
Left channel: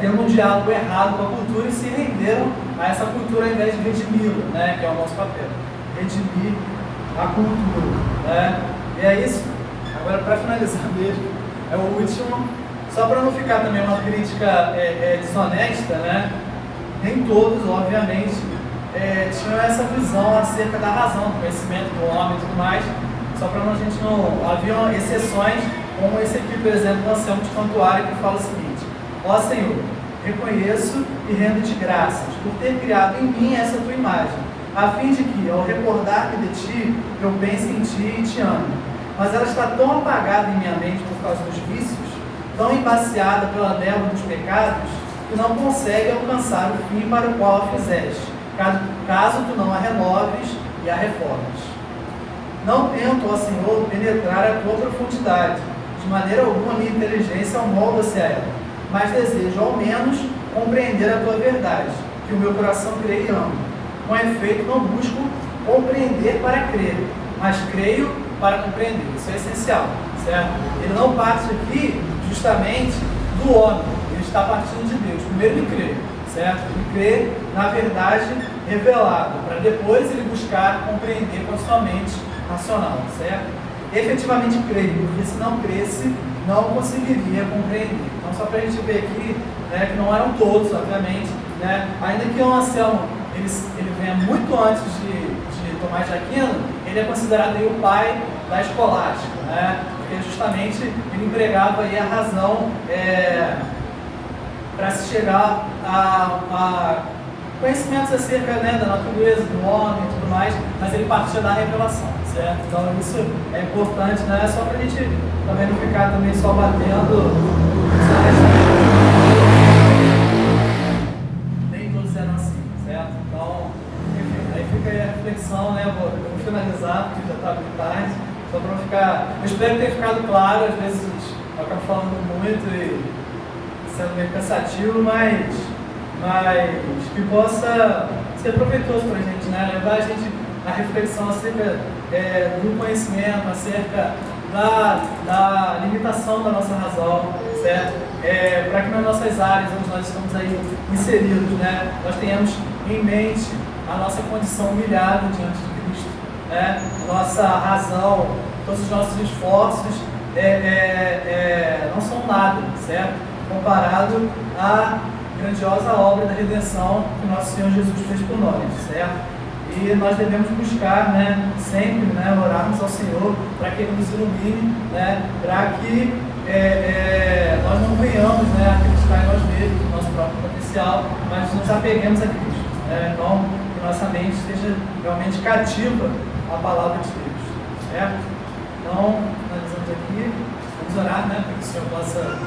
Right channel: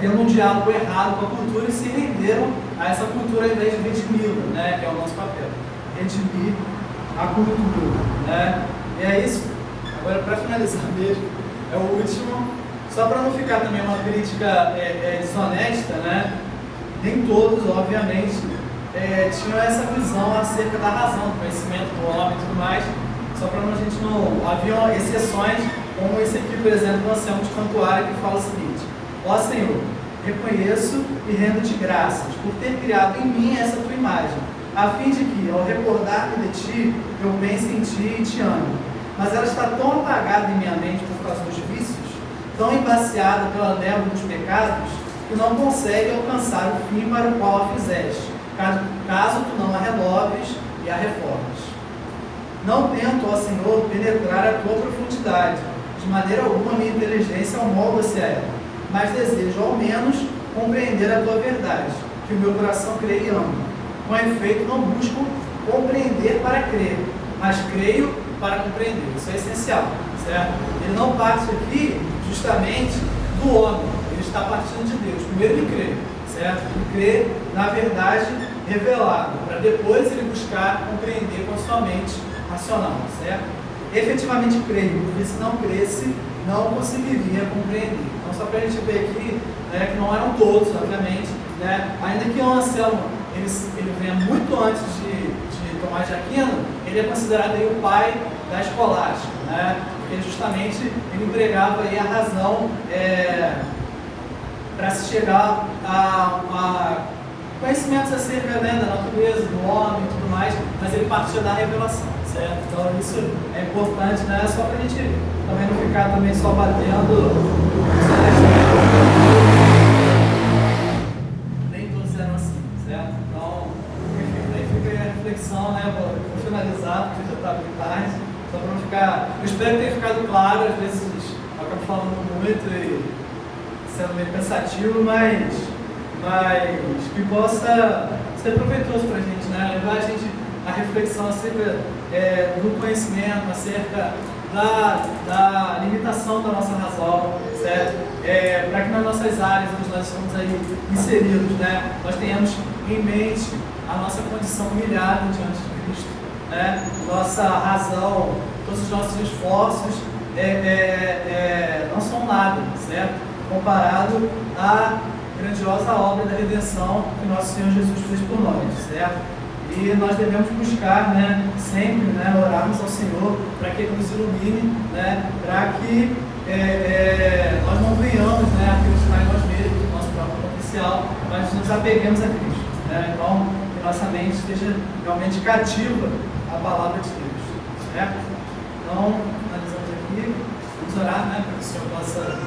tendo um diálogo errado com a cultura e se renderam a essa cultura ao invés de redimi-la, né, que é o nosso papel, redimir a cultura, né? E é isso. Agora, para finalizar mesmo, é o último, só para não ficar também uma crítica desonesta, né? Nem todos, obviamente, tinham essa visão acerca da razão, do conhecimento do homem e tudo mais, só para a gente não... Haviam exceções, como esse aqui, por exemplo, nós temos de Cantuária, que fala o seguinte: ó Senhor, reconheço e rendo-te graças por ter criado em mim essa tua imagem, a fim de que, ao recordar-me de ti, eu pense em ti e te ame. Mas ela está tão apagada em minha mente por causa dos vícios, tão embaciada pela névoa dos pecados, que não consegue alcançar o fim para o qual a fizeste, caso tu não a renoves e a reformes. Não tento, ó Senhor, penetrar a tua profundidade, de maneira alguma minha inteligência molda-se a ela, mas desejo ao menos compreender a tua verdade, que o meu coração crê e ama. Com efeito, não busco compreender para crer, mas creio para compreender. Isso é essencial, certo? Ele não parte aqui justamente do homem, ele está partindo de Deus. Primeiro ele crê, certo? Ele crê na verdade revelada, para depois ele buscar compreender com a sua mente racional, certo? Efetivamente creio, porque se não cresce, não conseguiria compreender. Então, só para a gente ver aqui, né, que não eram todos, obviamente, né? Ainda que o Anselmo ele venha muito antes de Tomás de Aquino, ele é considerado aí o pai da escolástica, né? Porque justamente ele empregava aí a razão para se chegar a conhecimentos acerca, né, da natureza, do homem e tudo mais, mas ele partia da revelação, certo? Então isso é importante, né? Só para a gente também não ficar também só batendo. Nem todos eram assim, certo? Então, enfim, aí fica aí a reflexão, né? Eu vou finalizar, porque já está muito tarde, só para não ficar. Eu espero que tenha ficado claro, às vezes eu acabo falando muito e sendo meio cansativo, mas que possa ser proveitoso para a gente, né? Levar a gente a reflexão acerca do conhecimento, acerca da limitação da nossa razão, certo? Para que nas nossas áreas onde nós estamos aí inseridos, né, nós tenhamos em mente a nossa condição humilhada diante de Cristo, né? Nossa razão, todos os nossos esforços não são nada, certo? Comparado à grandiosa obra da redenção que nosso Senhor Jesus fez por nós, certo? E nós devemos buscar, né, sempre, né, orarmos ao Senhor para que Ele nos ilumine, né, para que nós não venhamos, né, acreditar em nós mesmos, no nosso próprio potencial, mas nos apeguemos a Cristo, né? Então, que nossa mente esteja realmente cativa à palavra de Deus, certo? Então, finalizamos aqui, vamos orar, né, para que o Senhor possa